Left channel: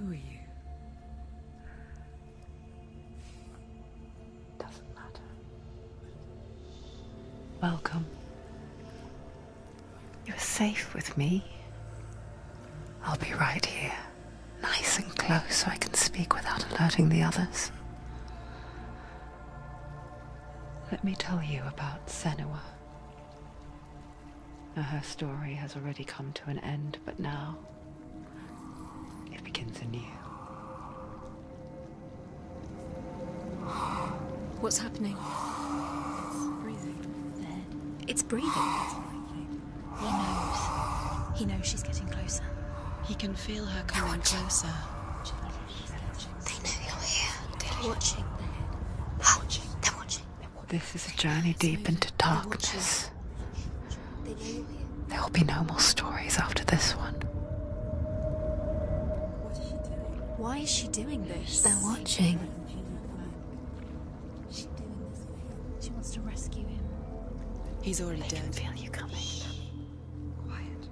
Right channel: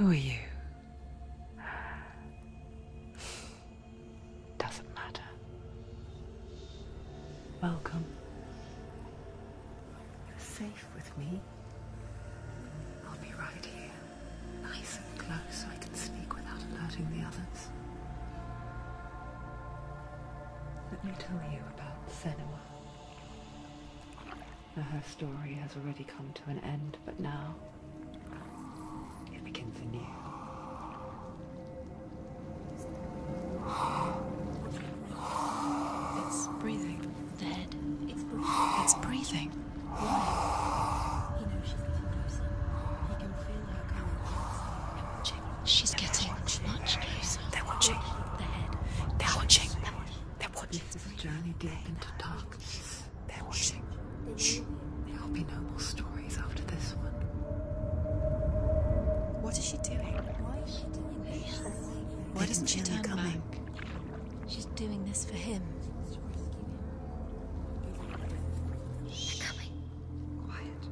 Who are you? Doesn't matter. Welcome. You're safe with me. I'll be right here, nice and close so I can speak without alerting the others. Let me tell you about Senua. Now, her story has already come to an end, but now it begins anew. What's happening? It's breathing. Dead. It's breathing. It's breathing. He knows. He knows she's getting closer. He can feel her coming closer. She's getting closer. They're watching. They're watching. They're watching. They're watching. This is a journey deep into darkness. They're watching. There will be no more stories after this one. What is she doing? Why is she doing this? They're watching. Why doesn't she turn back? She's doing this for him. She wants to rescue him. He's already dead. I can feel you coming. Quiet.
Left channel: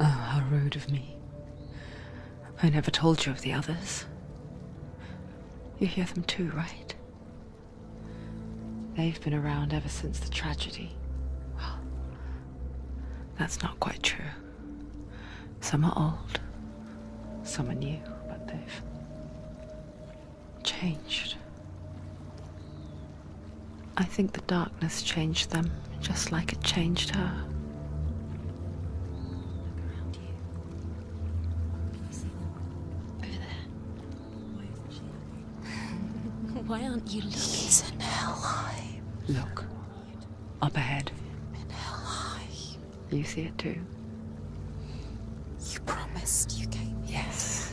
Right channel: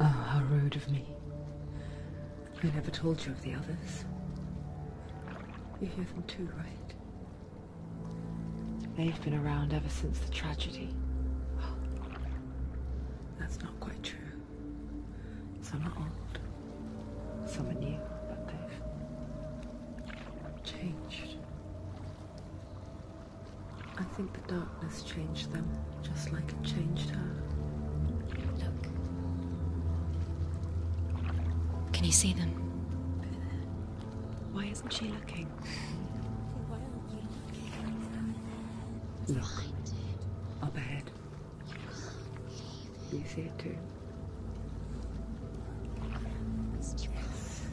Oh, how rude of me. I never told you of the others. You hear them too, right? They've been around ever since the tragedy. Well, that's not quite true. Some are old, some are new, but they've changed. I think the darkness changed them, just like it changed her. Look around you. Can you see them? Over there. Why isn't she looking? Why aren't you looking? He's in hell. Look, up ahead. You see it too? You promised you gave you. Yes.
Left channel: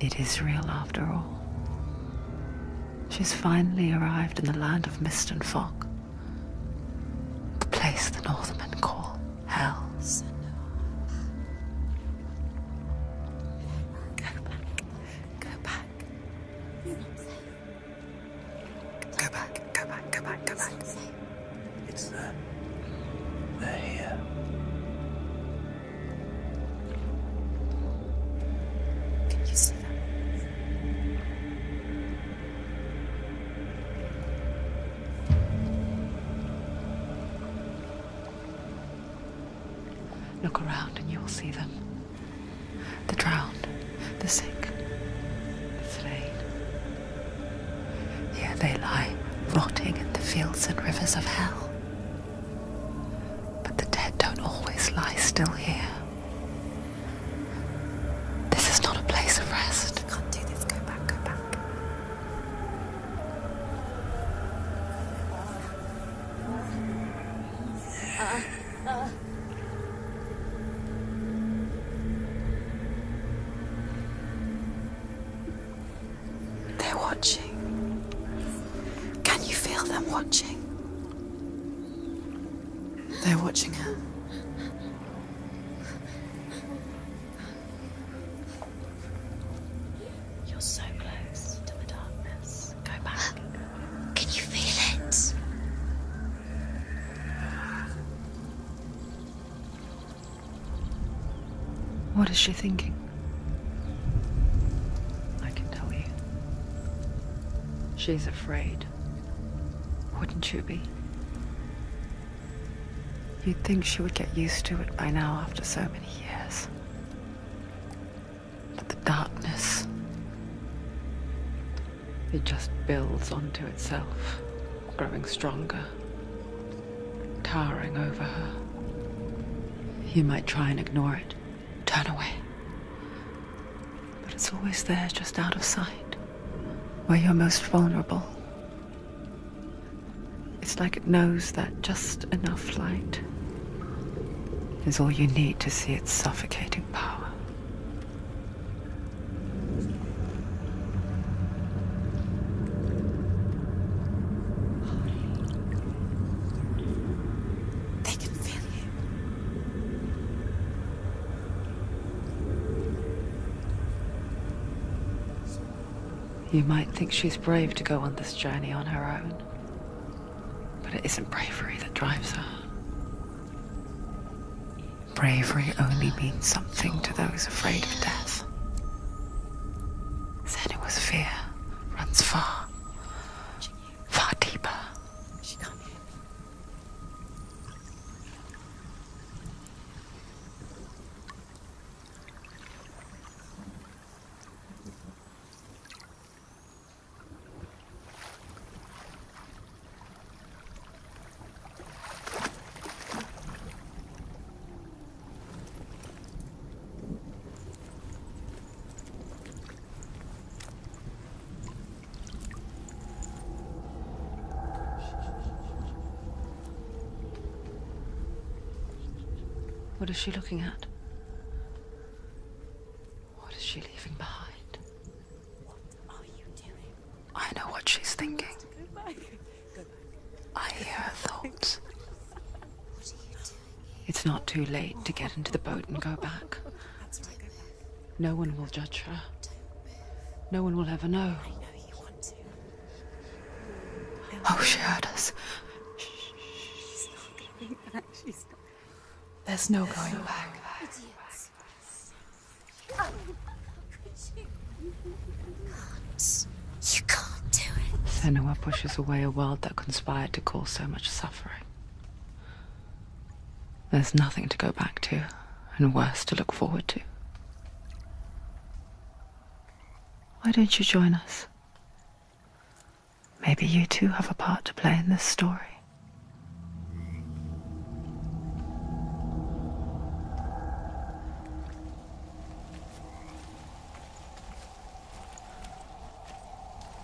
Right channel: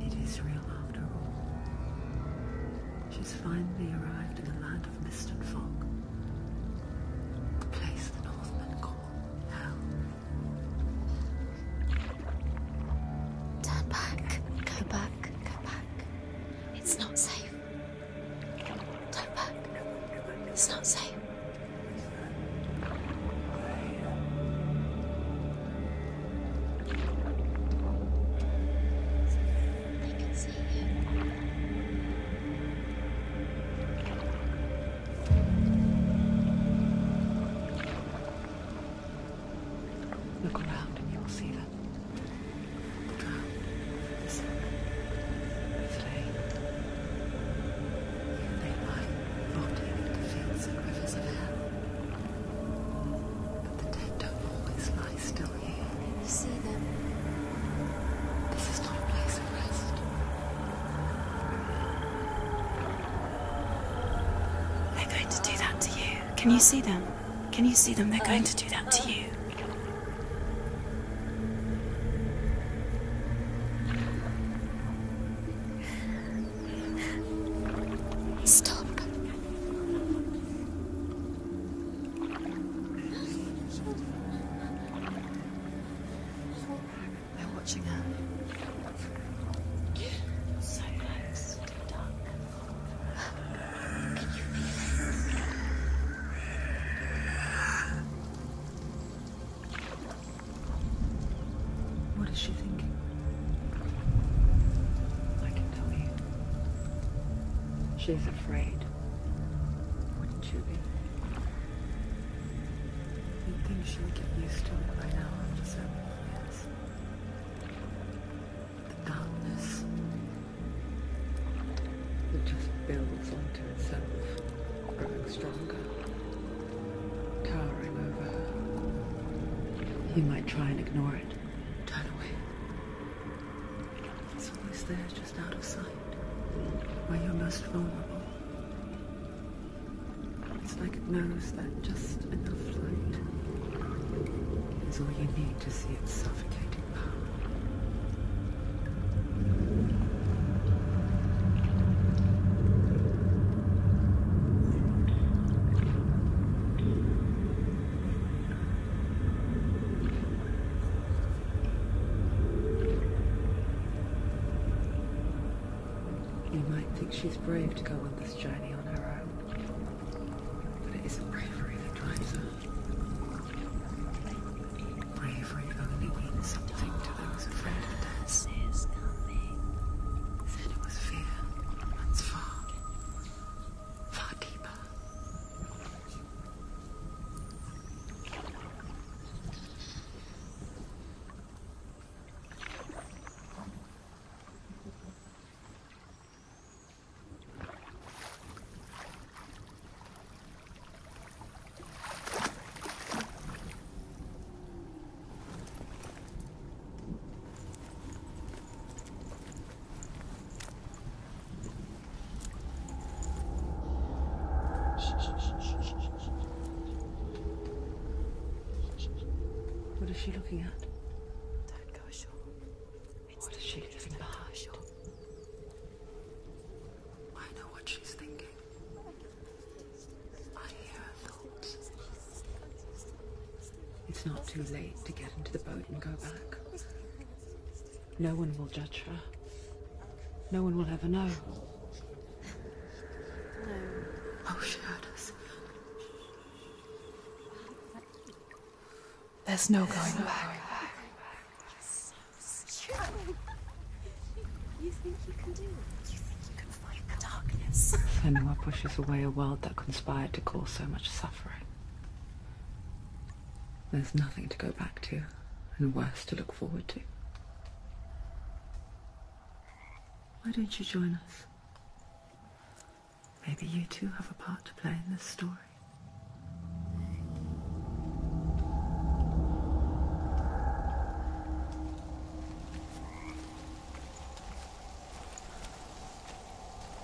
It is real after all. She's finally arrived in the land of mist and fog. The place the Northmen call Hell. Turn back. Go back. Go back. It's not safe. Go back, go back, go back, go It's back. not safe. It's them. They're here. Can you see them? They can see you. Look around and you'll see them. The drowned, the sick, the slain. Here they lie, rotting in the fields and rivers of hell. But the dead don't always lie still here. You see them? This is not a place of rest. You can't do this. Go back. Go back. They're going to do that to you. Can you see them? Can you see them? They're going to do that to you. They're watching. Stop. Can you feel them watching? They're watching her. They're watching her. You're so close to the darkness. Go back. Can you feel it? What is she thinking? I can tell you. She's afraid. Wouldn't you be? You'd think she would get used to it by now after so many years. But the darkness, it just builds onto itself, growing stronger, towering over her. You might try and ignore it, turn away. But it's always there, just out of sight, where you're most vulnerable. It's like it knows that just enough light is all you need to see its suffocating power. They can feel you. You might think she's brave to go on this journey on her own, but it isn't bravery that drives her. bravery only means something to those afraid of death. Senua's fear runs far, far deeper. What is she looking at? What is she leaving behind? I know what she's thinking. I hear her thoughts. It's not too late to get into the boat and go back. No one will judge her. No one will ever know. Oh, she heard us. There's no going back. You can't do it. Senua pushes away a world that conspired to cause so much suffering. There's nothing to go back to, and worse to look forward to. Why don't you join us? Maybe you too have a part to play in this story.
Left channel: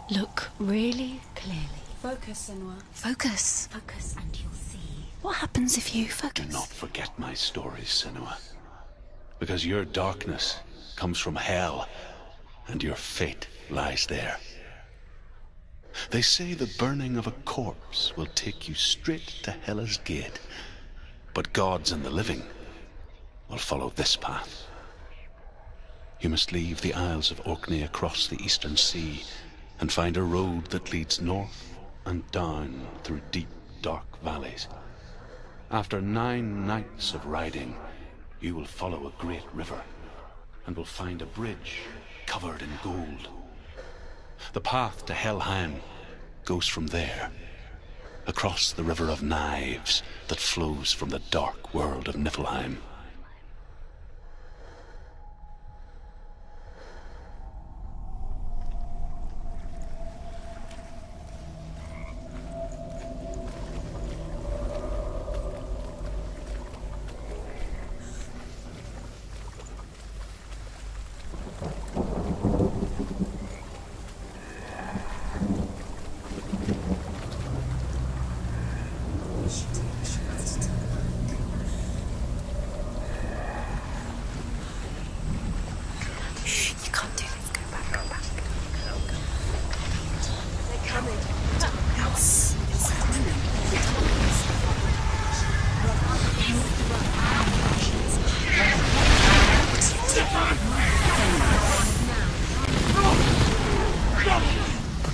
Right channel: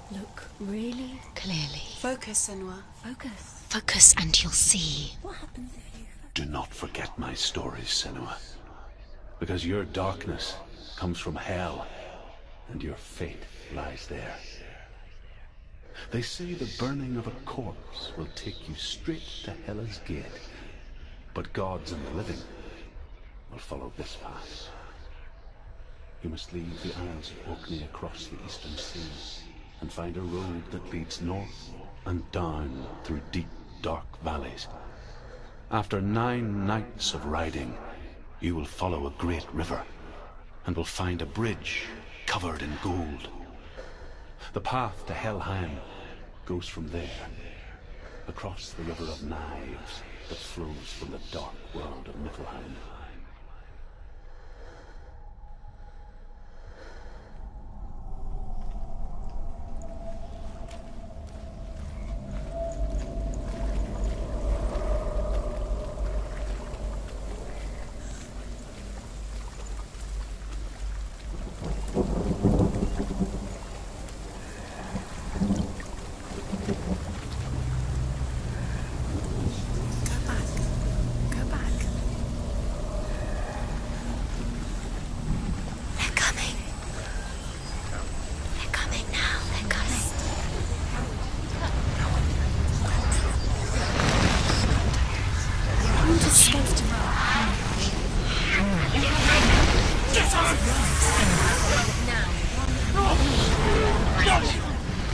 Look really clearly. Focus, Senua. Focus. Focus and you'll see. What happens if you focus? Do not forget my stories, Senua. Because your darkness comes from hell, and your fate lies there. They say the burning of a corpse will take you straight to Hela's gate, but gods and the living will follow this path. You must leave the Isles of Orkney across the eastern sea, and find a road that leads north and down through deep, dark valleys. After 9 nights of riding, you will follow a great river, and will find a bridge covered in gold. The path to Helheim goes from there, across the river of knives that flows from the dark world of Niflheim.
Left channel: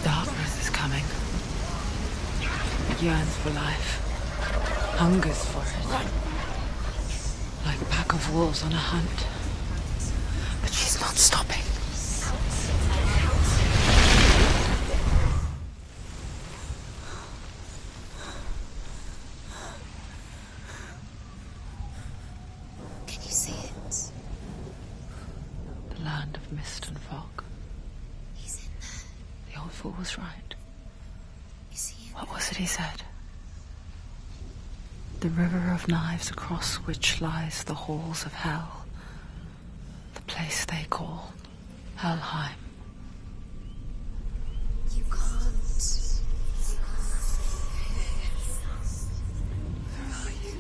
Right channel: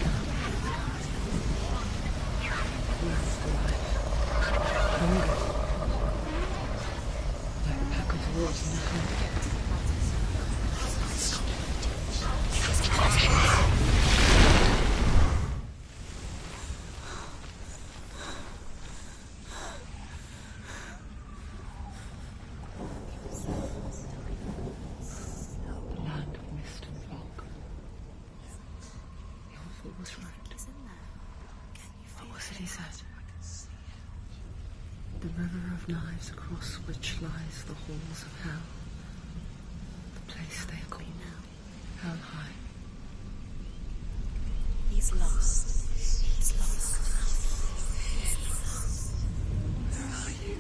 Darkness is coming. It yearns for life, hungers for it, like a pack of wolves on a hunt. But she's not stopping. Can you see it? The land of mist and fog. He's in there. The old fool was right. You see him? What was it he said? The river of knives across which lies the halls of hell. The place they call Helheim. He's lost. He's lost. Where are you?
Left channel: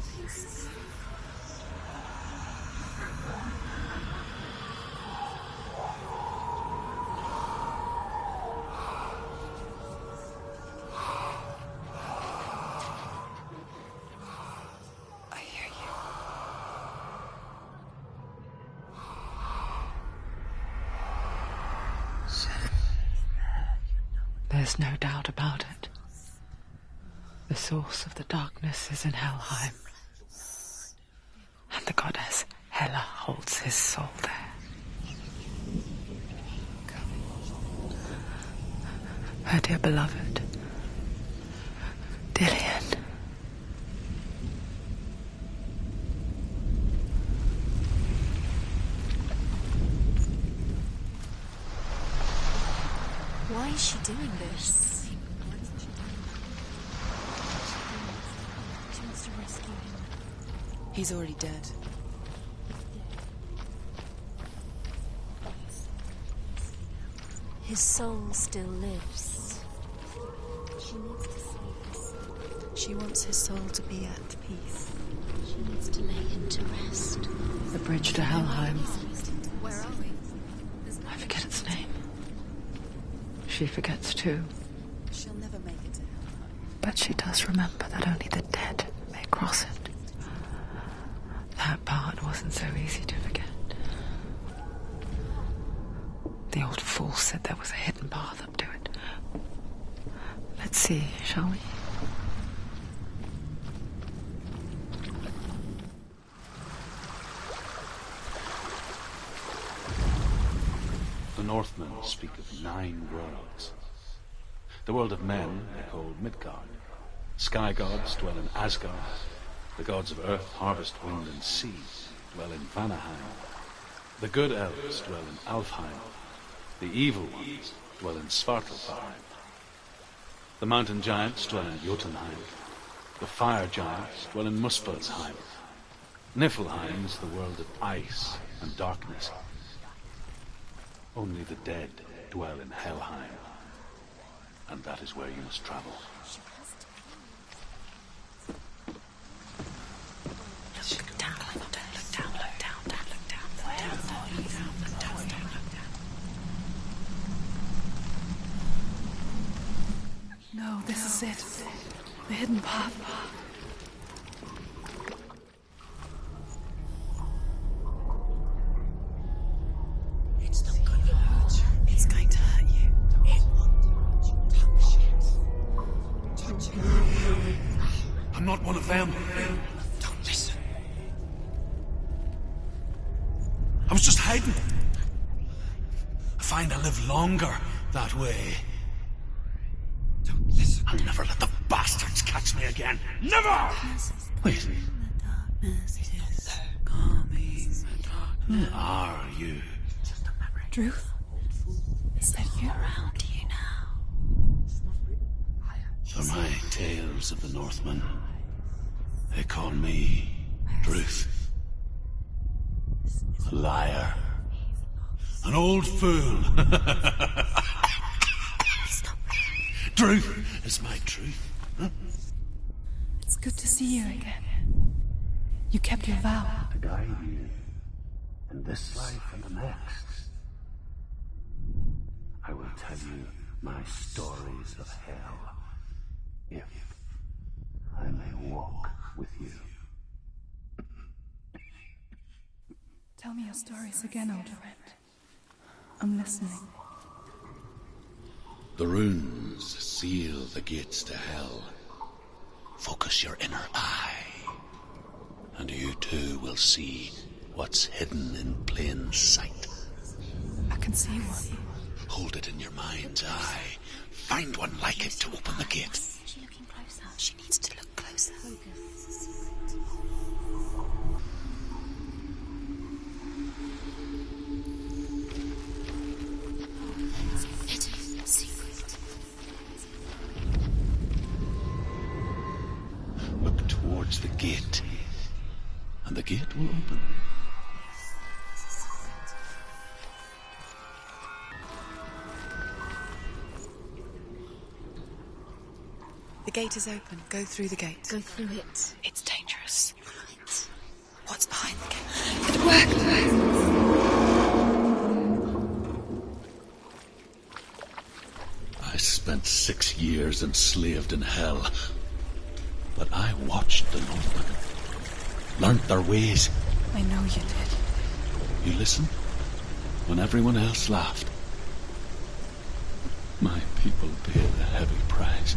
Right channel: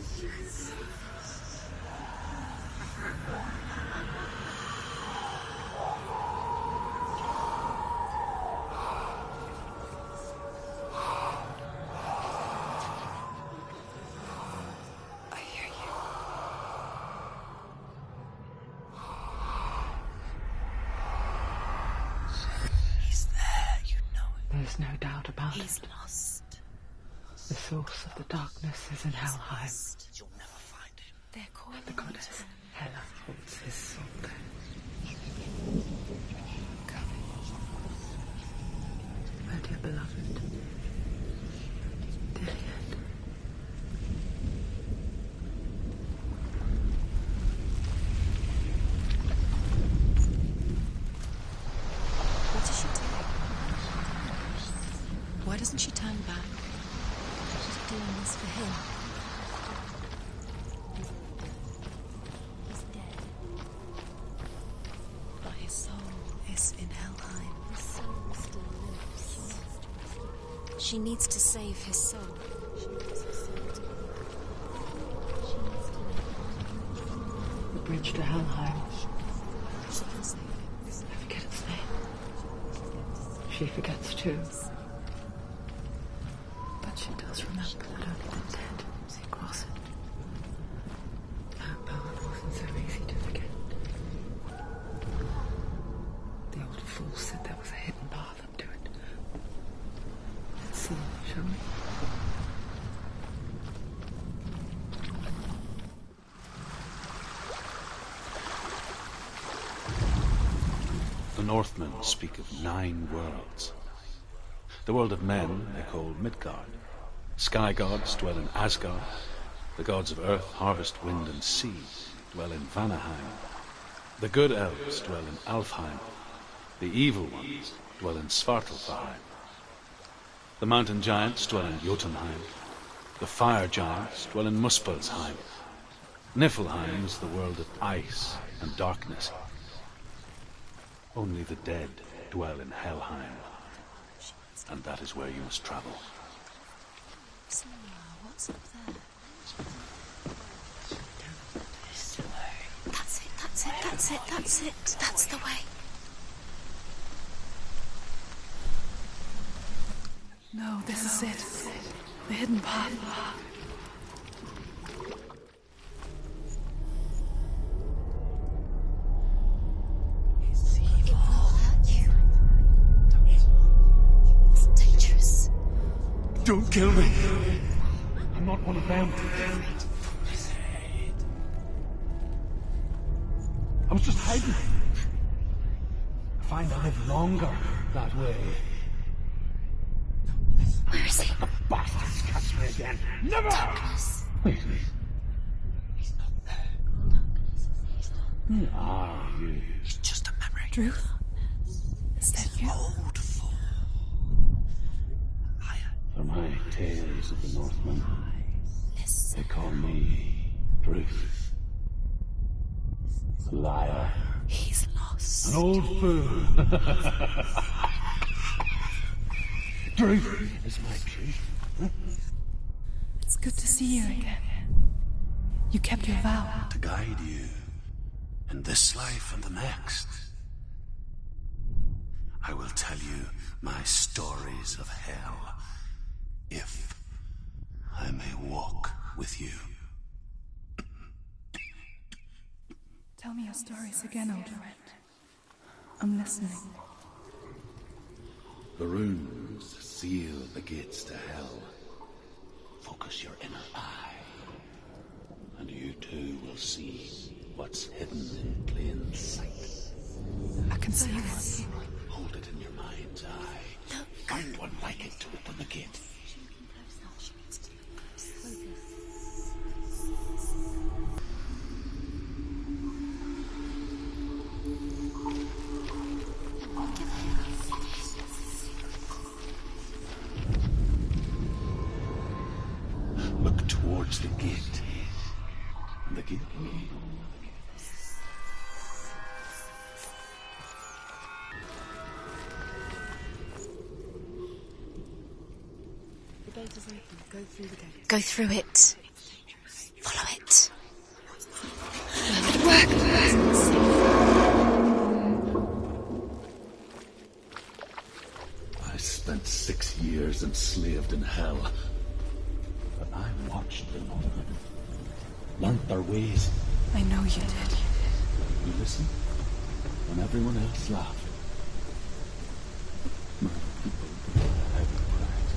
I hear you. He's there, you know it. There's no doubt about He's it. lost. The source of the darkness is in Helheim. They're called And the goddess her dear beloved, Dillian. What is she doing? Why is she doing this? Why doesn't she turn back? She's doing this for him. She wants to rescue him. He's already dead. He's dead. But his soul is in Helheim. His soul still lives. She needs to save his soul. She wants his soul to be at peace. She needs to lay him to rest. The bridge to Helheim. Where are we? I forget its name. She forgets too. She'll never make it. But she does remember that only the dead may cross it. That part wasn't so easy to forget. The old fool said there was a hidden path up to it. Let's see, shall we? The Northmen speak of 9 worlds. The world of men they call Midgard. Sky gods dwell in Asgard. The gods of earth, harvest, wind, and sea dwell in Vanaheim. The good elves dwell in Alfheim. The evil ones dwell in Svartalfheim. The mountain giants dwell in Jotunheim. The fire giants dwell in Muspelheim. Niflheim is the world of ice and darkness. Only the dead dwell in Helheim, and that is where you must travel. That's it. That's the way. No, this is it. The hidden path. It's not going to hurt. He's going to hurt you. It's dangerous. Don't kill me. I'm not one of them. Don't listen. I was just hiding. I find I live longer that way. Don't listen. I'll never let the bastards catch me again. Never! Wait. Who are you? It's just a memory. Drew? Is that you? Around you now. For my tales of the Northmen, they call me Druth. A liar. He's lost. An old fool. Druth is my truth. It's good to see you again. You kept your vow. To guide you in this life and the next. I will tell you my stories of hell, if I may walk with you. Tell me your stories again, old friend. I'm listening. The runes seal the gates to hell. Focus your inner eye, and you too will see what's hidden in plain sight. I can see one. Hold it in your mind's eye. Find one like it to open the gate. She's looking closer. She needs to look closer. Look towards the gate, and the gate will open. The gate is open. Go through the gate. Go through it. It's dangerous. Follow it. What's behind the gate? It worked. I spent 6 years enslaved in hell, but I watched the Northmen, learnt their ways. I know you did. You listened when everyone else laughed. My people paid a heavy price.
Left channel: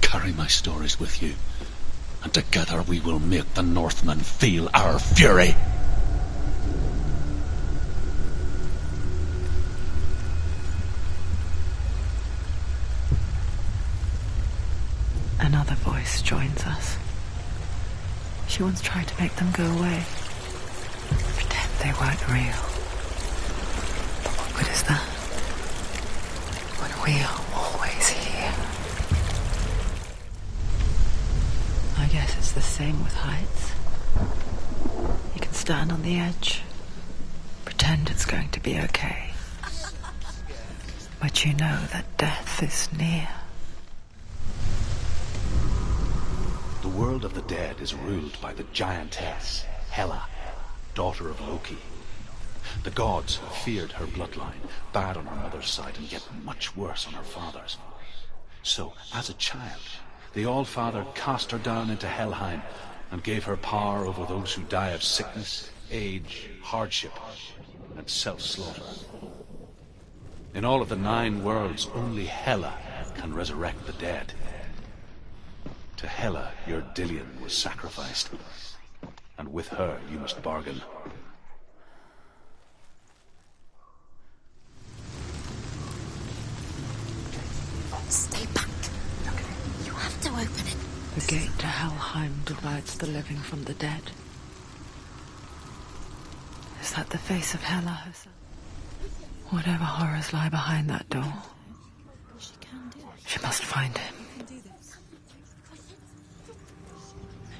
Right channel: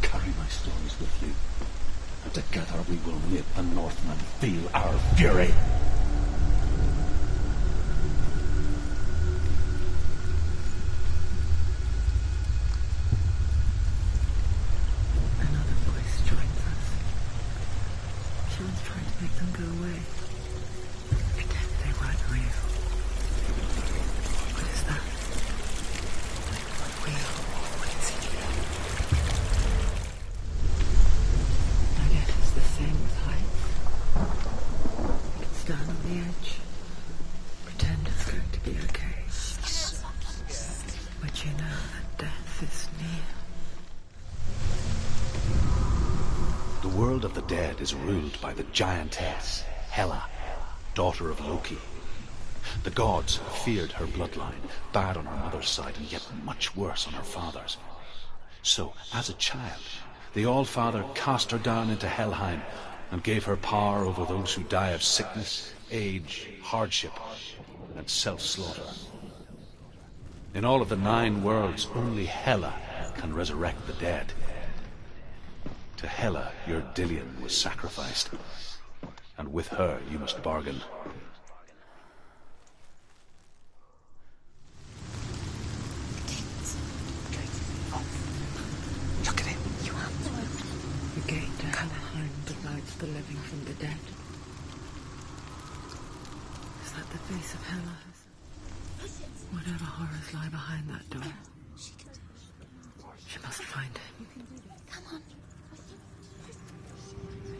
Carry my stories with you, and together we will make the Northmen feel our fury. She once tried to make them go away. Pretend they weren't real. What is that? When we are always here. I guess it's the same with heights. You can stand on the edge, pretend it's going to be okay. But you know that death is near. The world of the dead is ruled by the giantess, Hela, daughter of Loki. The gods feared her bloodline, bad on her mother's side and yet much worse on her father's. So, as a child, the All-Father cast her down into Helheim and gave her power over those who die of sickness, age, hardship, and self-slaughter. In all of the 9 worlds, only Hela can resurrect the dead. To Hela, your Dillion was sacrificed, and with her you must bargain. Stay back. Look at it. You have to open it. The gate to Helheim divides the living from the dead. Is that the face of Hela herself? Whatever horrors lie behind that door, she must find him.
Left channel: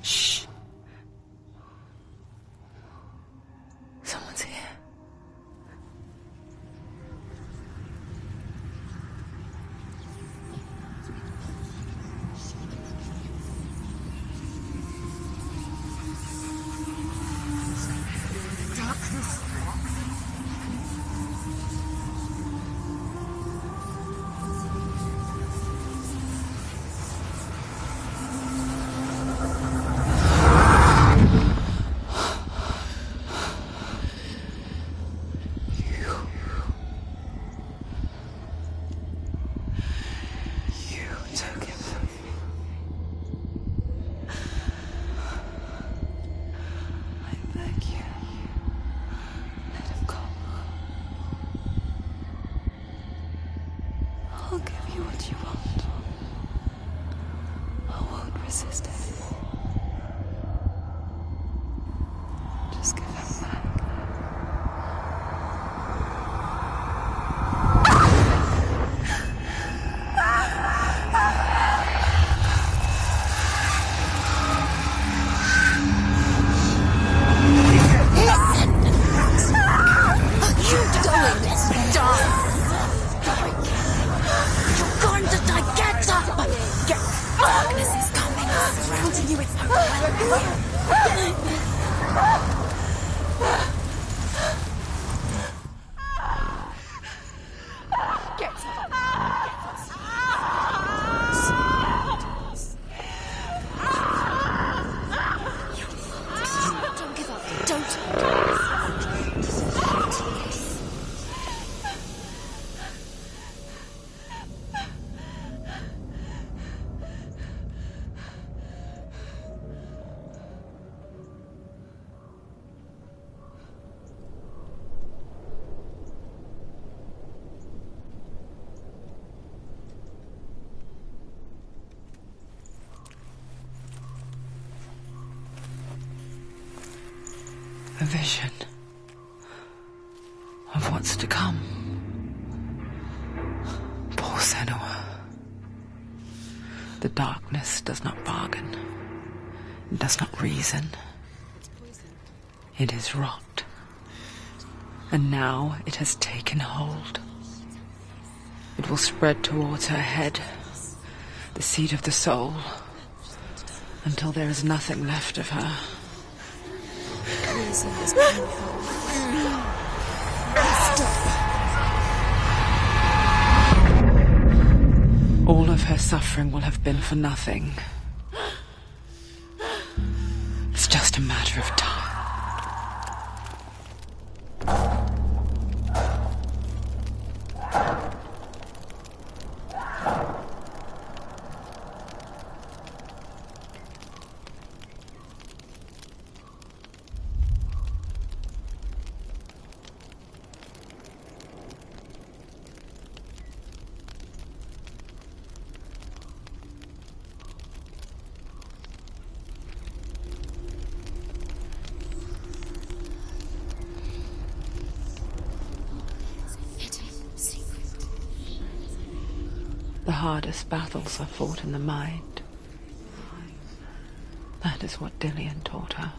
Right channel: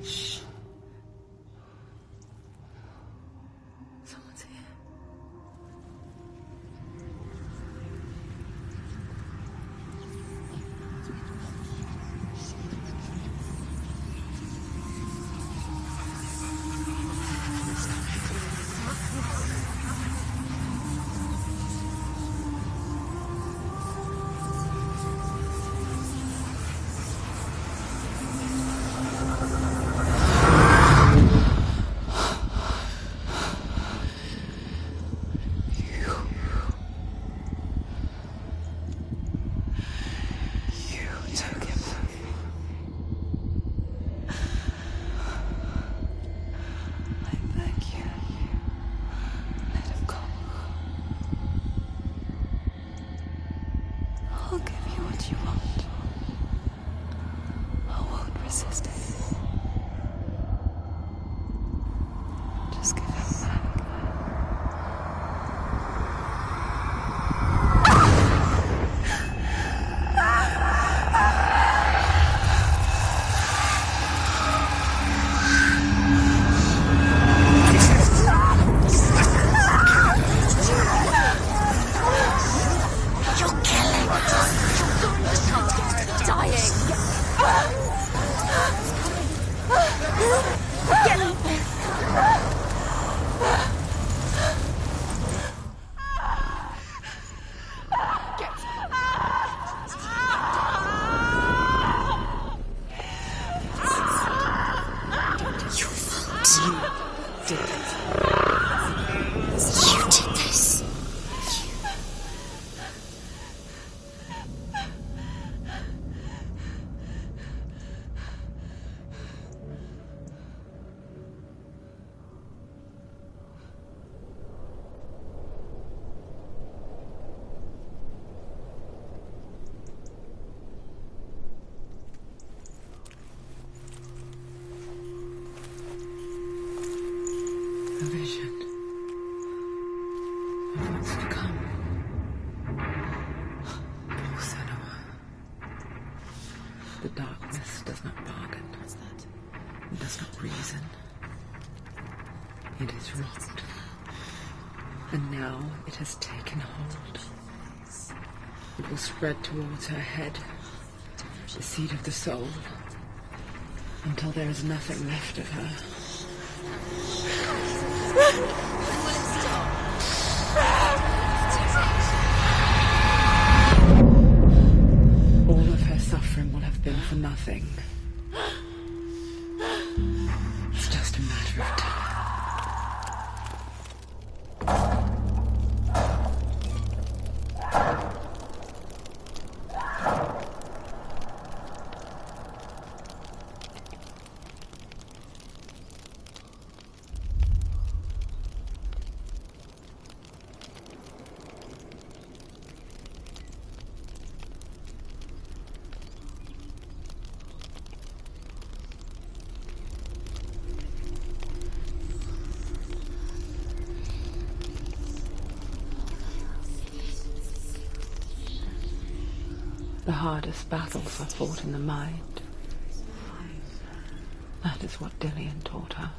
Shh. Someone's here. I'll give you what you want. I won't resist anymore. Just give him back. A vision of what's to come. Poor Senua. The darkness does not bargain, does not reason. It is wrought, and now it has taken hold. It will spread towards her head, the seat of the soul, until there is nothing left of her. All of her suffering will have been for nothing. It's just a matter of time. The hardest battles are fought in the mind. That is what Dillian taught her.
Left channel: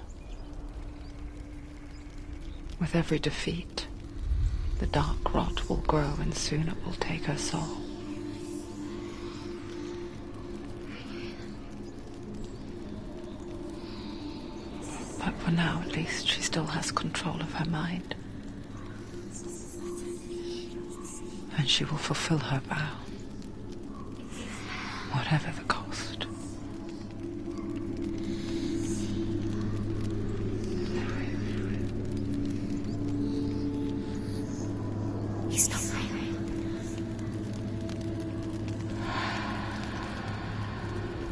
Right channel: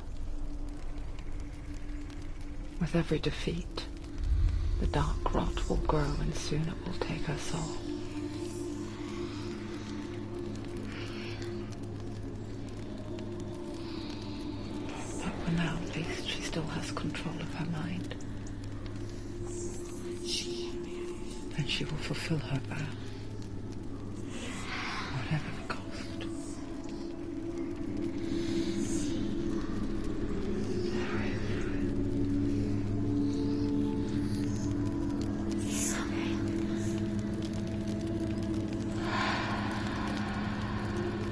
With every defeat, the dark rot will grow and soon it will take her soul. But for now, at least, she still has control of her mind. And she will fulfill her vow, whatever the cost.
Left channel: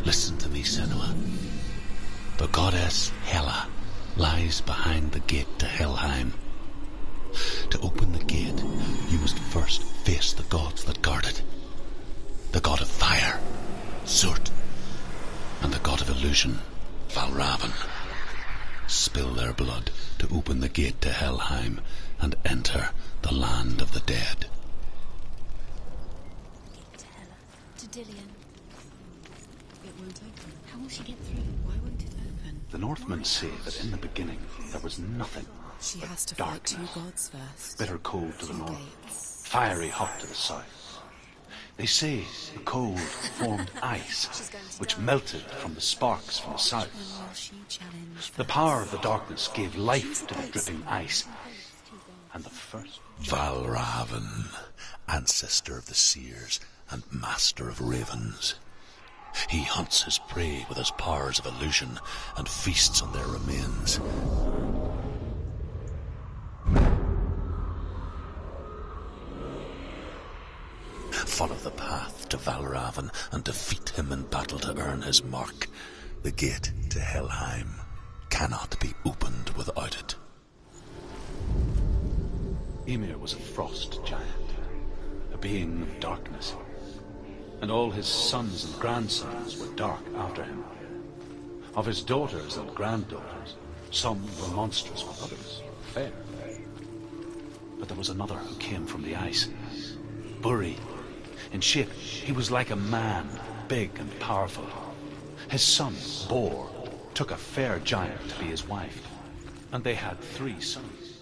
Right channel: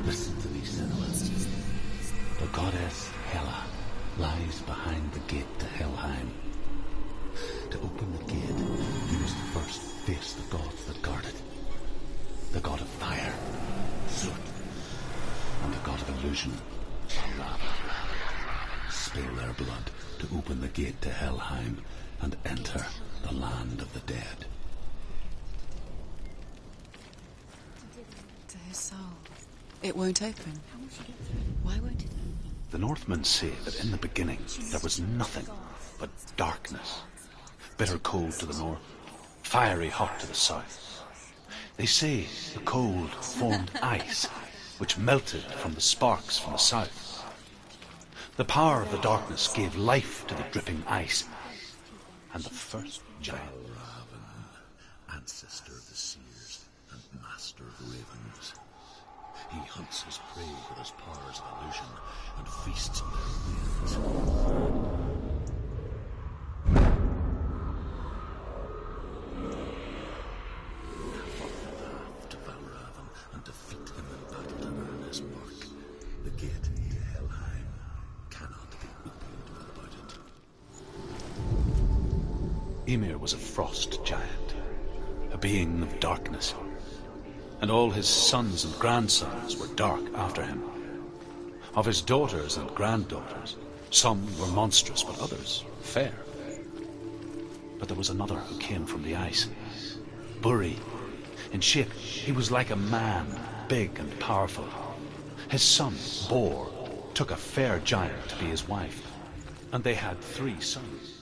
Listen to me, Senua. The goddess Hela lies behind the gate to Helheim. To open the gate, you must first face the gods that guard it. The god of fire, Zurt, and the god of illusion, Valravn. Spill their blood to open the gate to Helheim and enter the land of the dead. To Dillian, to his soul. It won't open. How will she get through? Why won't it open? The Northmen say that in the beginning there was nothing but darkness. Bitter cold to the north, fiery hot to the south. They say the cold formed ice, which melted from the sparks from the south. The power of the darkness gave life to the dripping ice, and the first Valravn, ancestor of the seers and master of ravens. He hunts his prey with his powers of illusion and feasts on their remains. Follow the path to Valravn and defeat him in battle to earn his mark. The gate to Helheim cannot be opened without it. Ymir was a frost giant, a being of darkness, and all his sons and grandsons were dark after him. Of his daughters and granddaughters, some were monstrous, but others fair. But there was another who came from the ice, Buri. In shape, he was like a man, big and powerful. His son, Bor, took a fair giant to be his wife, and they had 3 sons.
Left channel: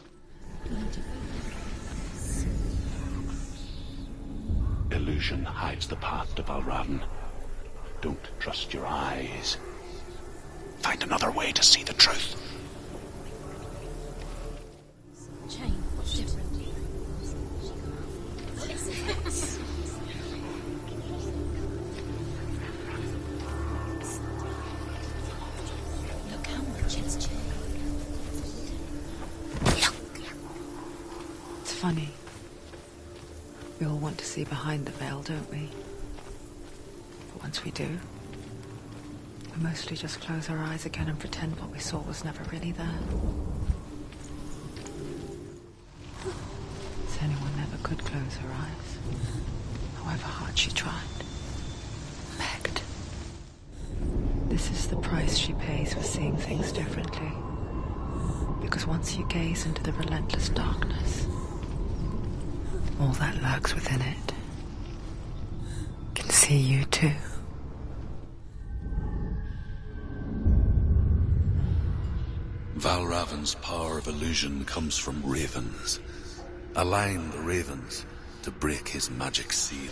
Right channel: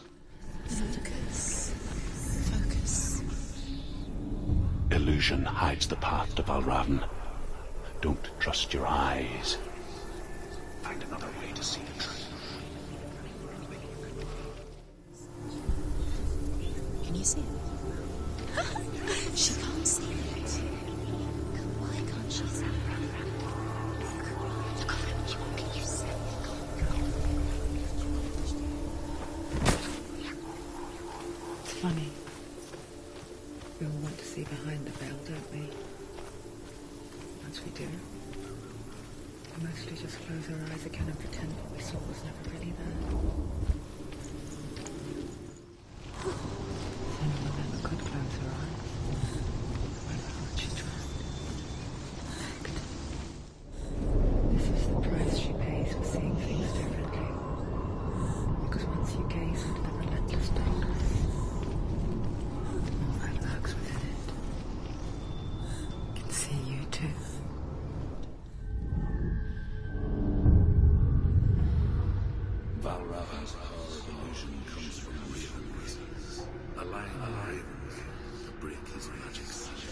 Illusion hides the path to Valravn. Don't trust your eyes. Find another way to see the truth. Can you see it? She can't see it. Why can't she see it? It's funny. We all want to see behind the veil, don't we? But once we do, we mostly just close our eyes again and pretend what we saw was never really there. Senua never could close her eyes, however hard she tried. Begged. This is the price she pays for seeing things differently. Because once you gaze into the relentless darkness, all that lurks within it can see you too. Valravn's power of illusion comes from ravens. Align the ravens to break his magic seal.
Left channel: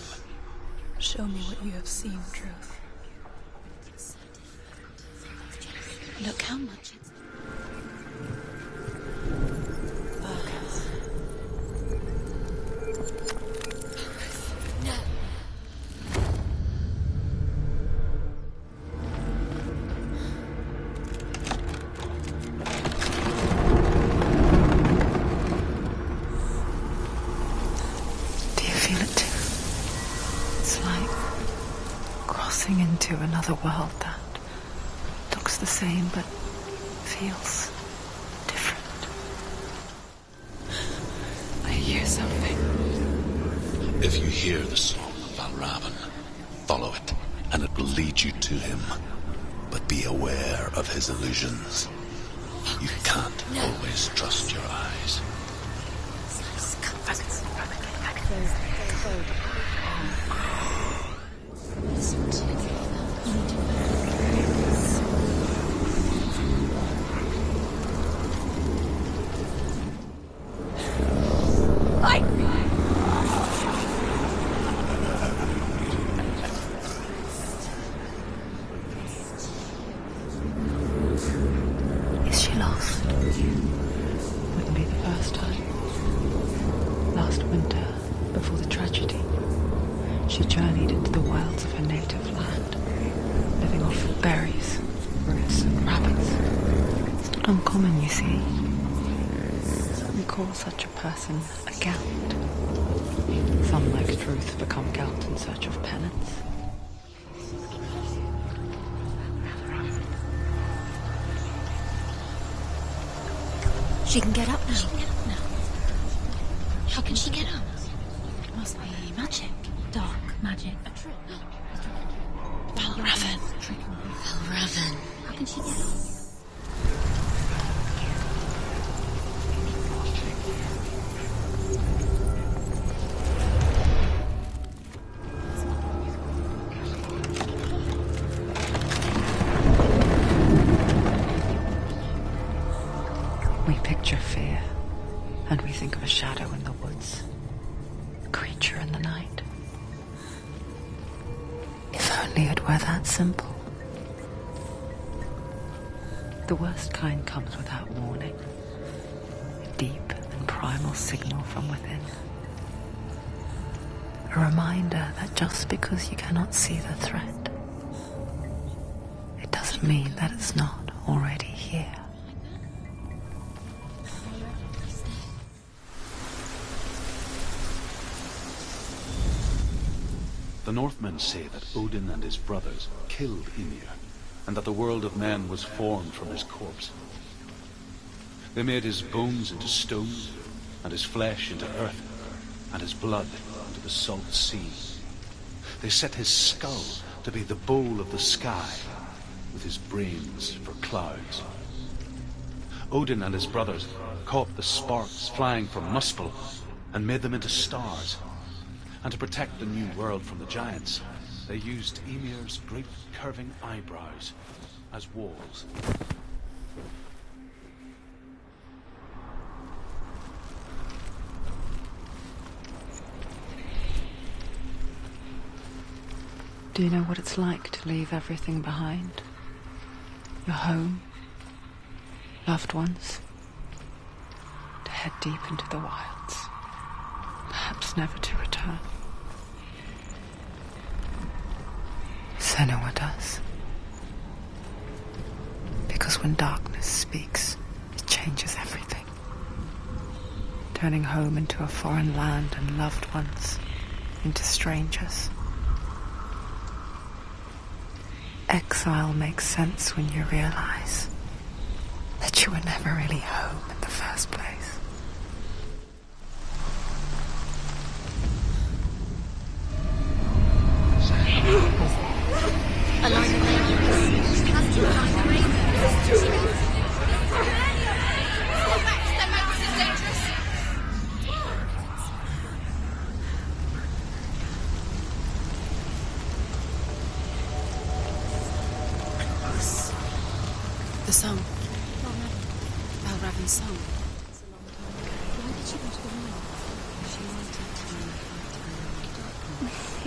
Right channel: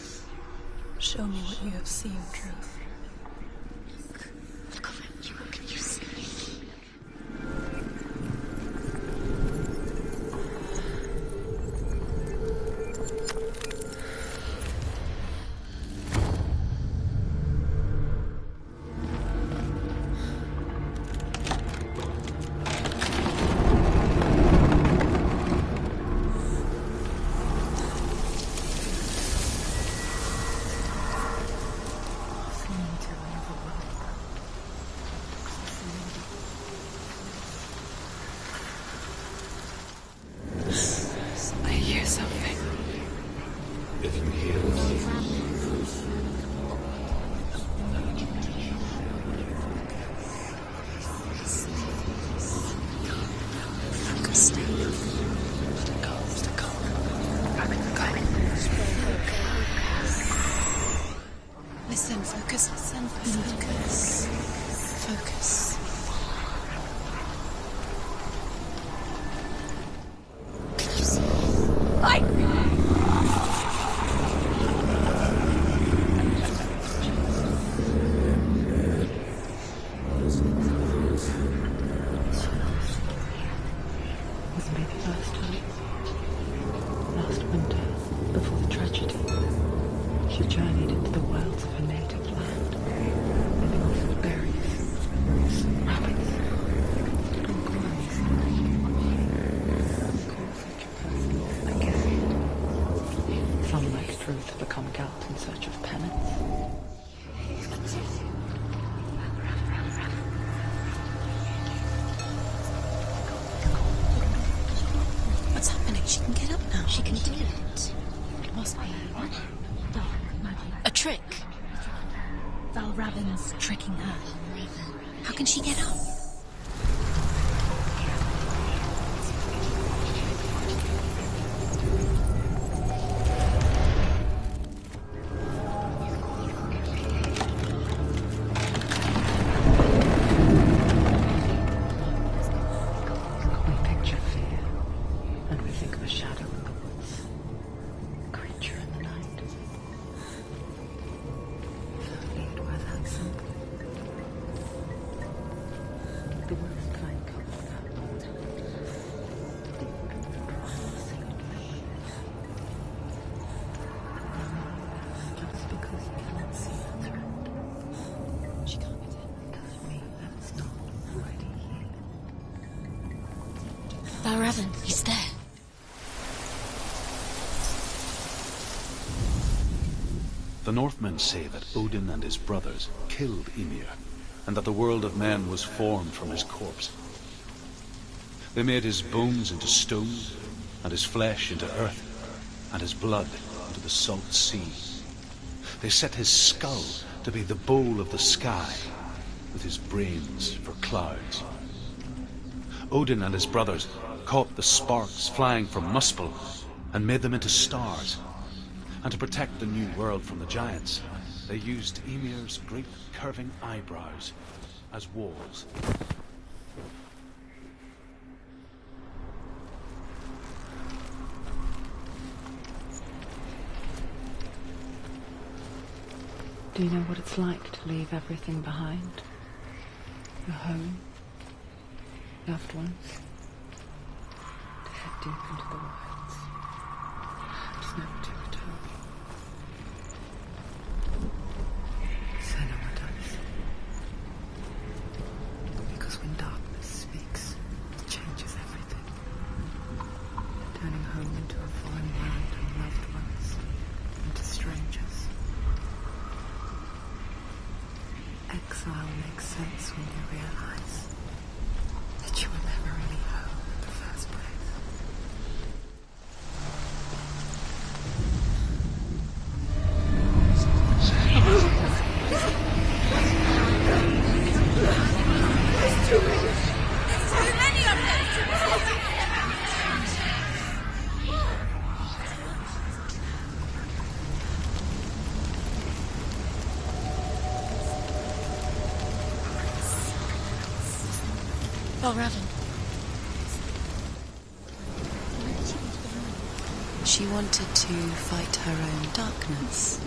Show me what you have seen, truth. Look how much. Another world that looks the same but feels different. I hear something. If you hear the sound of Valravn, follow it, and it will lead you to him. But be aware of his illusions. You can't always trust your eyes. uncommon, you see. We call such a person a gelt. Some, like truth, become gelt in search of penance. She can get up now. What's happening? She can get up now. How can she get out? It must be magic. Dark magic. A trick. Raven's tricking her. Raven. How can she get out? We picture fear, and we think of a shadow in the woods, a creature in the night. If only it were that simple. The worst kind comes without warning. A deep and primal signal from within. A reminder that just because you cannot see the threat, it doesn't mean that it's not already here. Oh, Raven, he's there. The Northmen say that Odin and his brothers killed Ymir, and that the world of men was formed from his corpse. They made his bones into stone, and his flesh into earth, and his blood into the salt sea. They set his skull to be the bowl of the sky, with his brains for clouds. Odin and his brothers caught the sparks flying from Muspel and made them into stars. And to protect the new world from the giants, they used Ymir's great curving eyebrows as walls. Do you know what it's like to leave everything behind? Your home, loved ones, to head deep into the wilds, perhaps never to return. Senua does. Because when darkness speaks, it changes everything. Turning home into a foreign land and loved ones into strangers. Exile makes sense when you realize that you were never really home in the first place. The song. Raven's song. Why did she want to go home? She wanted to fight her own darkness.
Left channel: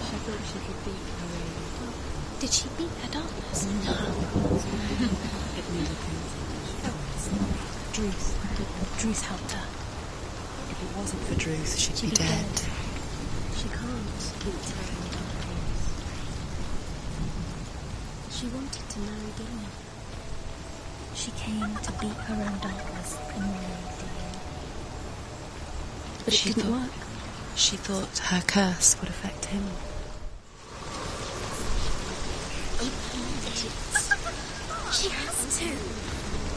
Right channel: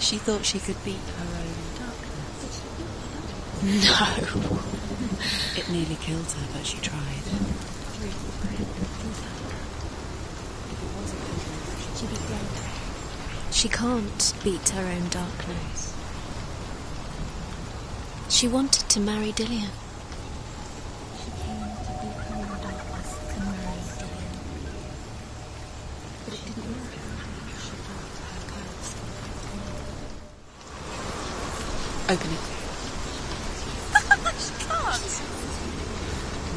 She thought she could beat her own darkness. Did she beat her darkness? No. It nearly killed her, but she tried. Druth helped her. If it wasn't for Druth, she'd be dead. She can't beat her own darkness. She wanted to marry Dillian. She came to beat her own darkness and marry Dillian. But it didn't work. She thought her curse would affect him. Open it. She has to.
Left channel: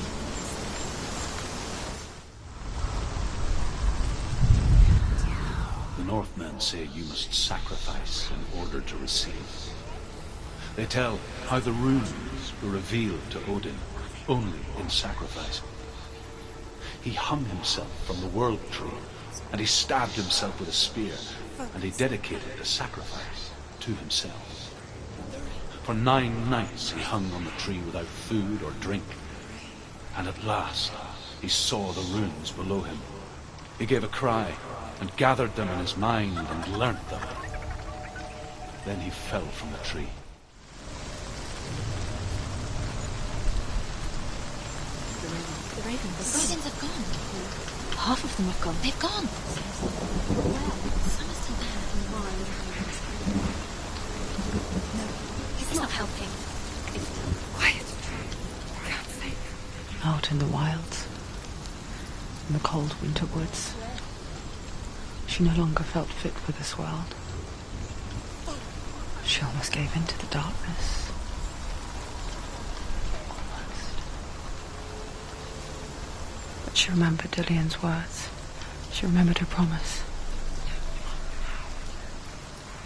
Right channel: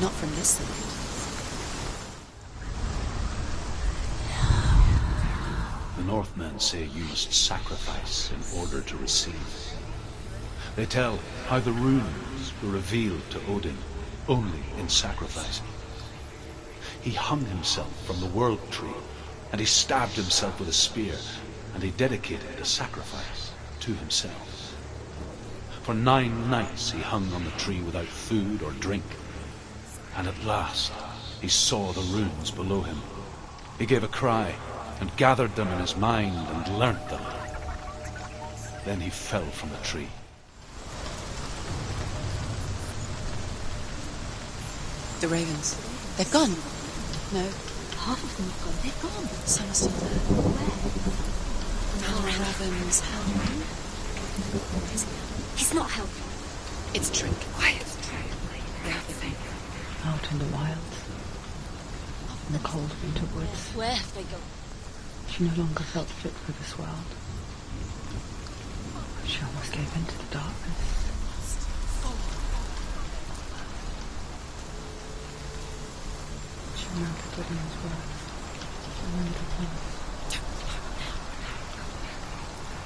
Not from this thing. The Northmen say you must sacrifice in order to receive. They tell how the runes were revealed to Odin only in sacrifice. He hung himself from the world tree, and he stabbed himself with a spear, and he dedicated the sacrifice to himself. For 9 nights he hung on the tree without food or drink, and at last he saw the runes below him. He gave a cry and gathered them in his mind and learnt them. Then he fell from the tree. The ravens. They've gone. No. Half of them have gone. They've gone. Some still there. Where? Now Raven's help. He's not helping. It's a trick. Quiet. For God's sake. out in the wilds, in the cold winter woods. Where have they gone? She no longer felt fit for this world. She almost gave in to the darkness. But she remembered Dillian's words. She remembered her promise.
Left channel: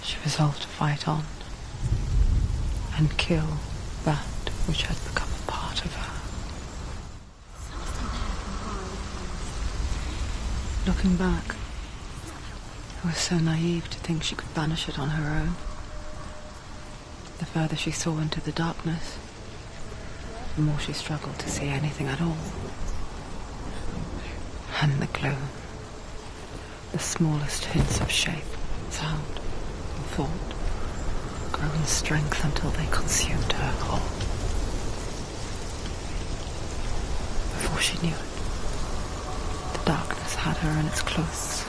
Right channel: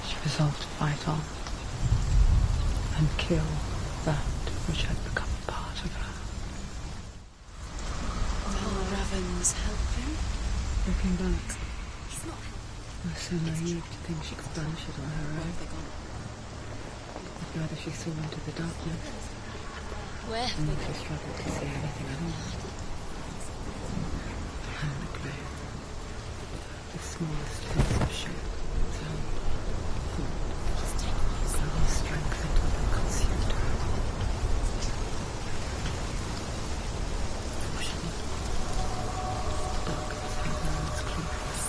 She resolved to fight on and kill that which had become a part of her. Looking back, I was so naive to think she could banish it on her own. The further she saw into the darkness, the more she struggled to see anything at all. And the gloom, the smallest hints of shape, sound, and thought, grew in strength until they consumed her whole. Before she knew it, the darkness had her in its clothes.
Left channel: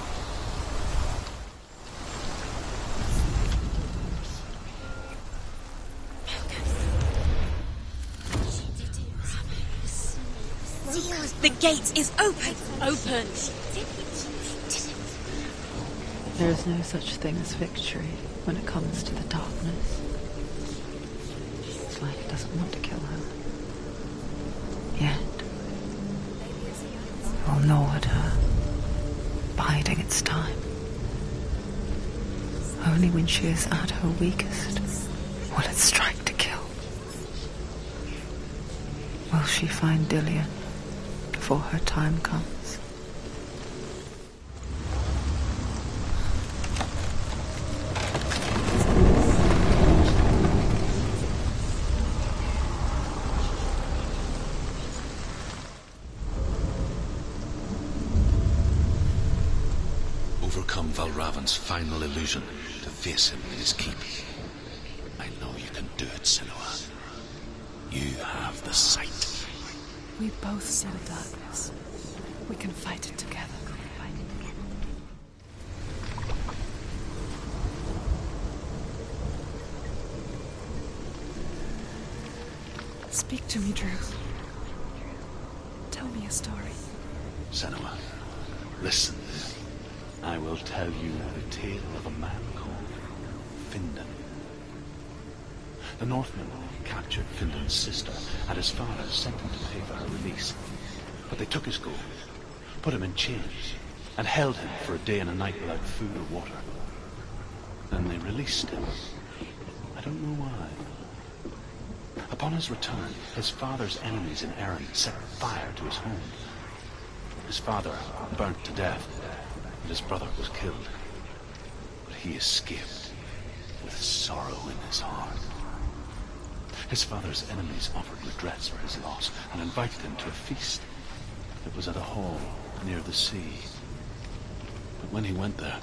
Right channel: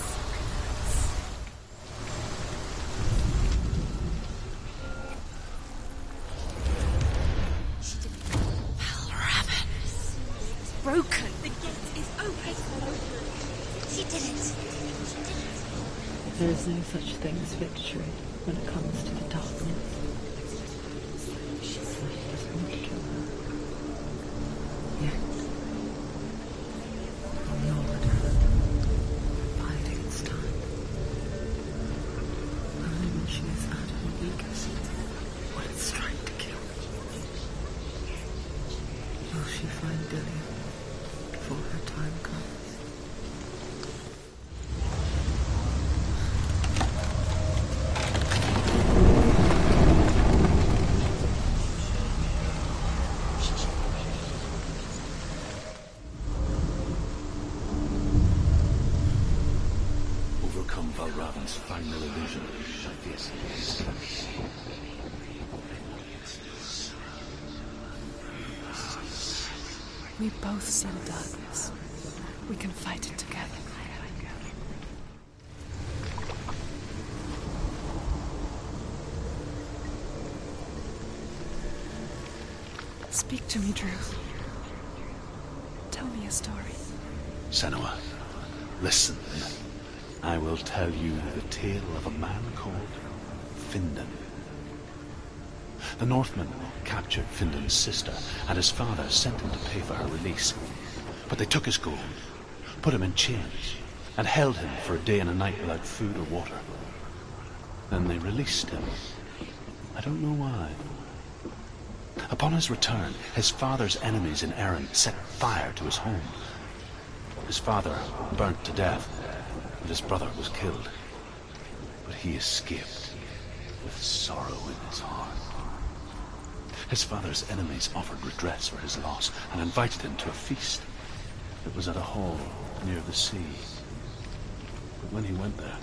The gate is open! Open! There is no such thing as victory when it comes to the darkness. Light does not kill her. Yet, it will gnaw at her, biding its time. Only when she is at her weakest will it strike to kill. Will she find Dillian before her time comes? Overcome Valravan's final illusion to face him in his keep. I know you can do it, Senua. You have the sight. We both see the darkness. We can fight it together. Speak to me, Drew. Tell me a story. Senua, listen. I will tell you the tale of a man called Findan. The Northmen captured Findan's sister, and his father sent him to pay for her release. But they took his gold, put him in chains, and held him for a day and a night without food or water. Then they released him. I don't know why. Upon his return, his father's enemies in Erin set fire to his home. His father burnt to death, and his brother was killed. But he escaped with sorrow in his heart. His father's enemies offered redress for his loss and invited him to a feast. It was at a hall near the sea. But when he went there,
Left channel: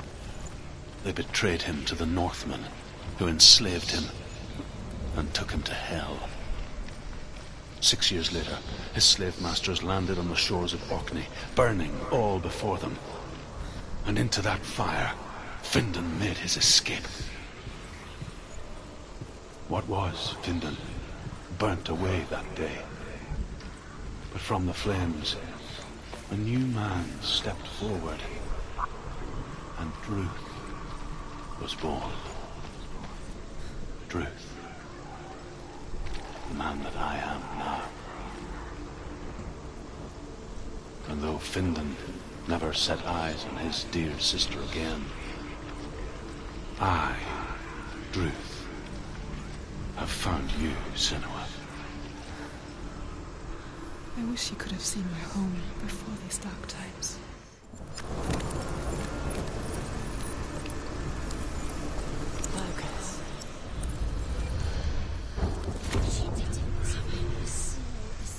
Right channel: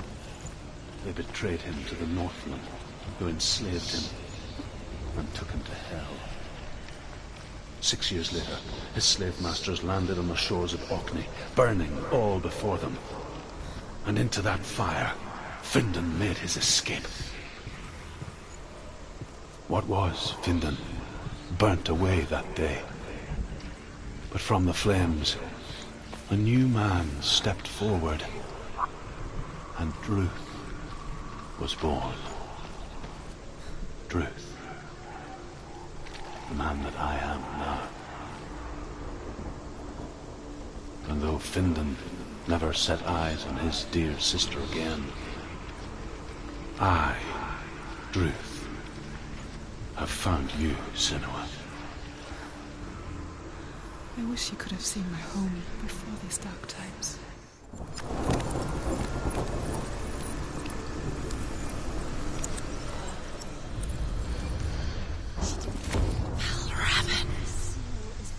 they betrayed him to the Northmen, who enslaved him and took him to hell. 6 years later, his slave masters landed on the shores of Orkney, burning all before them. And into that fire, Findan made his escape. What was Findan burnt away that day. But from the flames, a new man stepped forward, and Druth was born. Druth, the man that I am now. And though Findan never set eyes on his dear sister again, I, Druth, have found you, Senua. I wish you could have seen my home before these dark times.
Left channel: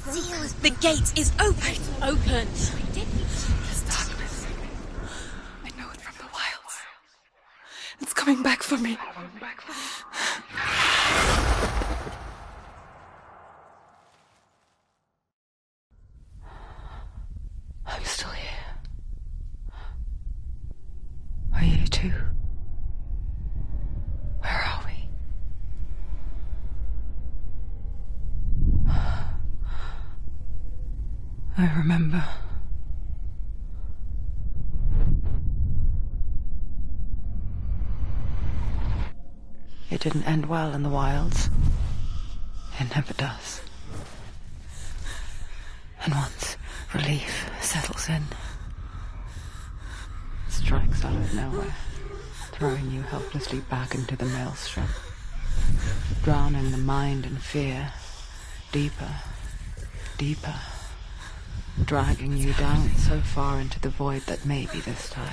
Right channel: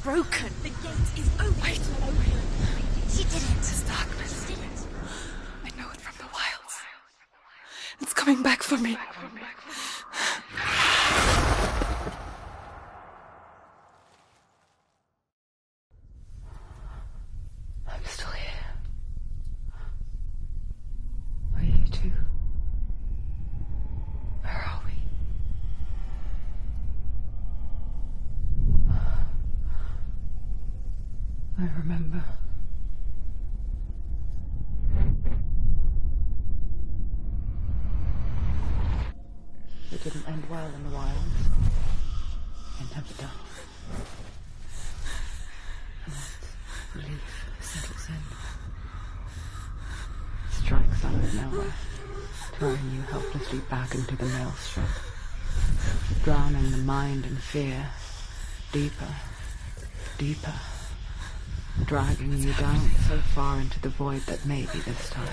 Broken. The gate is open. Open. This darkness. I know it from the wilds. It's coming back for me. I'm still here. Are you too? Where are we? I remember. It didn't end well in the wilds. It never does. And once relief settles in, it strikes out of nowhere, throwing you helplessly back into the maelstrom, drowning the mind in fear, deeper, deeper, dragging you down so far into the void that maybe this time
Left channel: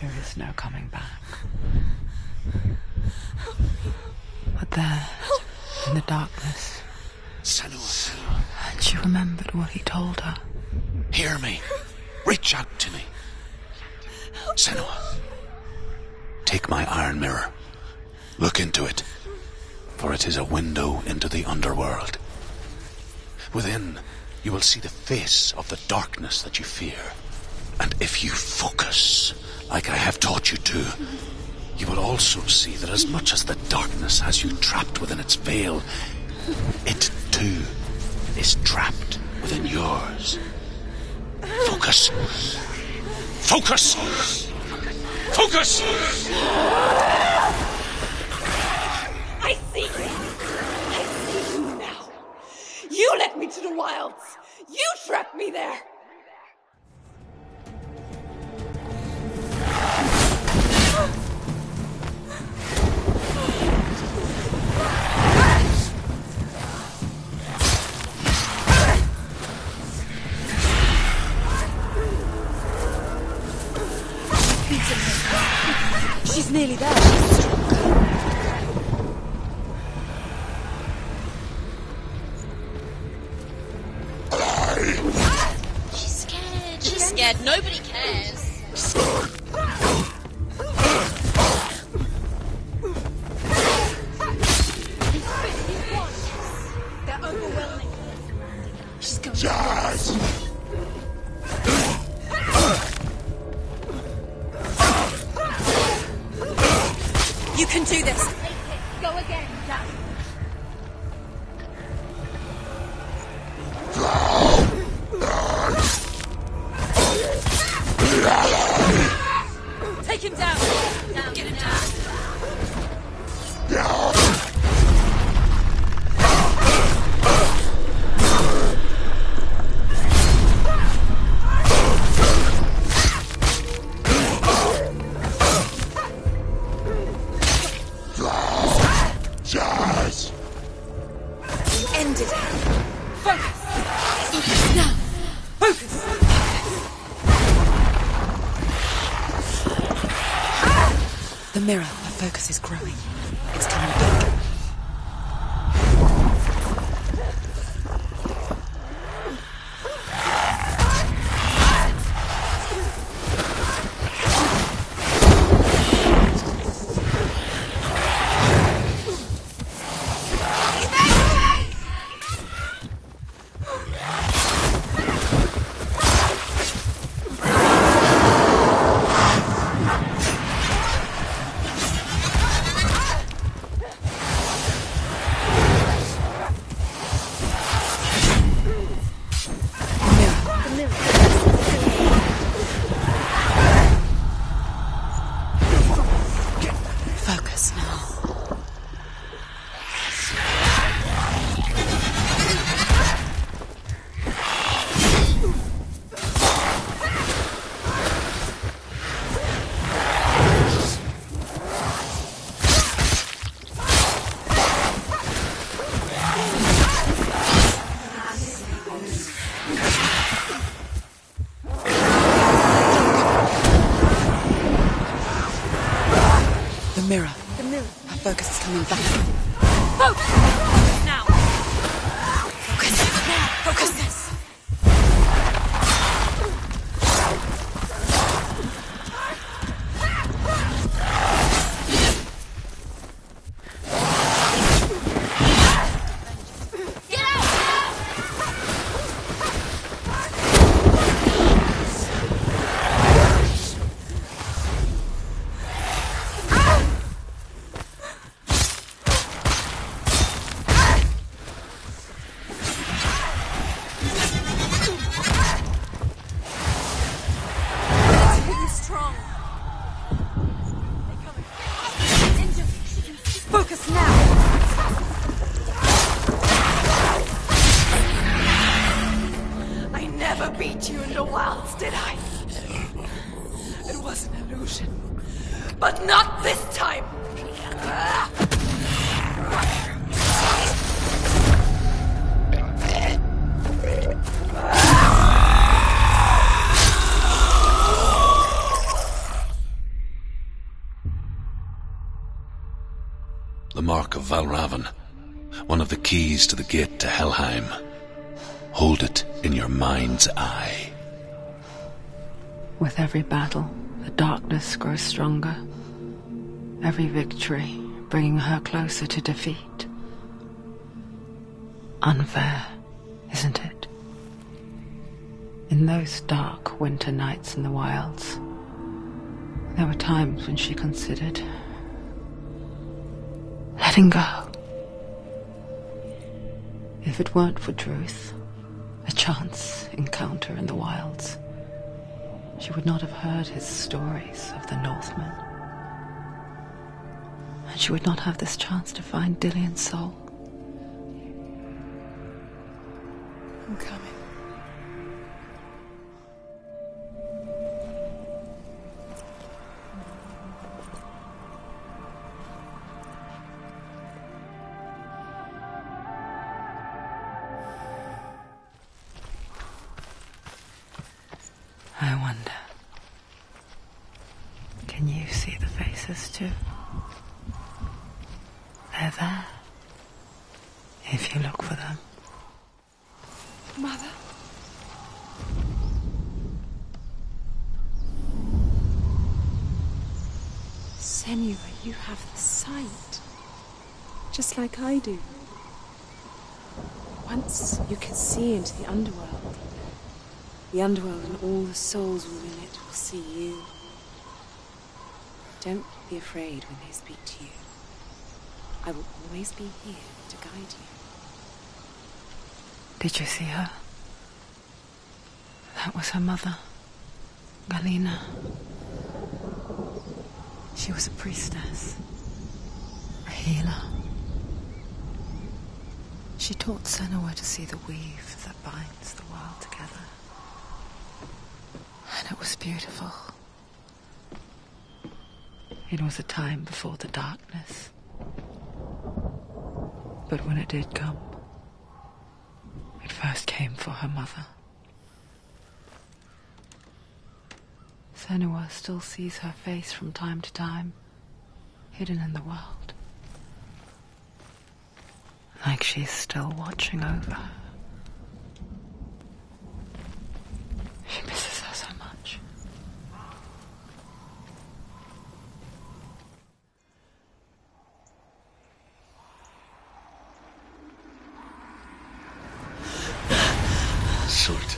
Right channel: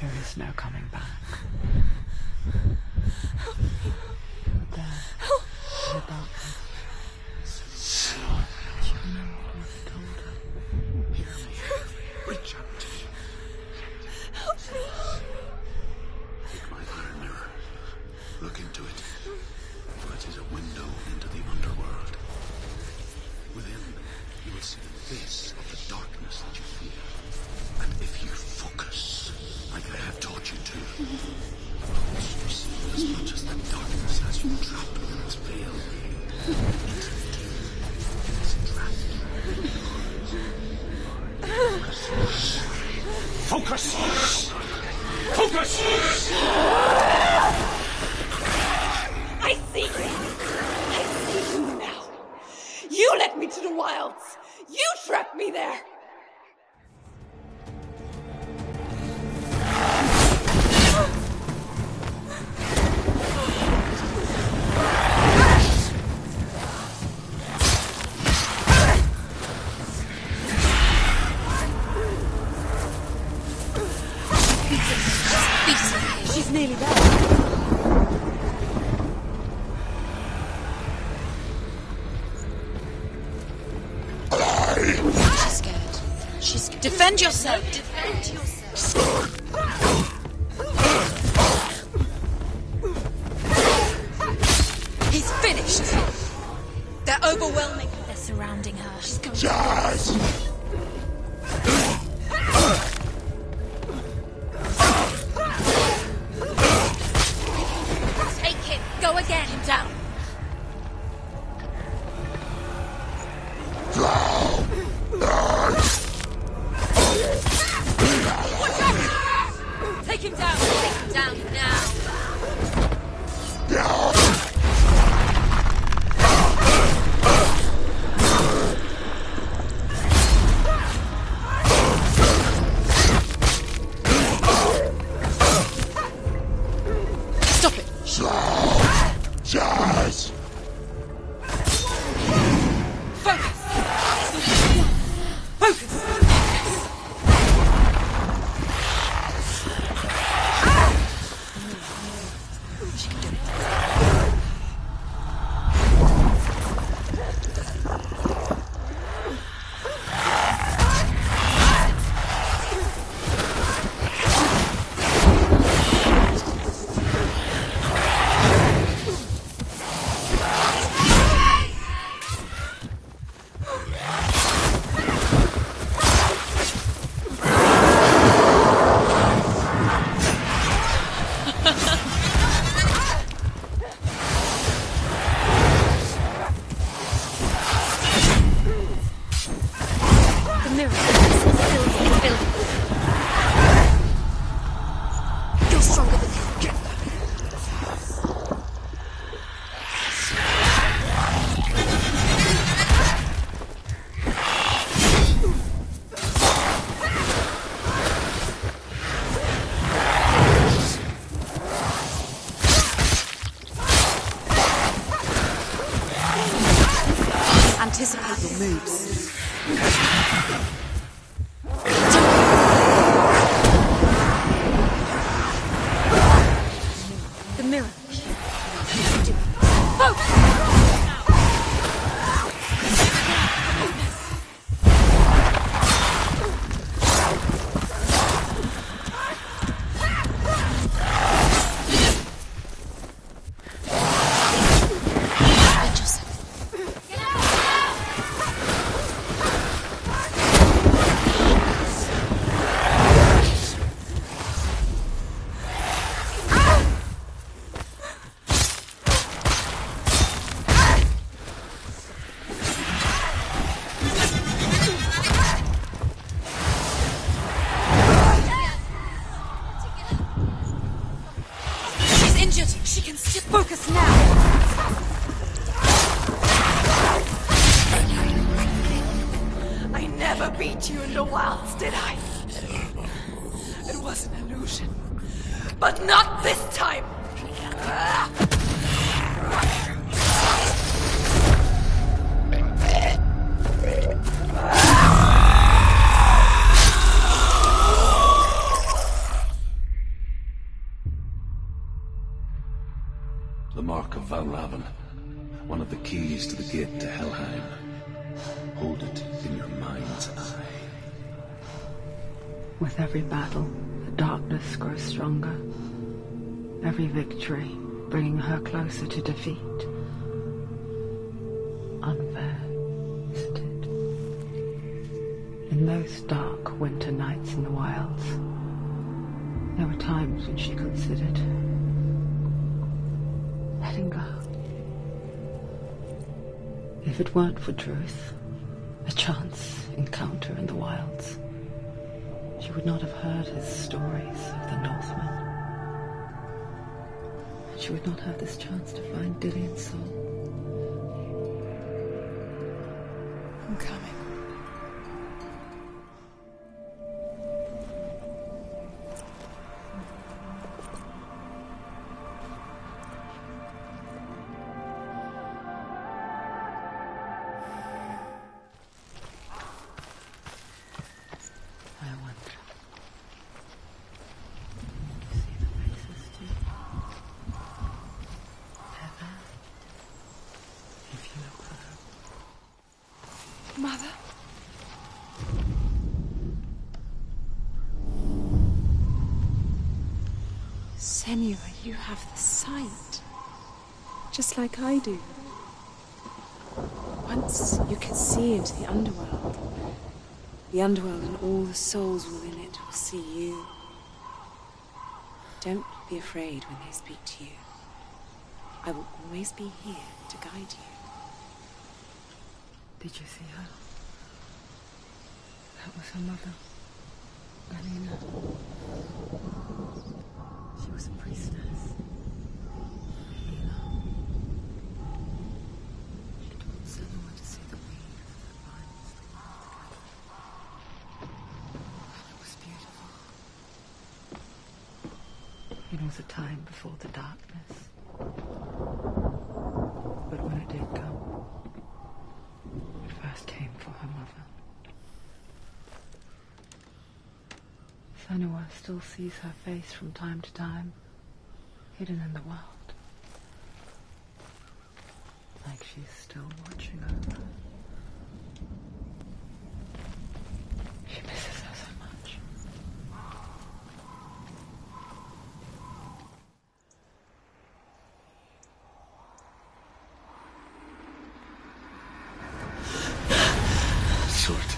there is no coming back. But there, in the darkness, Senua, she remembered what he told her. hear me. Reach out to me. Senua, take my iron mirror. Look into it, for it is a window into the underworld. Within, you will see the face of the darkness that you fear. And if you focus, like I have taught you to, you will also see that as much as the darkness has you trapped within its veil, it too is trapped within yours. Focus. Focus! Focus! I see you! I see you now! You led me to the wilds! You trapped me there! She's nearly there. She's scared. Defend yourself. Nobody cares. He's finished. They're overwhelming her. They're surrounding her. She's going. Yes! You can do this. Take it. Go again. Down. Take him down. Down. Give it down. Yes! End it. Focus. Focus. The mirror, the focus is growing. It's coming back. I never beat you in the wilds, did I? It was an illusion. But not this time! The mark of Valravn, one of the keys to the gate to Helheim. Hold it in your mind's eye. With every battle, the darkness grows stronger. Every victory bringing her closer to defeat. Unfair, isn't it? In those dark winter nights in the wilds, there were times when she considered letting go. If it weren't for truth, a chance encounter in the wilds, she would not have heard his stories of the Northmen. And she would not have this chance to find Dillion's soul. I'm coming. I wonder, can you see the faces too? They're there, if you look for them. Mother? Senua, you have the sight. Just like I do. Once you can see into the underworld. The underworld and all the souls within it will see you. Don't be afraid when they speak to you. I will always be here to guide you. Did you see her? That was her mother, Galina. She was a priestess, a healer. She taught Senua to see the weave that binds the world together. And it was beautiful. It was a time before the darkness. But when it did come, it first came for her mother. Senua still sees her face from time to time, hidden in the world. Like she's still watching over her. She misses her so much. Surt,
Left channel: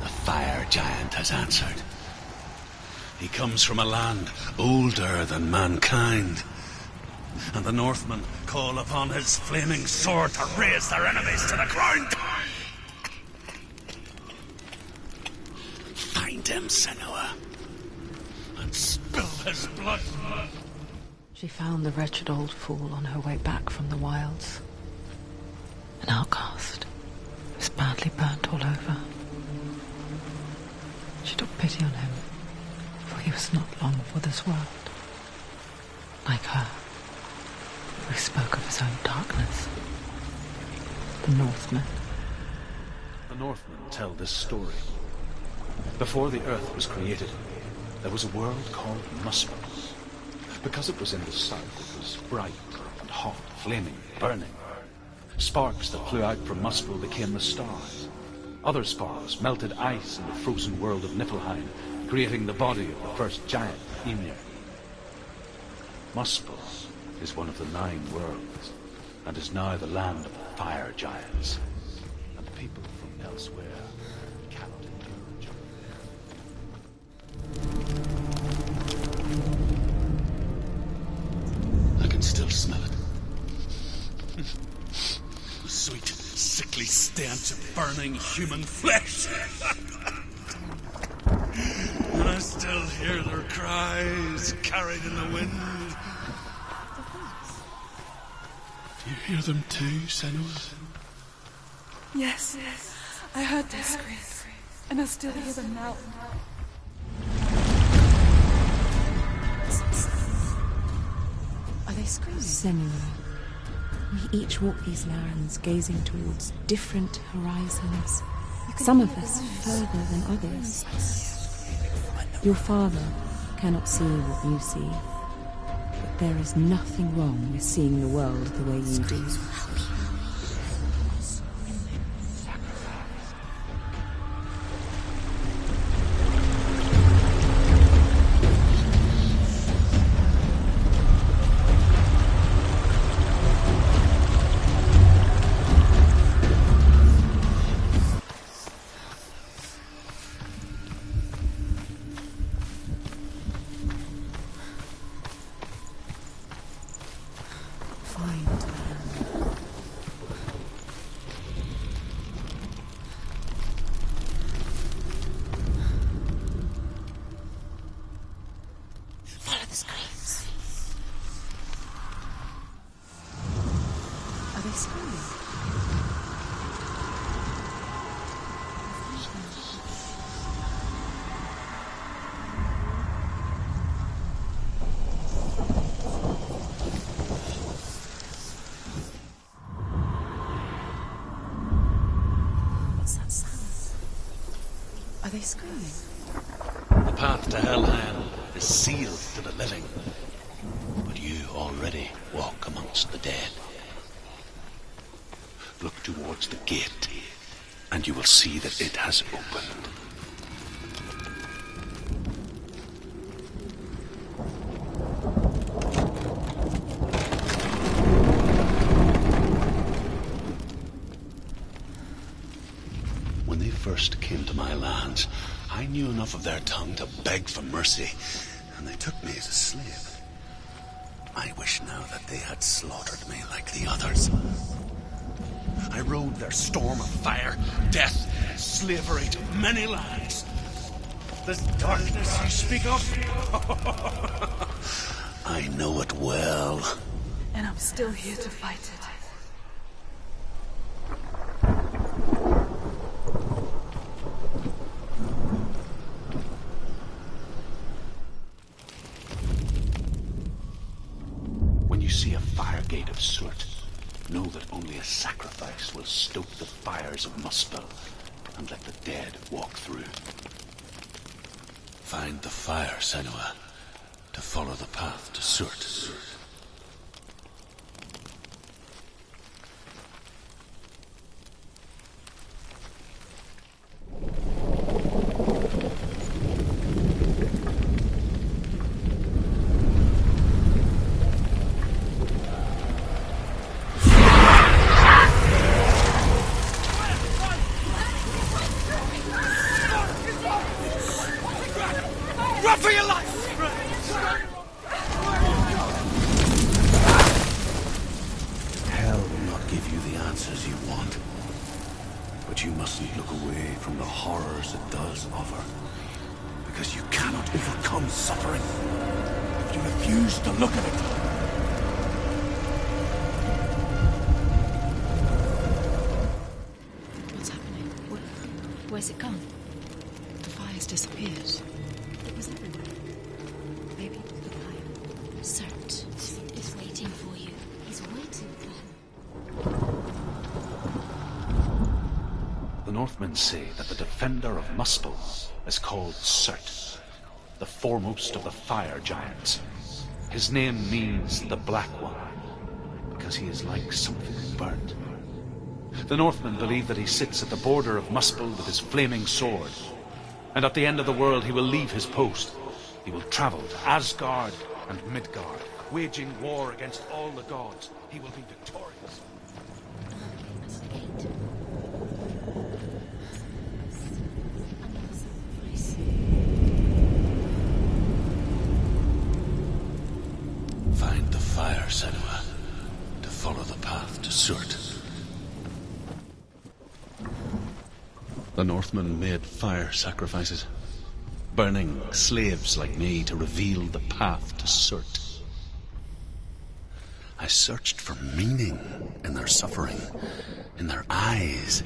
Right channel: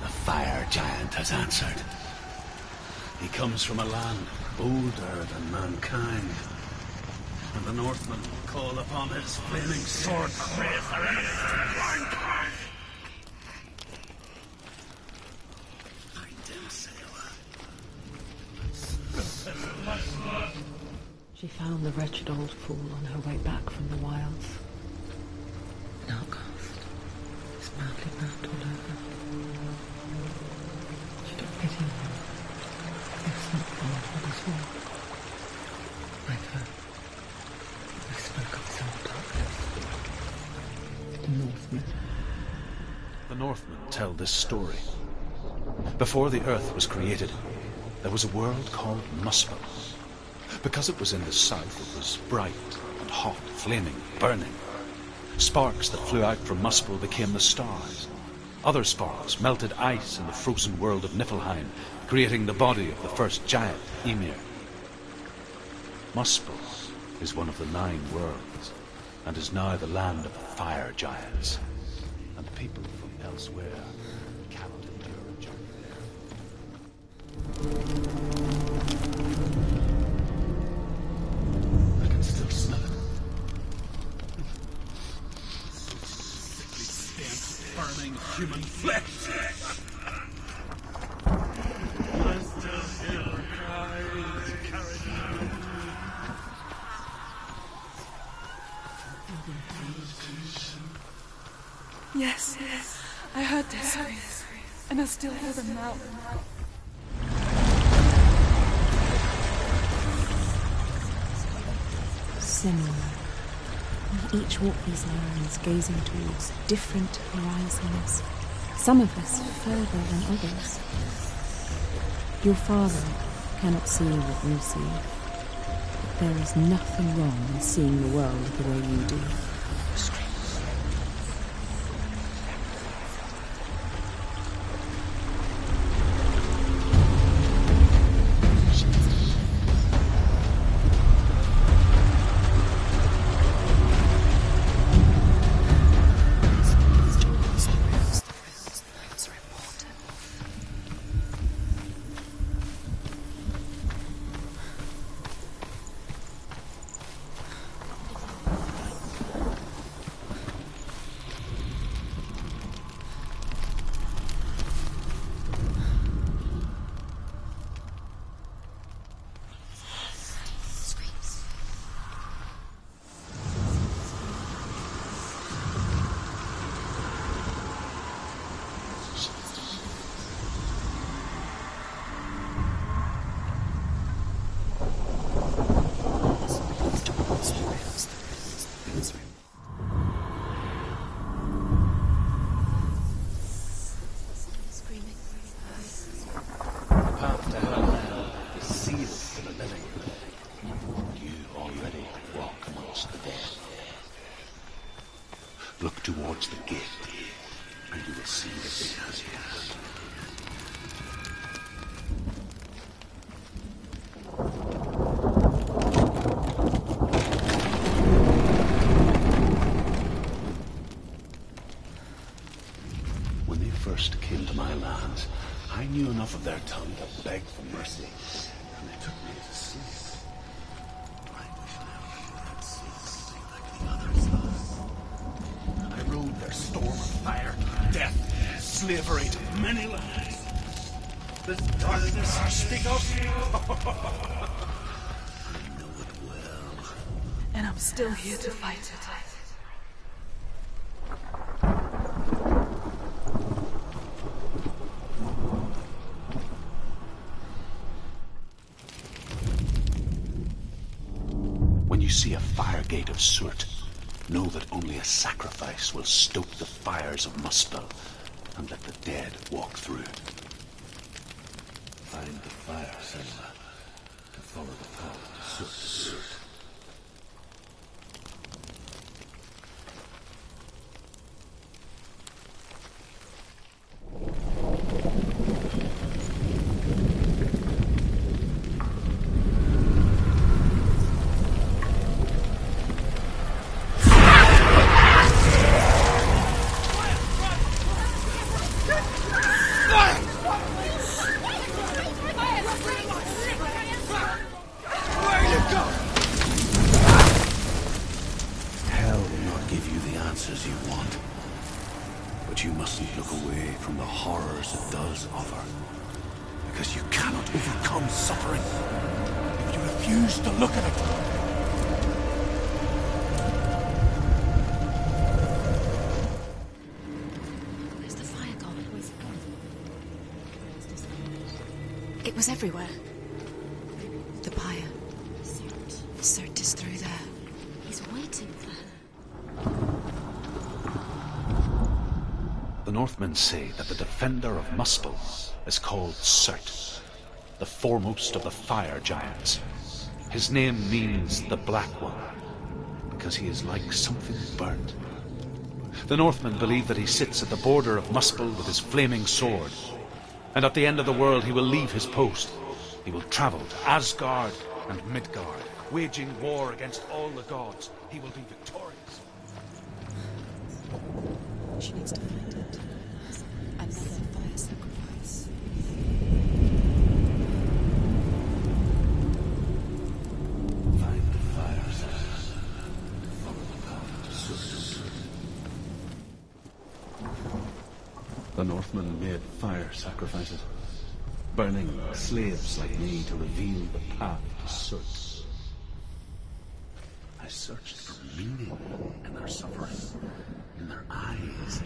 the fire giant has answered. He comes from a land older than mankind. And the Northmen call upon his flaming sword to raze their enemies to the ground. Find him, Senua, and spill his blood. She found the wretched old fool on her way back from the wilds. An outcast, was badly burnt all over. She took pity on him, for he was not long for this world. Like her, who spoke of his own darkness. The Northmen. The Northmen tell this story. Before the earth was created, there was a world called Muspel. Because it was in the south, it was bright and hot, flaming, burning. Sparks that flew out from Muspel became the stars. Other sparks melted ice in the frozen world of Niflheim, creating the body of the first giant, Ymir. Muspel is one of the 9 worlds, and is now the land of the fire giants. And people from elsewhere cannot endure a journey there. I can still smell it. The sweet, sickly stench of burning human flesh. And I still hear their cries carried in the wind. You hear them too, Senua? Yes, I heard their screams. And I still hear them now. Senua. We each walk these lands, gazing towards different horizons. Some of us further than others. Your father cannot see what you see. But there is nothing wrong with seeing the world the way you do. The path to Hellland is sealed to the living, but you already walk amongst the dead. Look towards the gate, and you will see that it has opened. When they first came to my lands, I knew enough of their tongue to beg for mercy, and they took me as a slave. I wish now that they had slaughtered me like the others. I rode their storm of fire, death, slavery to many lands. This darkness you speak of? I know it well. And I'm still here to fight it. When you see a fire gate of soot, know that only a sacrifice will stoke the fires of Muspel and let the dead walk through. Find the fire, Senua, to follow the path to soot. Answers you want. But you mustn't look away from the horrors it does offer, because you cannot overcome suffering if you refuse to look at it. What's happening? Where's the fire gone? Where's it gone? The fire's disappeared. It was everywhere. Maybe the pyre. Cert is through there. He's waiting for her. The Northmen say that the defender of Muspel is called Cert, the foremost of the fire giants. His name means the Black One, because he is like something burnt. The Northmen believe that he sits at the border of Muspel with his flaming sword, and at the end of the world he will leave his post. He will travel to Asgard and Midgard, waging war against all the gods. He will be victorious. Find the fire, Senua, to follow the path to Surt. The Northmen made fire sacrifices, burning slaves like me to reveal the path to Surt. I searched for meaning in their suffering, in their eyes,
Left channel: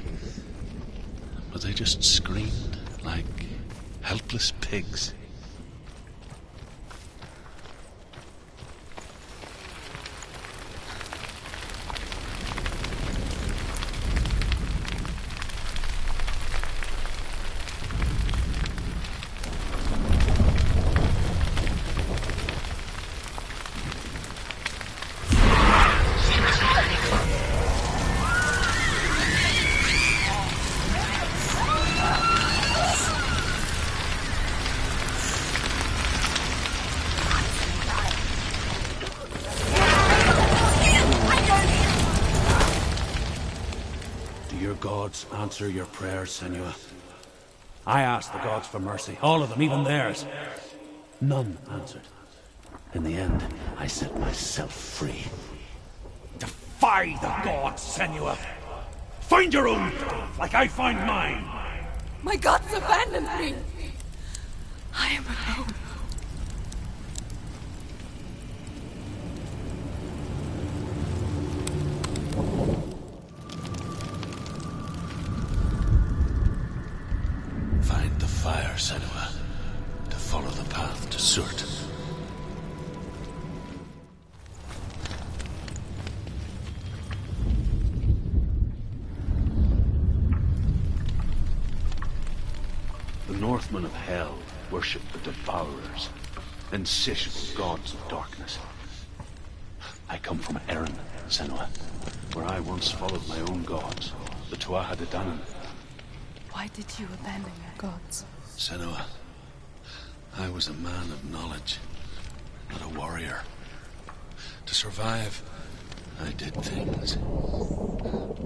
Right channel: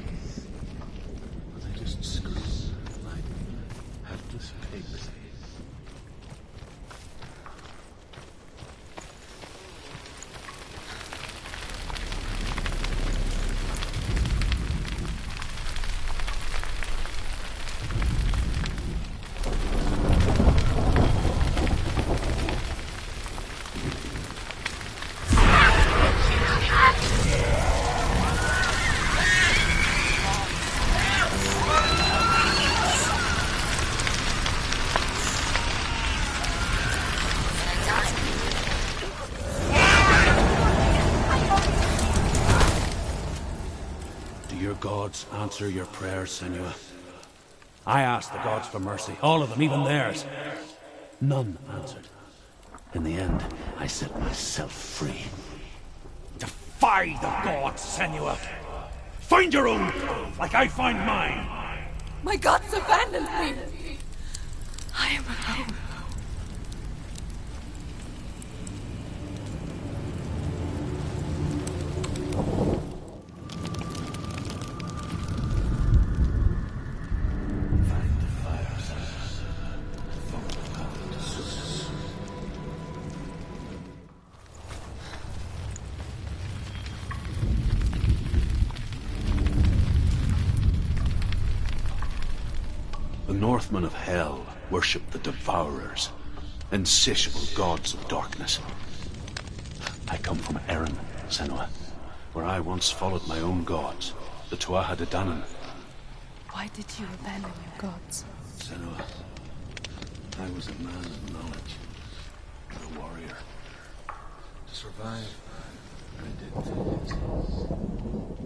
but they just screamed helpless pigs. Gods answer your prayers, Senua. I asked the gods for mercy, all of them, even theirs. None answered. In the end, I set myself free. Defy the gods, Senua! Find your own path, like I find mine! My gods abandoned me! I am alone. Senua, to follow the path to Surt. The Northmen of Hell worship the Devourers, insatiable gods of darkness. I come from Erin, Senua, where I once followed my own gods, the Tuatha De Danann. Why did you abandon your gods? Senua, I was a man of knowledge, not a warrior. To survive, I did things.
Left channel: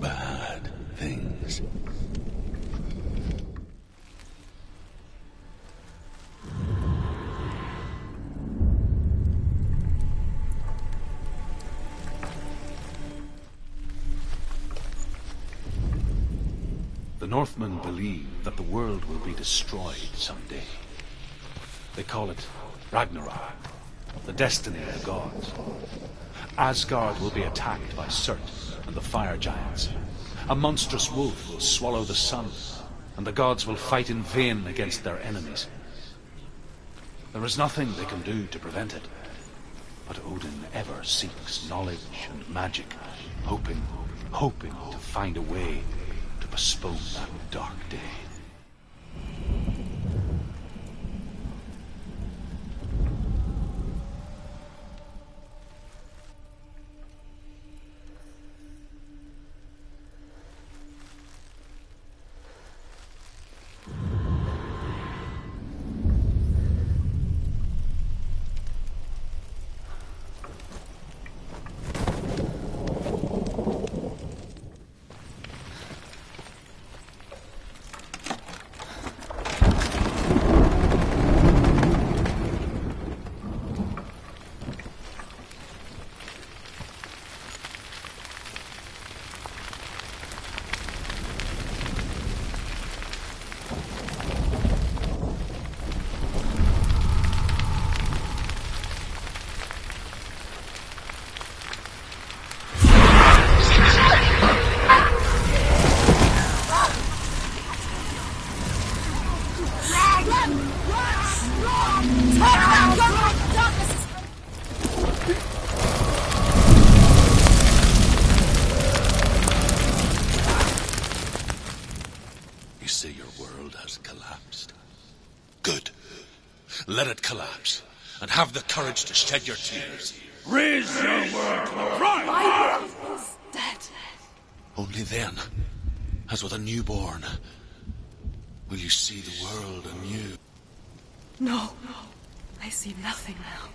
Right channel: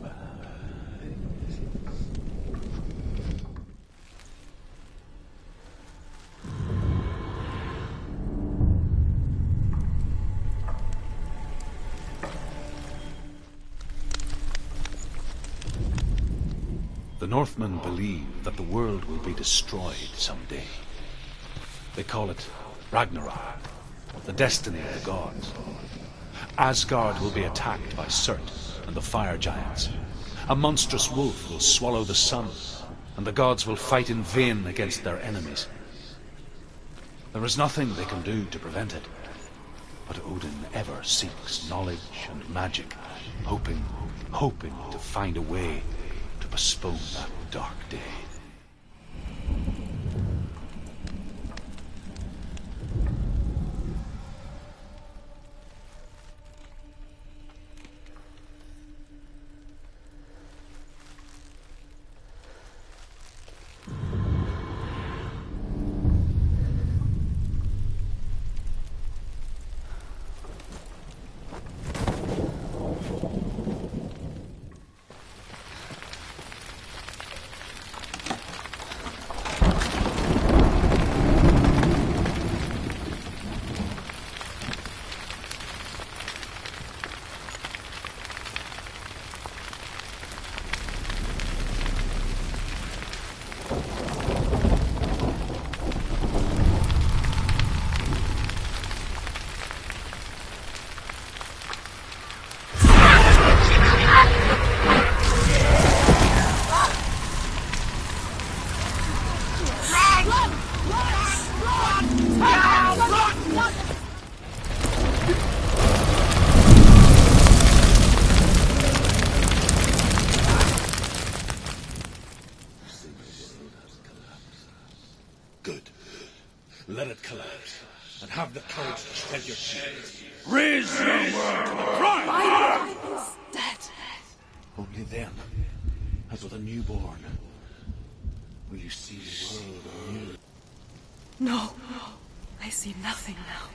Bad things. The Northmen believe that the world will be destroyed someday. They call it Ragnarok, the destiny of the gods. Asgard will be attacked by Surt and the fire giants. A monstrous wolf will swallow the sun, and the gods will fight in vain against their enemies. There is nothing they can do to prevent it, but Odin ever seeks knowledge and magic, hoping to find a way to postpone that dark day. Let it collapse, and have the courage to shed your tears. Raise your world to the ground! My world is dead. Only then, as with a newborn, will you see the world anew. No, I see nothing now.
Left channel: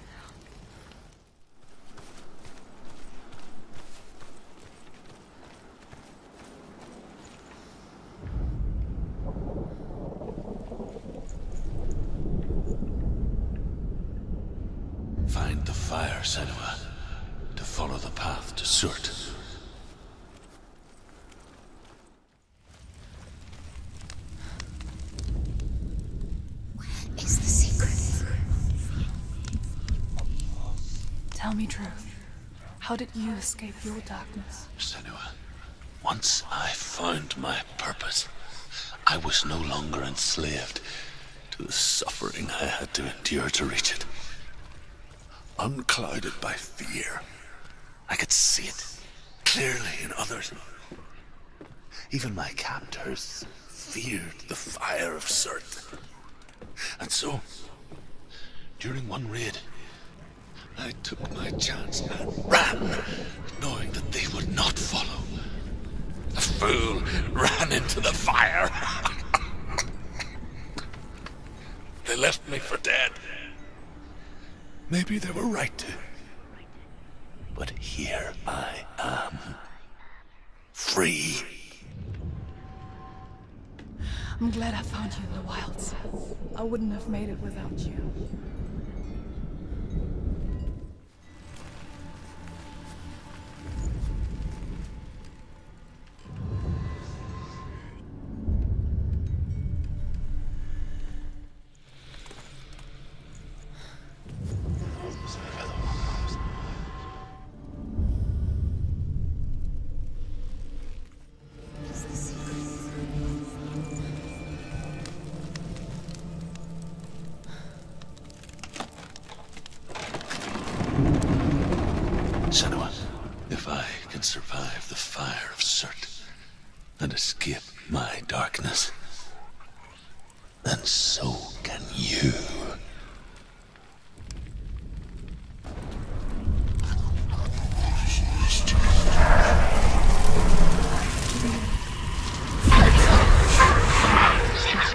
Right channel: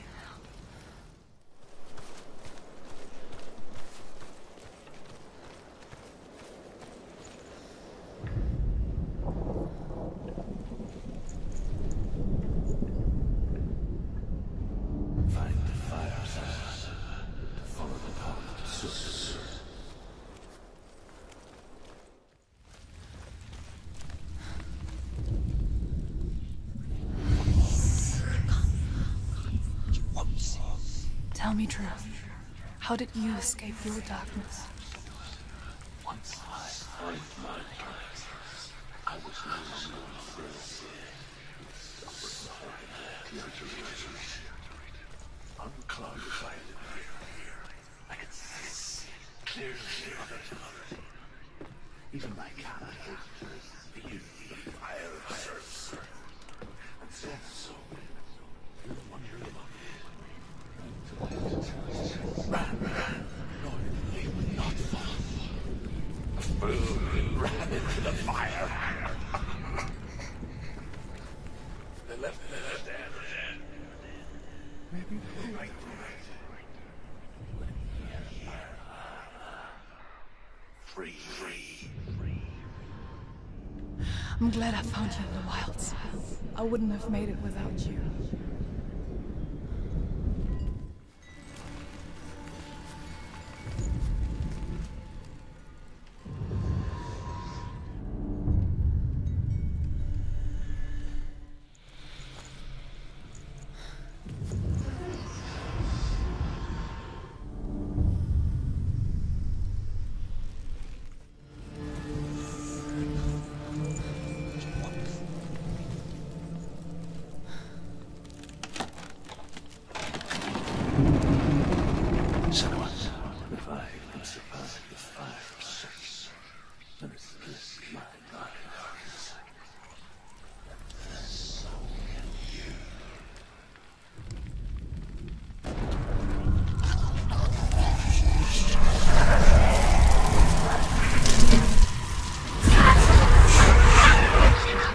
Find the fire, Senua, to follow the path to Surt. Where is the secret? Tell me truth. How did you escape your darkness? Senua, once I found my purpose, I was no longer enslaved to The suffering I had to endure to reach it. Unclouded by fear. I could see it clearly in others. Even my captors feared the fire of Surt. And so, during one raid, I took my chance and ran, knowing that they would not follow. The fool ran into the fire. They left me for dead. Maybe they were right to. But here I am. Free. I'm glad I found you in the wilds. I wouldn't have made it without you. Senua, if I can survive the fire of Surt and escape my darkness, then so can you.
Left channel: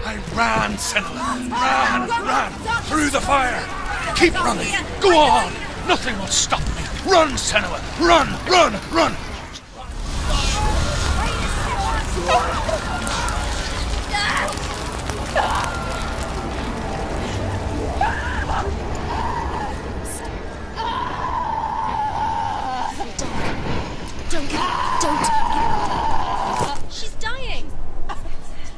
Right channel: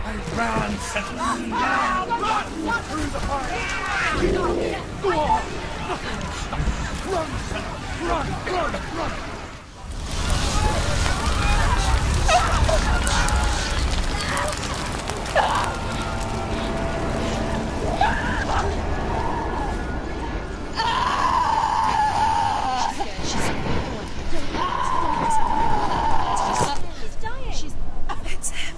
I ran, Senua! Ran! Through the fire! Keep running! Go on! Nothing will stop me! Run, Senua! Run! Don't. She's dying. It's him.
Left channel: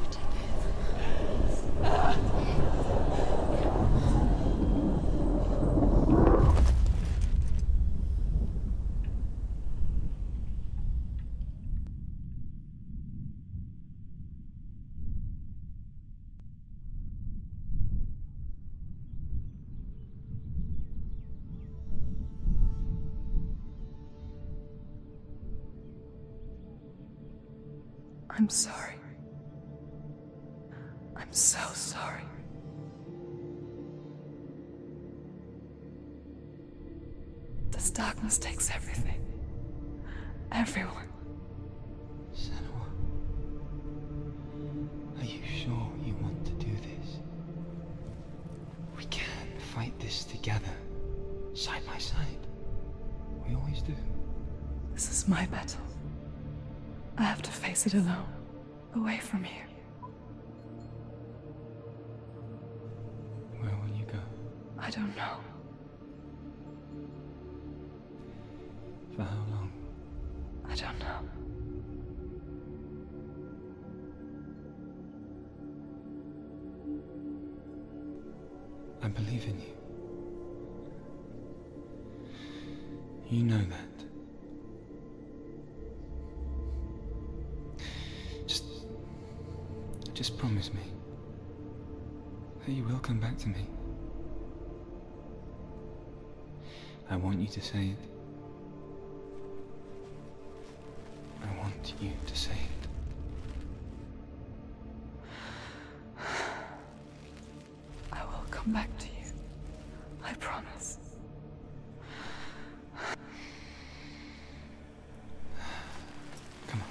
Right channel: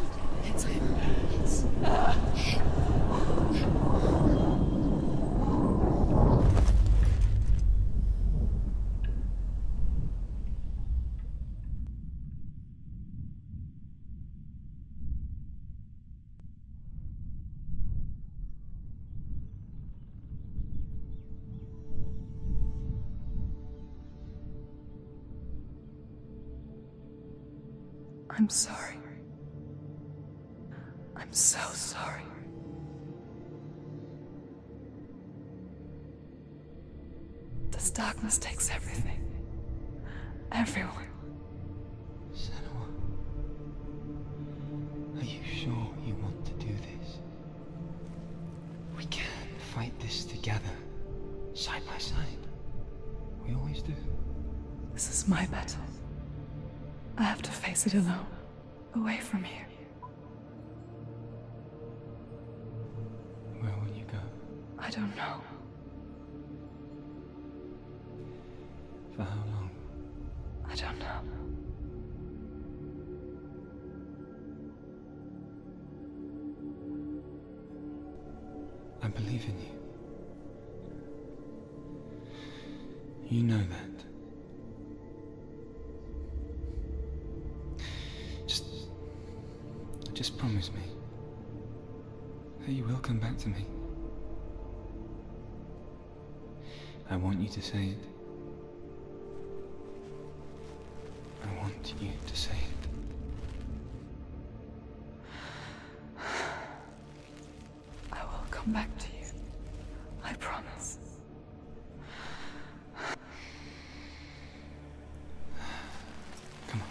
I'm sorry. I'm so sorry. This darkness takes everything. Everyone. Senua, are you sure you want to do this? We can fight this together, side by side. We always do. This is my battle. I have to face it alone, away from here. Where will you go? I don't know. For how long? I don't know. I believe in you. You know that. Just promise me that you will come back to me. I want you to say it. I want you to say it. I will come back to you. I promise. Come on.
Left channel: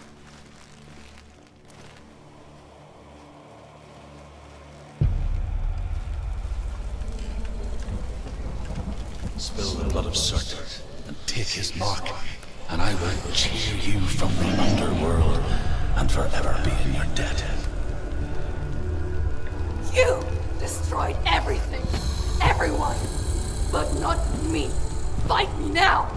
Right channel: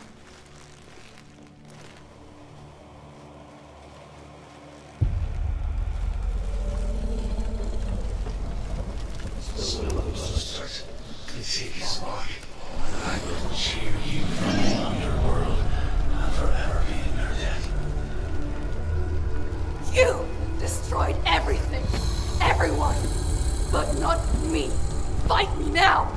Spill the blood of Surt and take his mark, and I will change you from the underworld and forever be in your debt. You destroyed everything, everyone, but not me. Fight me now.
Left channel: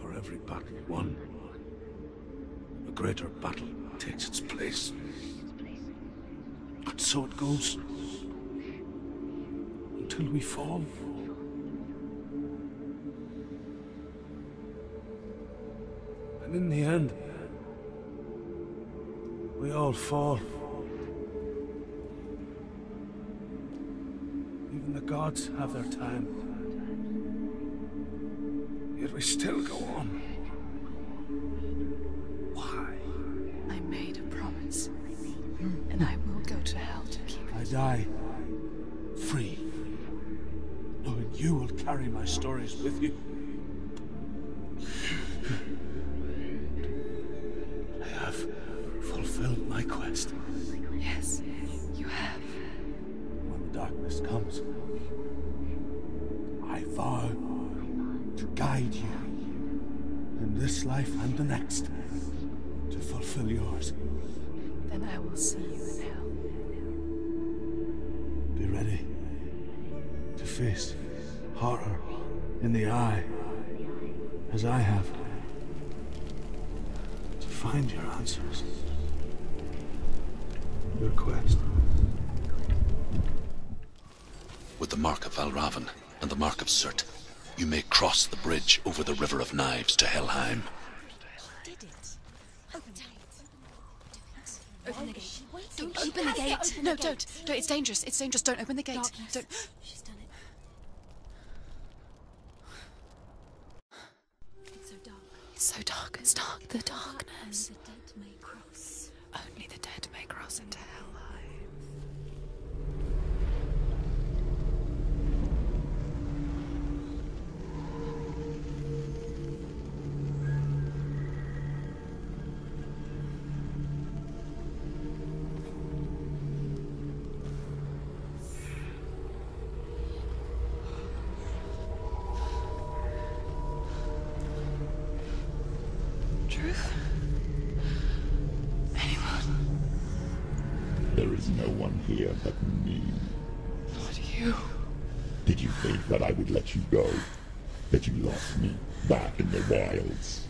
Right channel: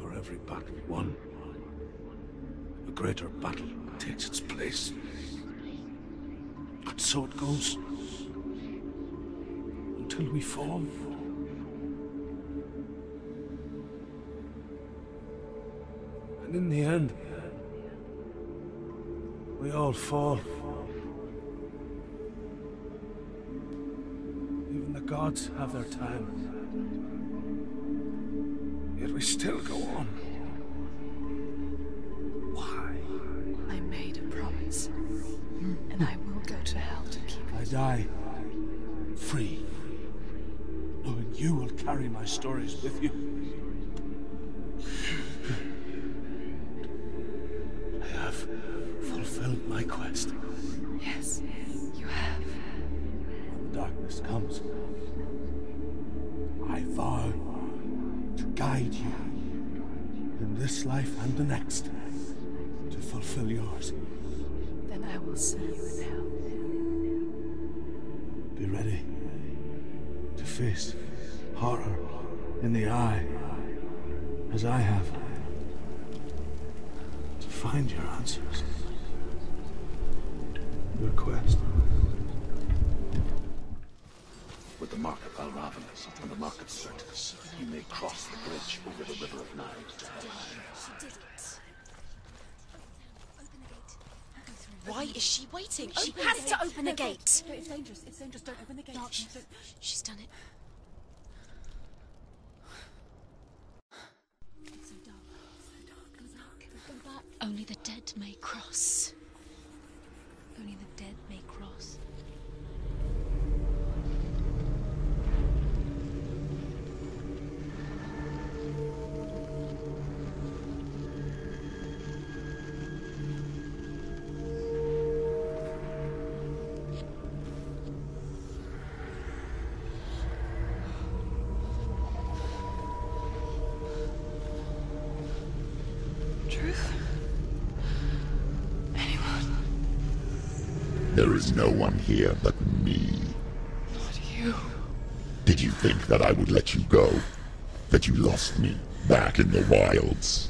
For every battle won, a greater battle takes its place. And so it goes. Until we fall. And in the end, we all fall. Even the gods have their time. Yet we still go on. Why? I made a promise. And I will go to hell to keep it. I die free, knowing you will carry my stories with you. I have fulfilled my quest. Yes, you have. When the darkness comes, I vow to guide you in this life and the next to fulfill yours. Then I will see you in hell. Be ready to face horror in the eye, as I have, to find your answers, your quest. With the mark of Valravan and the mark of Surt, you may cross the bridge over the River of Knives to Helheim. Why is she waiting? Open the gate. Open the gate. Don't. It's dangerous. It's dangerous. Don't open the gate. Don't. She's done it. It's so dark. It's so dark. It's dark. The darkness. Only the dead may cross. Only the dead may cross Only into the hell. dead may cross. Truth? Anyone? There is no one here but me. Not you. Did you think that I would let you go? That you lost me back in the wilds?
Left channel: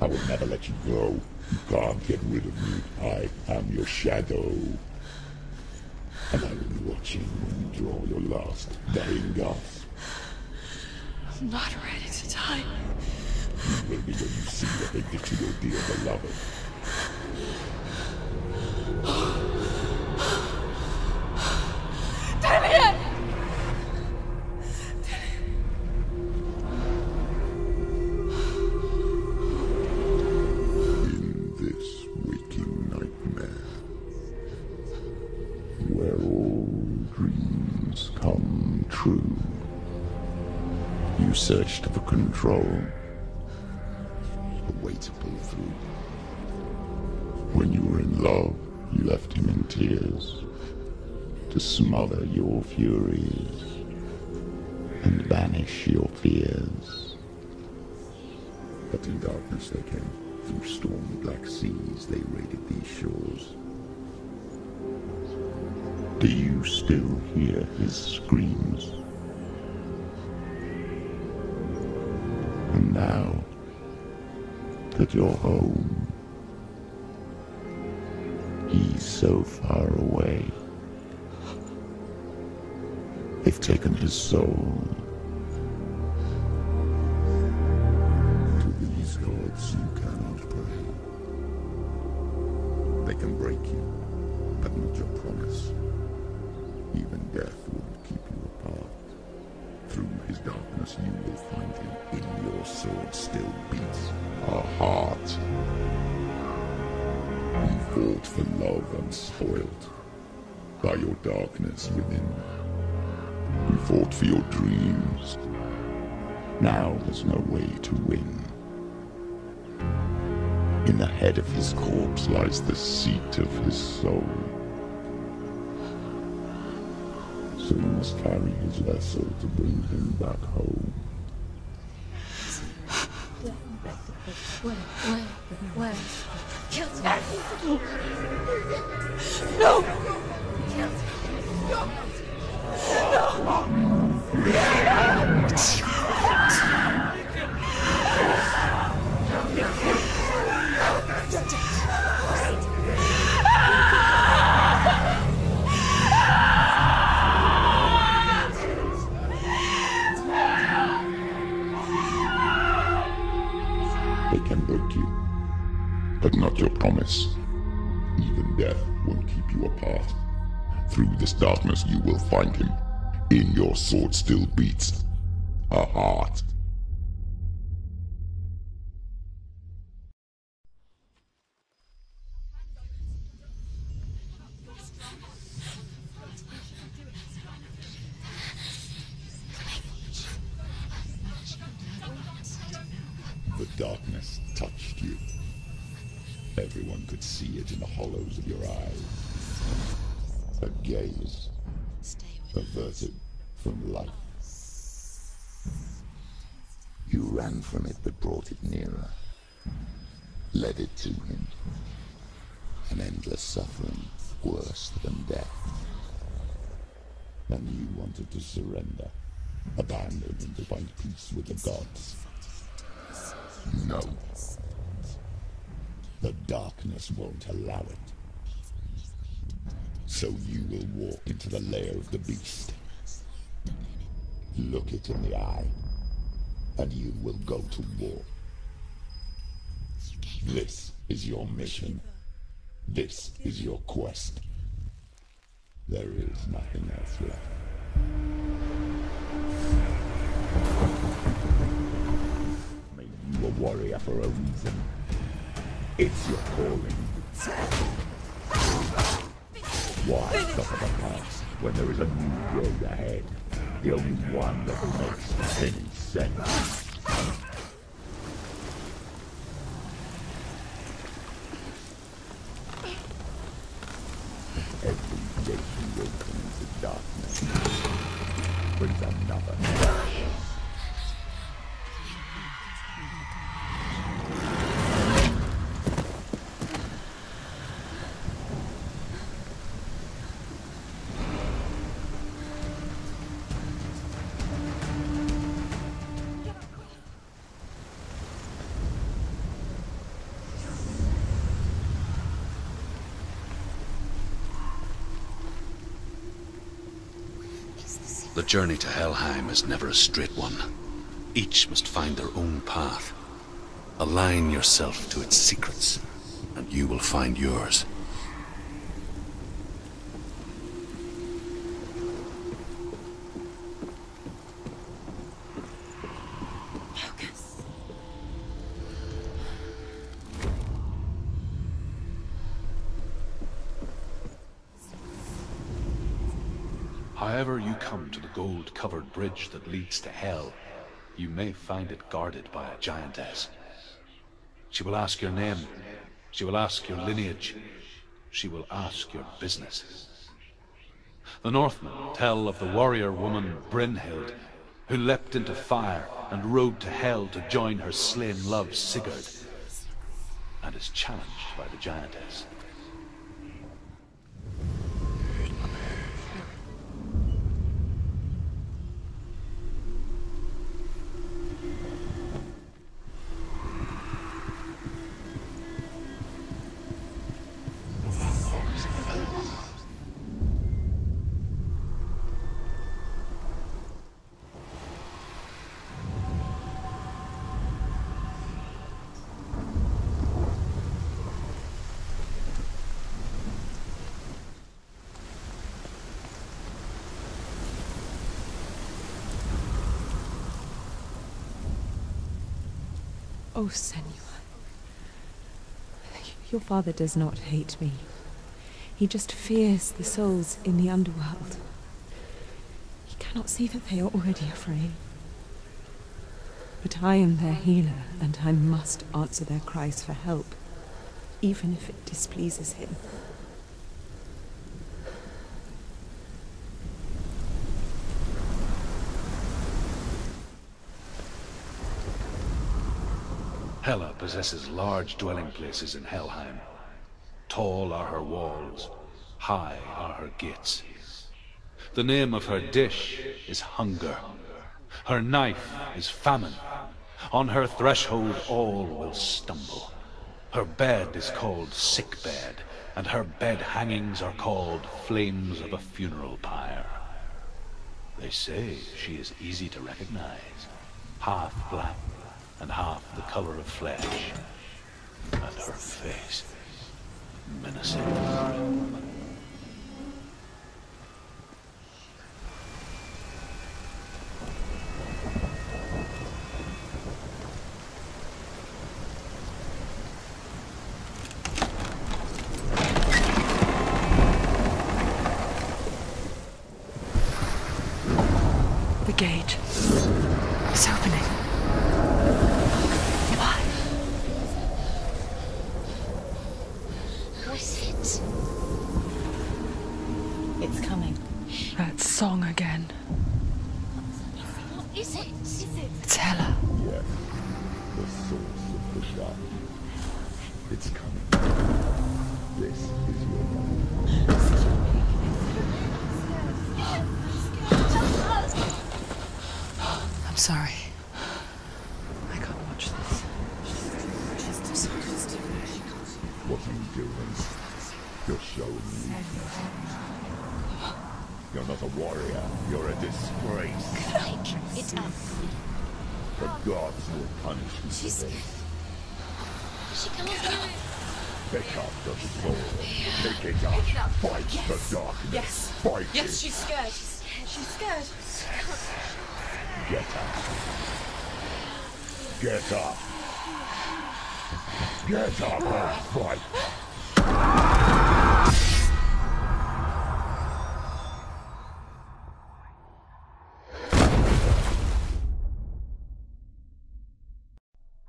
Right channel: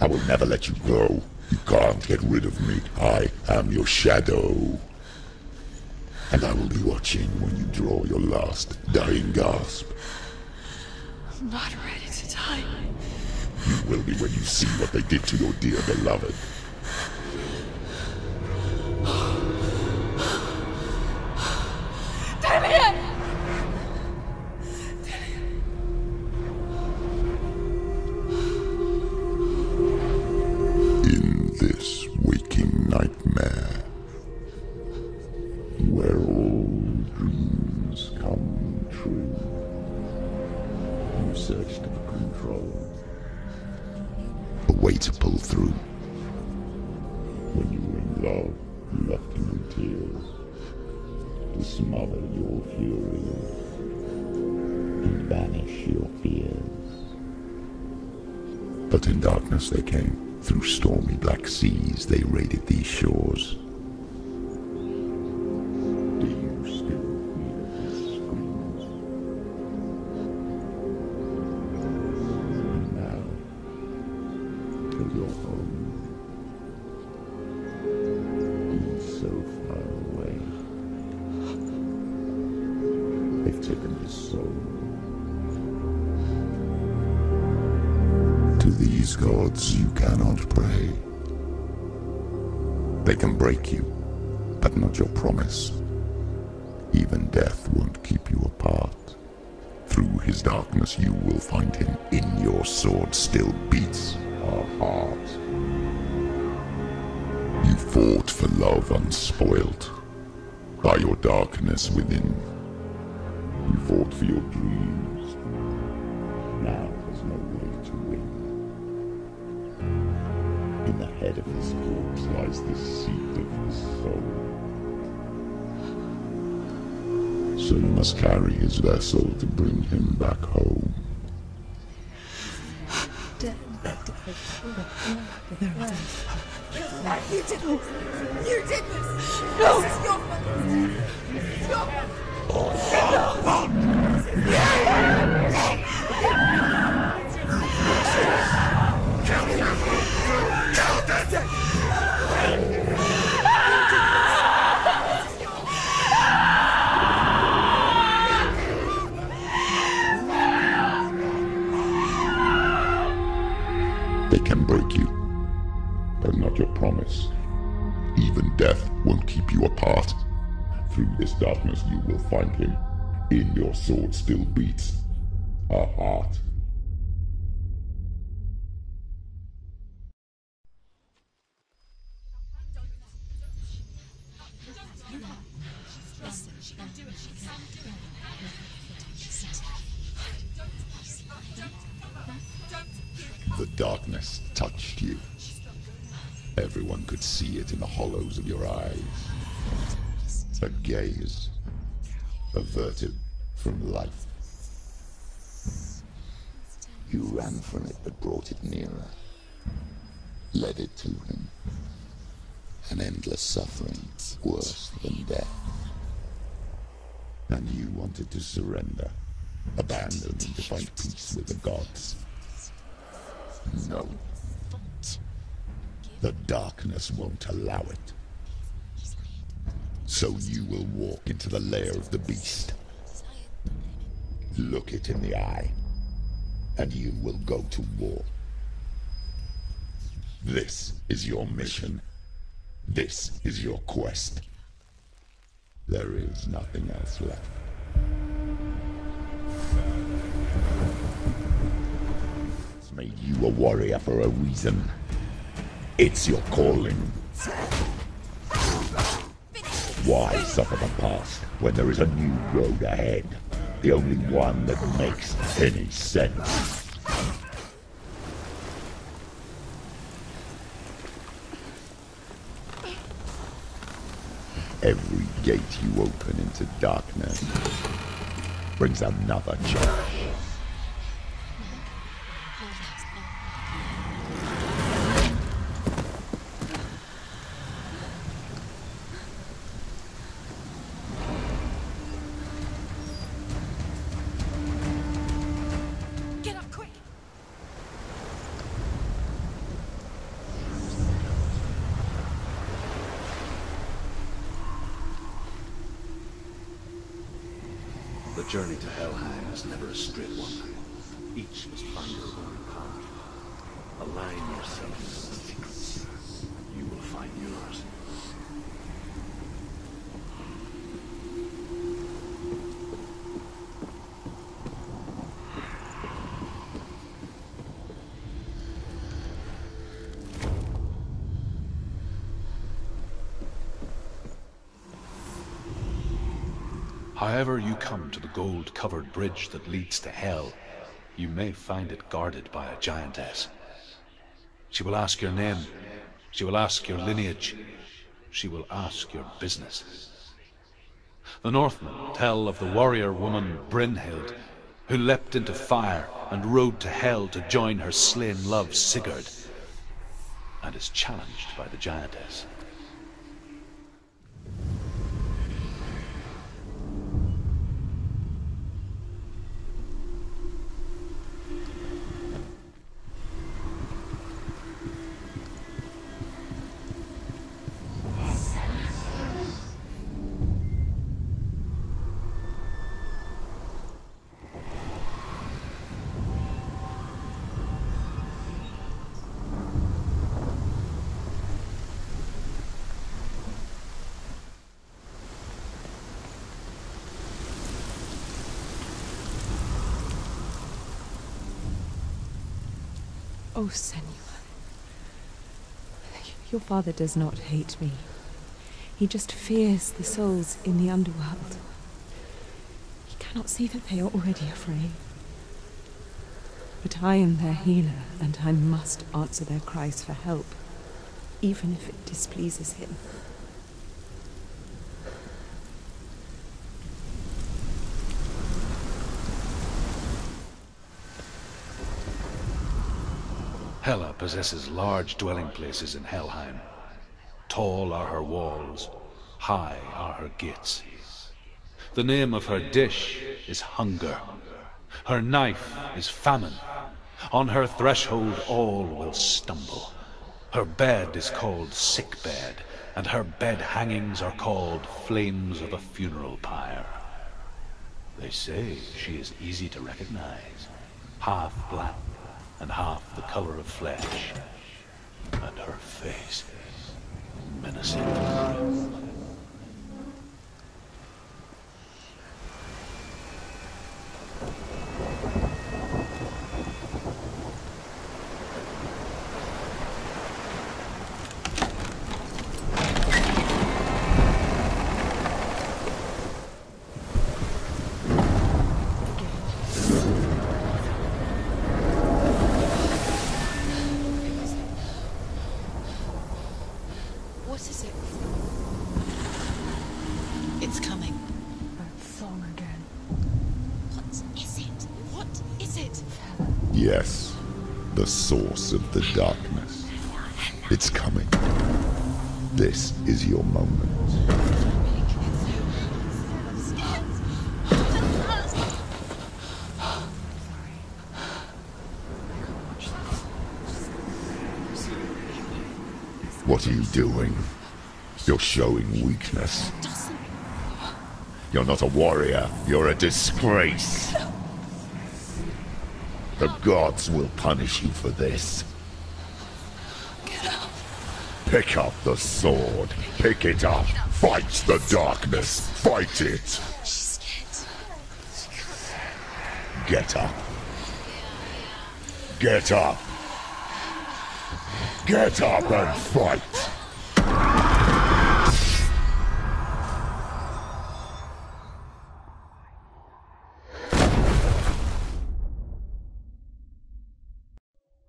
I will never let you go. You can't get rid of me. I am your shadow. And I will be watching when you draw your last dying gasp. I'm not ready to die. You will be when you see what they did to your dear beloved. Damien! In this waking nightmare, where all dreams come true, you searched for control. way to pull through. When you were in love, you left him in tears to smother your furies and banish your fears. But in darkness they came, through stormy black seas they raided these shores. Do you still hear his screams? And now that you're home, he's so far away. They've taken his soul. To these gods you cannot pray. They can break you, but not your promise. Even death won't keep you apart. Through his darkness you will find him. In your sword still beats a heart. You fought for love unspoilt by your darkness within. You fought for your dreams. Now there's no way to win. In the head of his corpse lies the seat of his soul. So you must carry his vessel to bring him back home. No! They can break you, but not your promise. Even death won't keep you apart. Through this darkness you will find him. In your sword still beats a heart. The darkness touched you. Everyone could see it in the hollows of your eyes. A gaze averted from life. You ran from it but brought it nearer. Led it to him. An endless suffering, worse than death. And you wanted to surrender, abandon and to find peace with the gods. No. The darkness won't allow it. So you will walk into the lair of the beast. Look it in the eye, and you will go to war. This is your mission. This is your quest. There is nothing else left. Made you a warrior for a reason. It's your calling. Why suffer the past when there is a new road ahead? The only one that makes any sense. Every gate you open into darkness brings another change. The journey to Helheim is never a straight one. Each must find their own path. Align yourself to its secrets, and you will find yours. However you come to the gold-covered bridge that leads to Hell, you may find it guarded by a giantess. She will ask your name. She will ask your lineage. She will ask your business. The Northmen tell of the warrior woman Brynhild, who leapt into fire and rode to hell to join her slain love Sigurd, and is challenged by the giantess. Oh, Senua. Your father does not hate me. He just fears the souls in the underworld. He cannot see that they are already afraid. But I am their healer, and I must answer their cries for help, even if it displeases him. Hela possesses large dwelling places in Helheim. Tall are her walls, high are her gates. The name of her dish is hunger. Her knife is famine. On her threshold all will stumble. Her bed is called sick bed, and her bed hangings are called flames of a funeral pyre. They say she is easy to recognize, half black and half the color of flesh, and her face menacing and grim. The gate is opening. It's coming. That song again. Is it? It's Hela. Yes, the source of the darkness. It's coming. This is your moment. I'm sorry. I can't watch this. What are you doing? You're showing weakness. You're not a warrior. You're a disgrace. The gods will punish you for this. Pick up the sword. Pick it up. Fight the darkness. Fight it. She's scared. Get up. Get up. Get up and fight.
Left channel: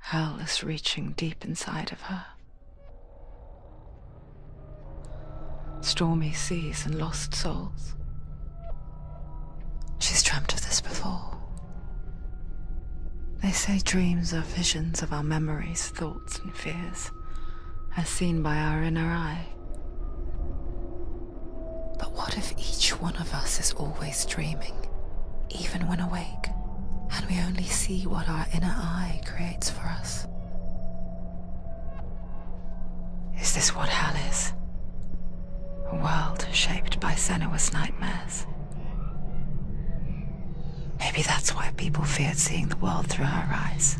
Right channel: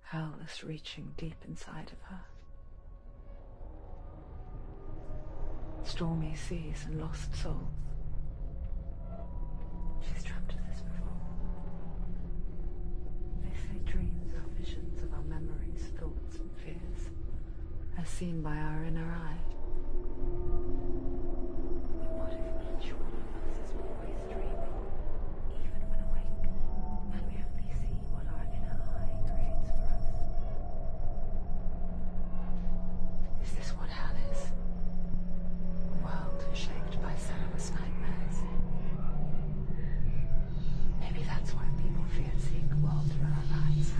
Hell is reaching deep inside of her. Stormy seas and lost souls. She's dreamt of this before. They say dreams are visions of our memories, thoughts, and fears, as seen by our inner eye. But what if each one of us is always dreaming, even when awake, and we only see what our inner eye creates for us? Is this what hell is? A world shaped by Senua's nightmares? Maybe that's why people feared seeing the world through her eyes.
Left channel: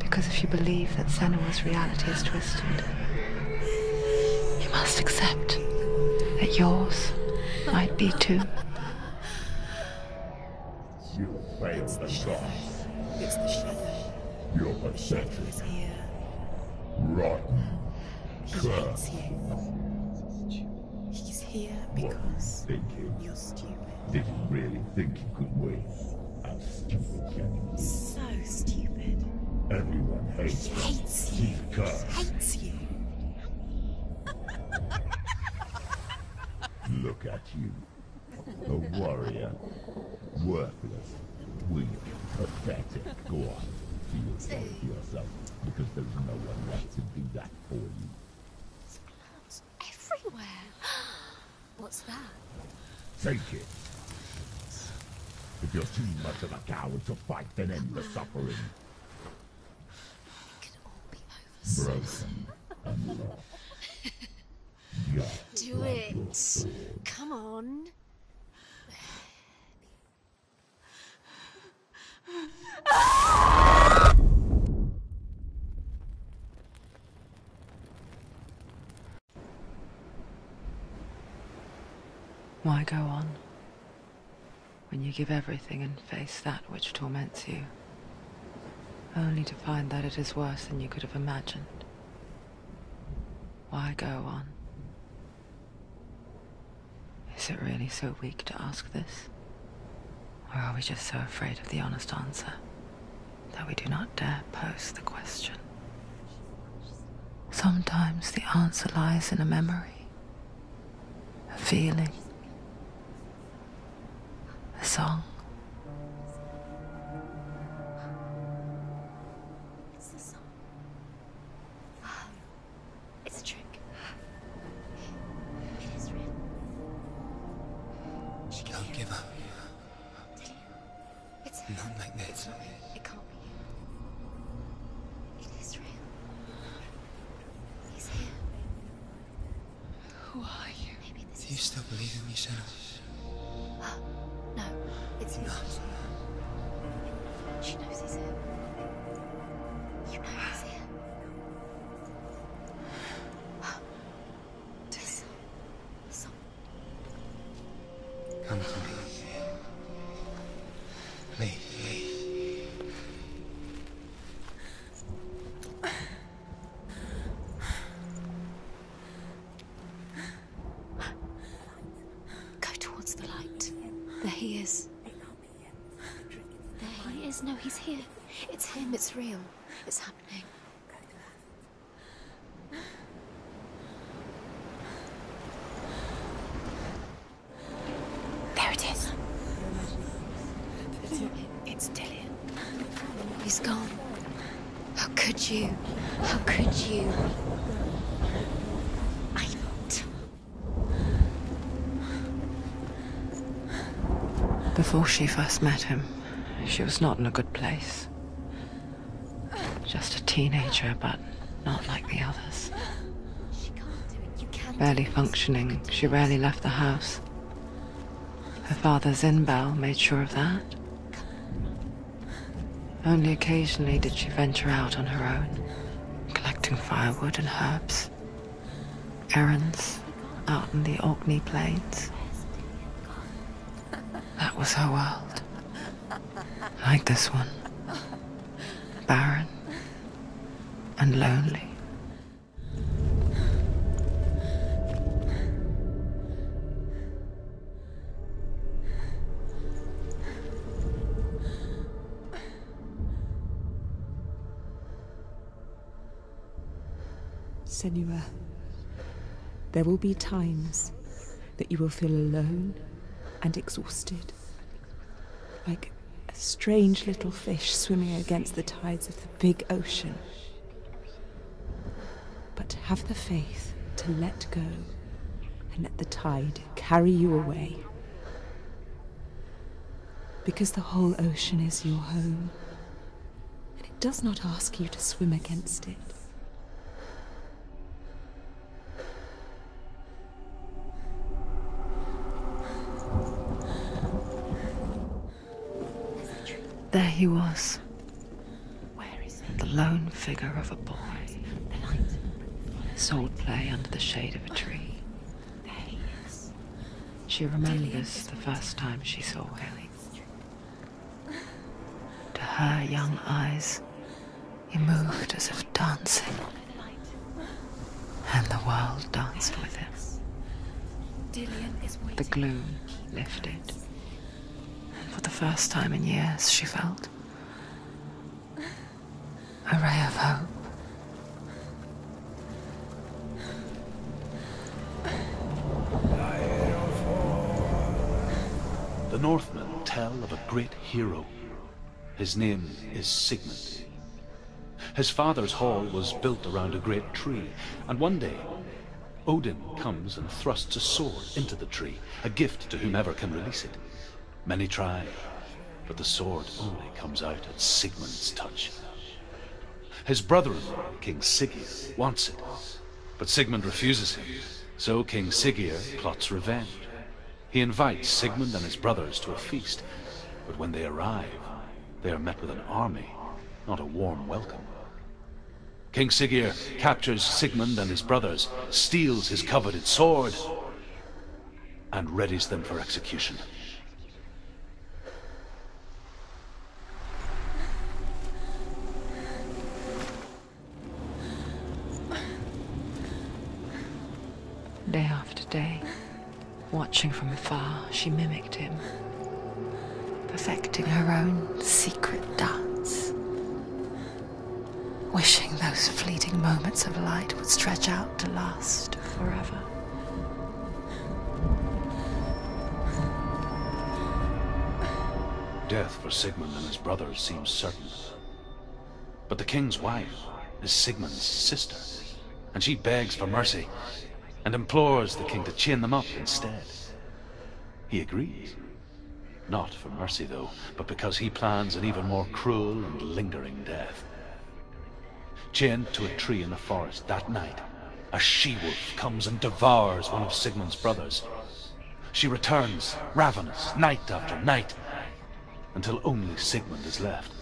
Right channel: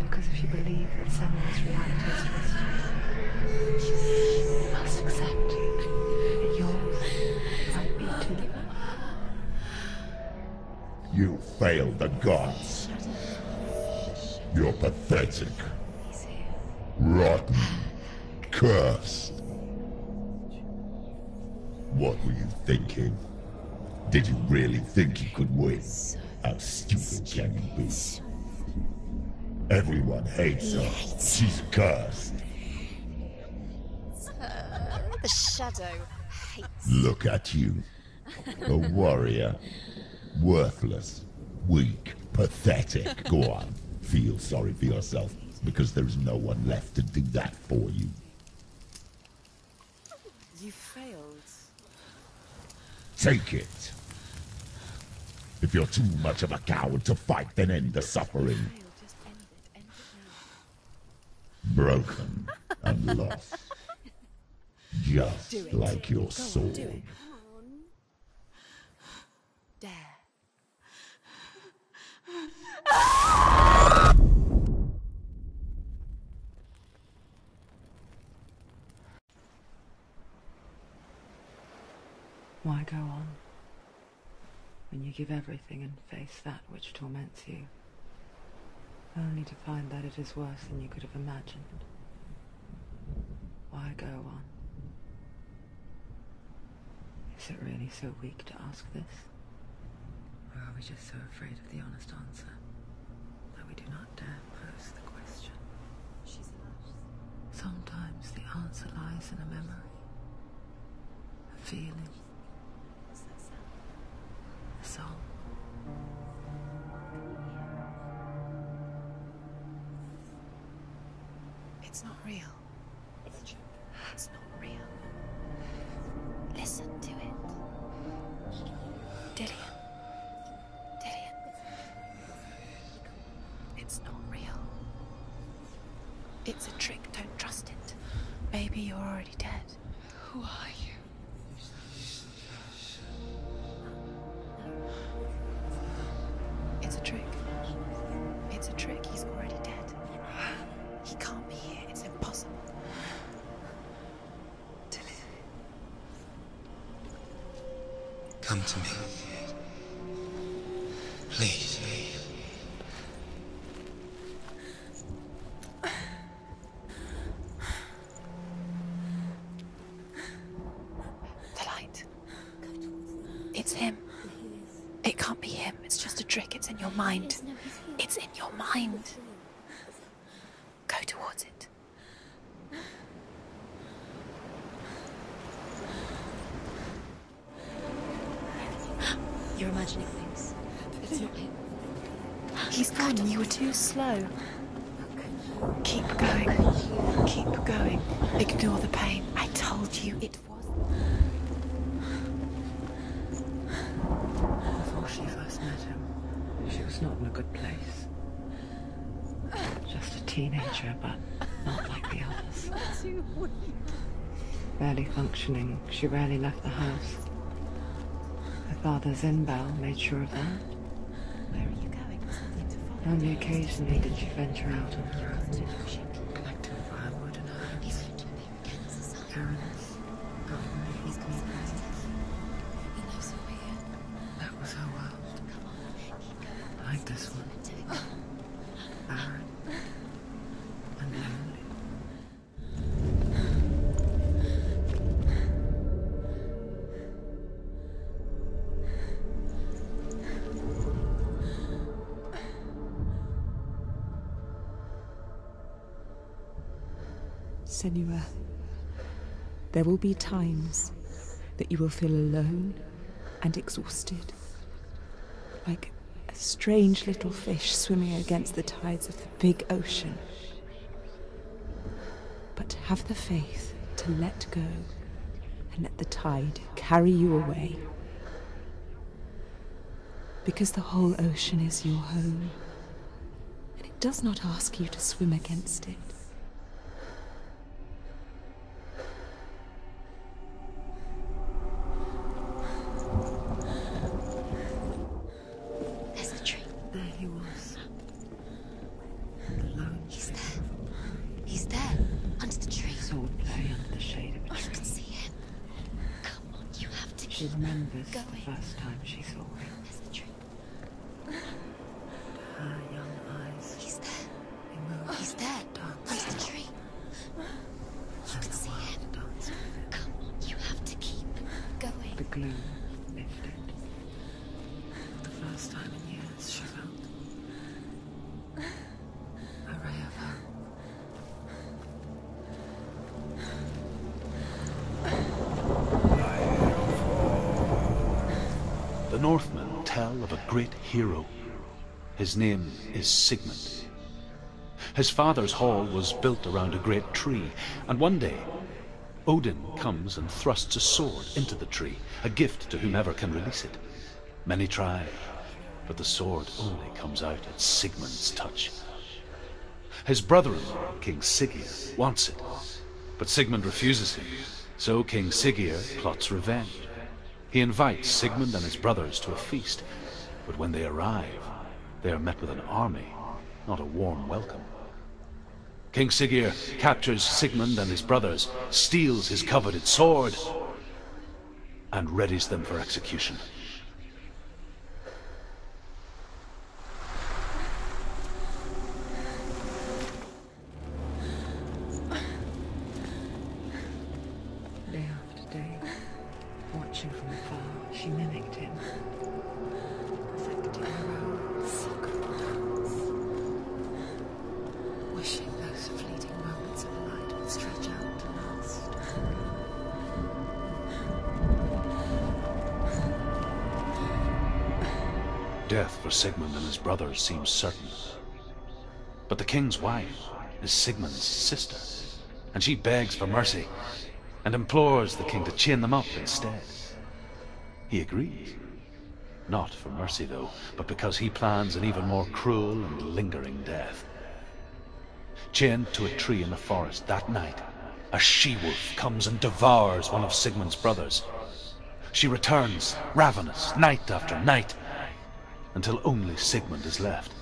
Because if you believe that Senua's reality is twisted, you must accept that yours might be too. You failed the gods. You're pathetic. Rotten. Cursed. What were you thinking? Did you really think you could win? How stupid can you be? So stupid. Everyone hates her. She's cursed. The shadow hates. Look at you. A warrior. Worthless. Weak. Pathetic. Go on. Feel sorry for yourself, because there is no one left to do that for you. Everywhere. You failed. What's that? Take it. If you're too much of a coward to fight, then end the suffering. Broken and lost. Just like your sword. Come on. There. Why go on when you give everything and face that which torments you, only to find that it is worse than you could have imagined? Why go on? Is it really so weak to ask this? Or are we just so afraid of the honest answer that we do not dare pose the question? Sometimes the answer lies in a memory, a feeling, a song. It's the song. It's not real. It's a trick. It's not real. It is real. Listen to it. She can't give up. Dillian. It's Not like this. It can't be. It's not real. It is real. It's a trick. Don't trust it. Baby, you're already dead. Who are you? Maybe this Do you still believe in yourself? No, it's not. It's a trick. She knows he's here. It's a trick. He's already dead. You know he's here. He can't be here. It's impossible. Come to me. Please. The light. Go towards the light. It's him. There he is. It can't be him. It's just a trick. It's in your mind. No, he's here. It's in your mind. It's real. It's happening. Go towards it. There it is. You're imagining things. It's Dillian. He's gone. You were too slow. How could you? Keep going. How could you? Keep going. Ignore the pain. I told you it was. Before she first met him, she was not in a good place. Just a teenager, but not like the others. Barely functioning, she rarely left the house. Her father, Zinbao, made sure of that. Only occasionally did she venture out on her own, collecting firewood and herbs. Errands out in the Orkney Plains. That was her world. Like this one. Barren and lonely. Senua, there will be times that you will feel alone and exhausted, like a strange little fish swimming against the tides of the big ocean. But have the faith to let go and let the tide carry you away. Because the whole ocean is your home, and it does not ask you to swim against it. There he was, Where is the lone figure of a boy. He's there, under the tree. Sword play under the shade of a tree. Come on, you have to. She remembers the first time she saw him. To her young eyes, he moved as if dancing, and the world danced with him. You have to keep Dillian. The gloom lifted. For the first time in years, she felt A ray of hope. The Northmen tell of a great hero. His name is Sigmund. His father's hall was built around a great tree, and one day, Odin comes and thrusts a sword into the tree, a gift to whomever can release it. Many try, but the sword only comes out at Sigmund's touch. His brother-in-law, King Siggeir, wants it, but Sigmund refuses him, so King Siggeir plots revenge. He invites Sigmund and his brothers to a feast, but when they arrive, they are met with an army, not a warm welcome. King Siggeir captures Sigmund and his brothers, steals his coveted sword, and readies them for execution. Day after day, watching from afar, she mimicked him, perfecting her own secret dance, wishing those fleeting moments of light would stretch out to last forever. Death for Sigmund and his brothers seems certain. But the king's wife is Sigmund's sister, and she begs for mercy and implores the king to chain them up instead. He agrees. Not for mercy, though, but because he plans an even more cruel and lingering death. Chained to a tree in the forest that night, a she-wolf comes and devours one of Sigmund's brothers. She returns, ravenous, night after night, until only Sigmund is left.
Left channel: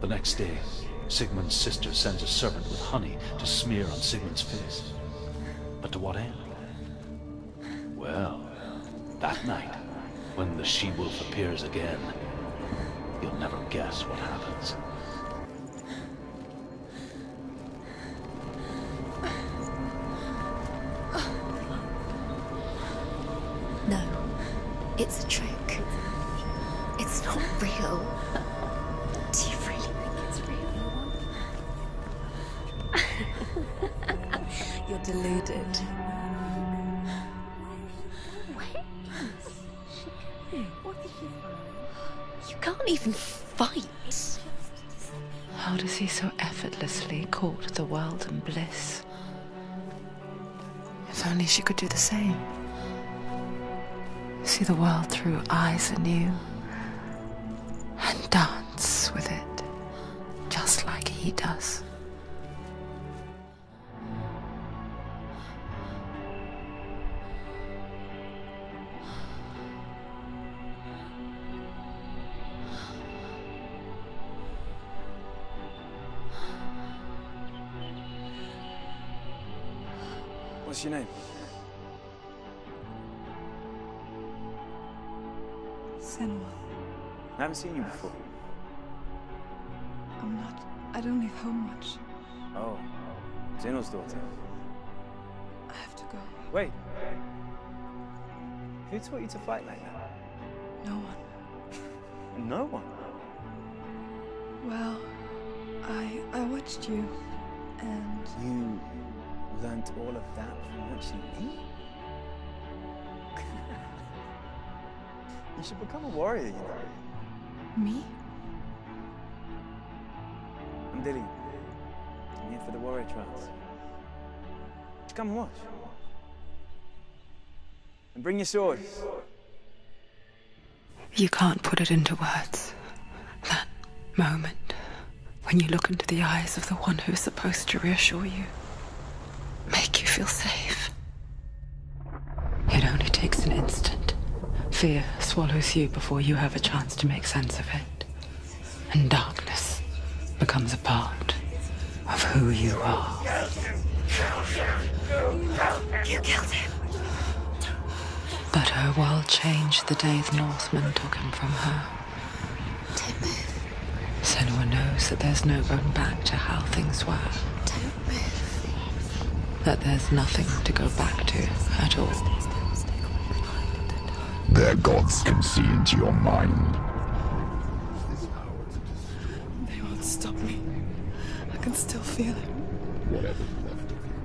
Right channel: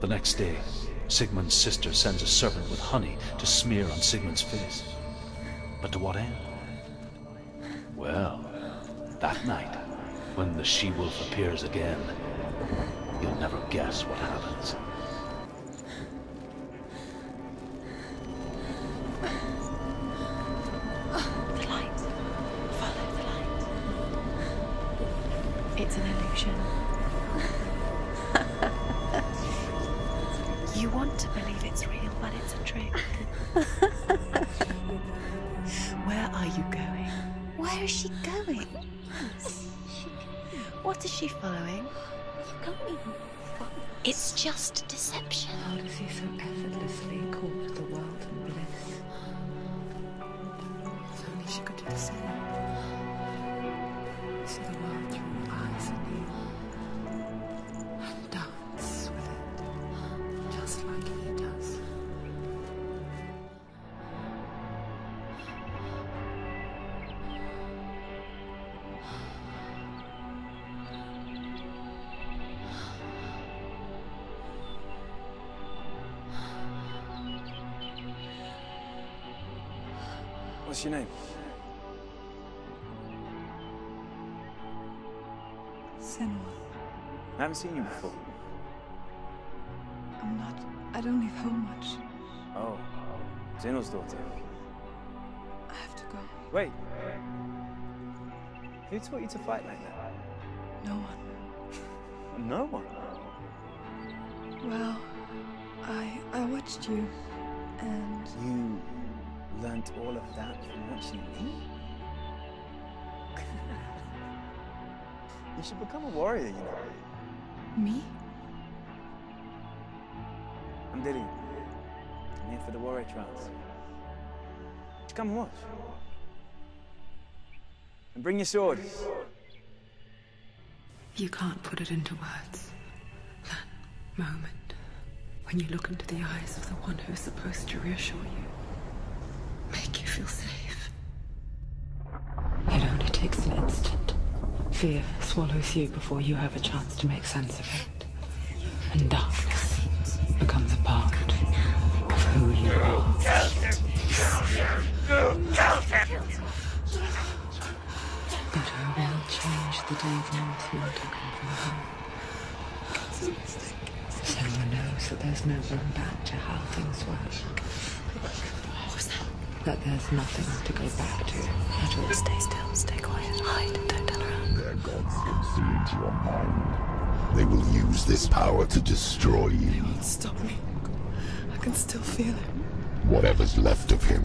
The next day, Sigmund's sister sends a serpent with honey to smear on Sigmund's face. But to what end? Well, that night, when the she-wolf appears again, you'll never guess what happens. The light. Follow the light. No, it's a trick. It's an illusion. It's not real. Do you really think it's real? You want to believe it's real, but it's a trick. You're deluded. Where are you going? Where is she going? What is she following? You can't even fight. It's just deception. How does he so effortlessly court the world and bliss? If only she could do the same. See the world through eyes anew and dance with it, just like he does. What's your name? Senua. I haven't seen you before. I don't leave home much. Oh, Zenua's daughter. I have to go. Wait. Who taught you to fight like that? No one. No one? Well, I watched you, and... You learnt all of that from watching me? You should become a warrior, you know. Me? I'm Dilly. I'm here for the warrior trials. Just come and watch. And bring your sword. You can't put it into words. That moment when you look into the eyes of the one who is supposed to reassure you, make you feel safe. It only takes an instant. Fear swallows you before you have a chance to make sense of it. And darkness becomes a part of who you are. You killed him. But her world changed the day the Northmen took him from her. Senua knows that there's no going back to how things were. That there's nothing to go back to at all. Stay still, stay quiet, hide, don't tell her. Their gods can see into your mind. They will use this power to destroy you. They won't stop me. I can still feel him. Whatever's left of him,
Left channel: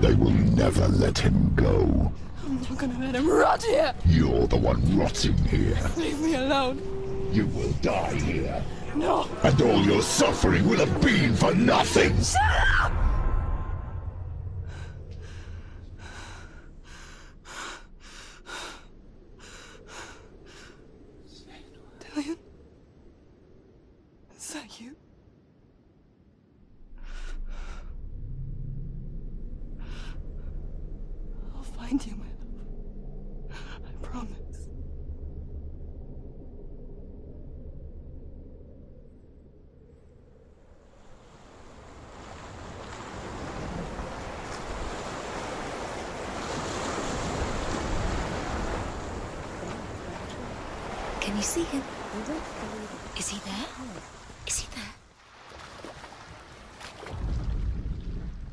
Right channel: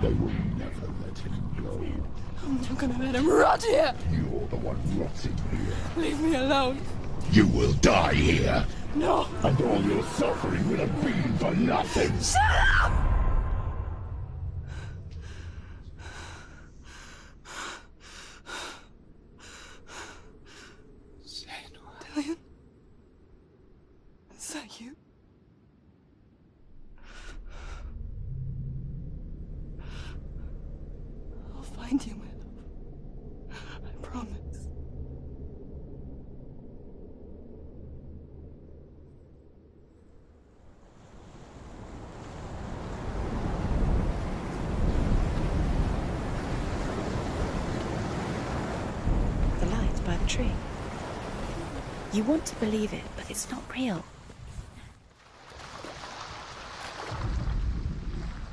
they will never let him go. I'm not gonna let him rot here. You're the one rotting here. Leave me alone. You will die here. No. And all your suffering will have been for nothing. Shut up! Dillion? Is that you? I'll find you, my love. I promise. The light by the tree. Can you see him? You want to believe it. Is he not real? Is he there?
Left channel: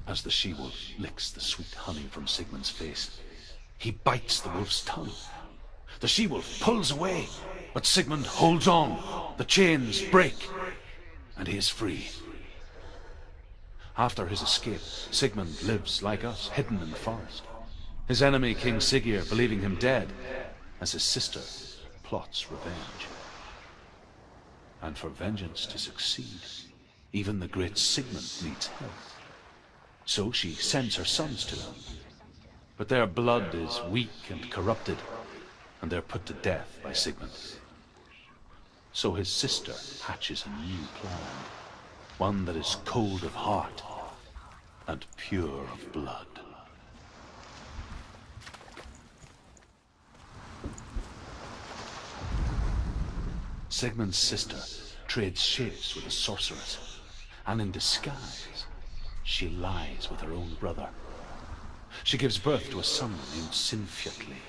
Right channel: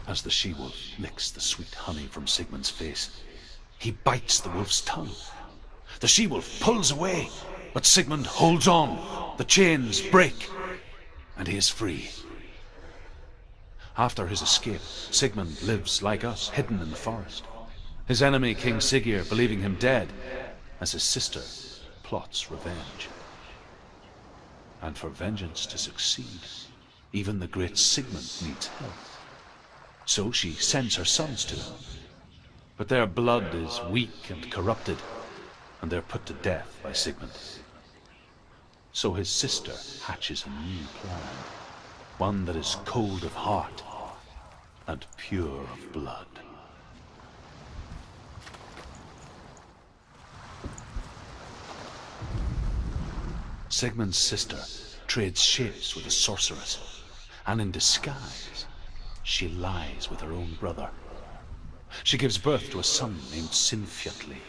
As the she-wolf licks the sweet honey from Sigmund's face, he bites the wolf's tongue. The she-wolf pulls away, but Sigmund holds on. The chains break, and he is free. After his escape, Sigmund lives like us, hidden in the forest. His enemy, King Siggeir, believing him dead, as his sister plots revenge. And for vengeance to succeed, even the great Sigmund needs help. So she sends her sons to him. But their blood is weak and corrupted, and they're put to death by Sigmund. So his sister hatches a new plan, one that is cold of heart and pure of blood. Sigmund's sister trades shapes with a sorceress, and in disguise, she lies with her own brother. She gives birth to a son named Sinfjotli.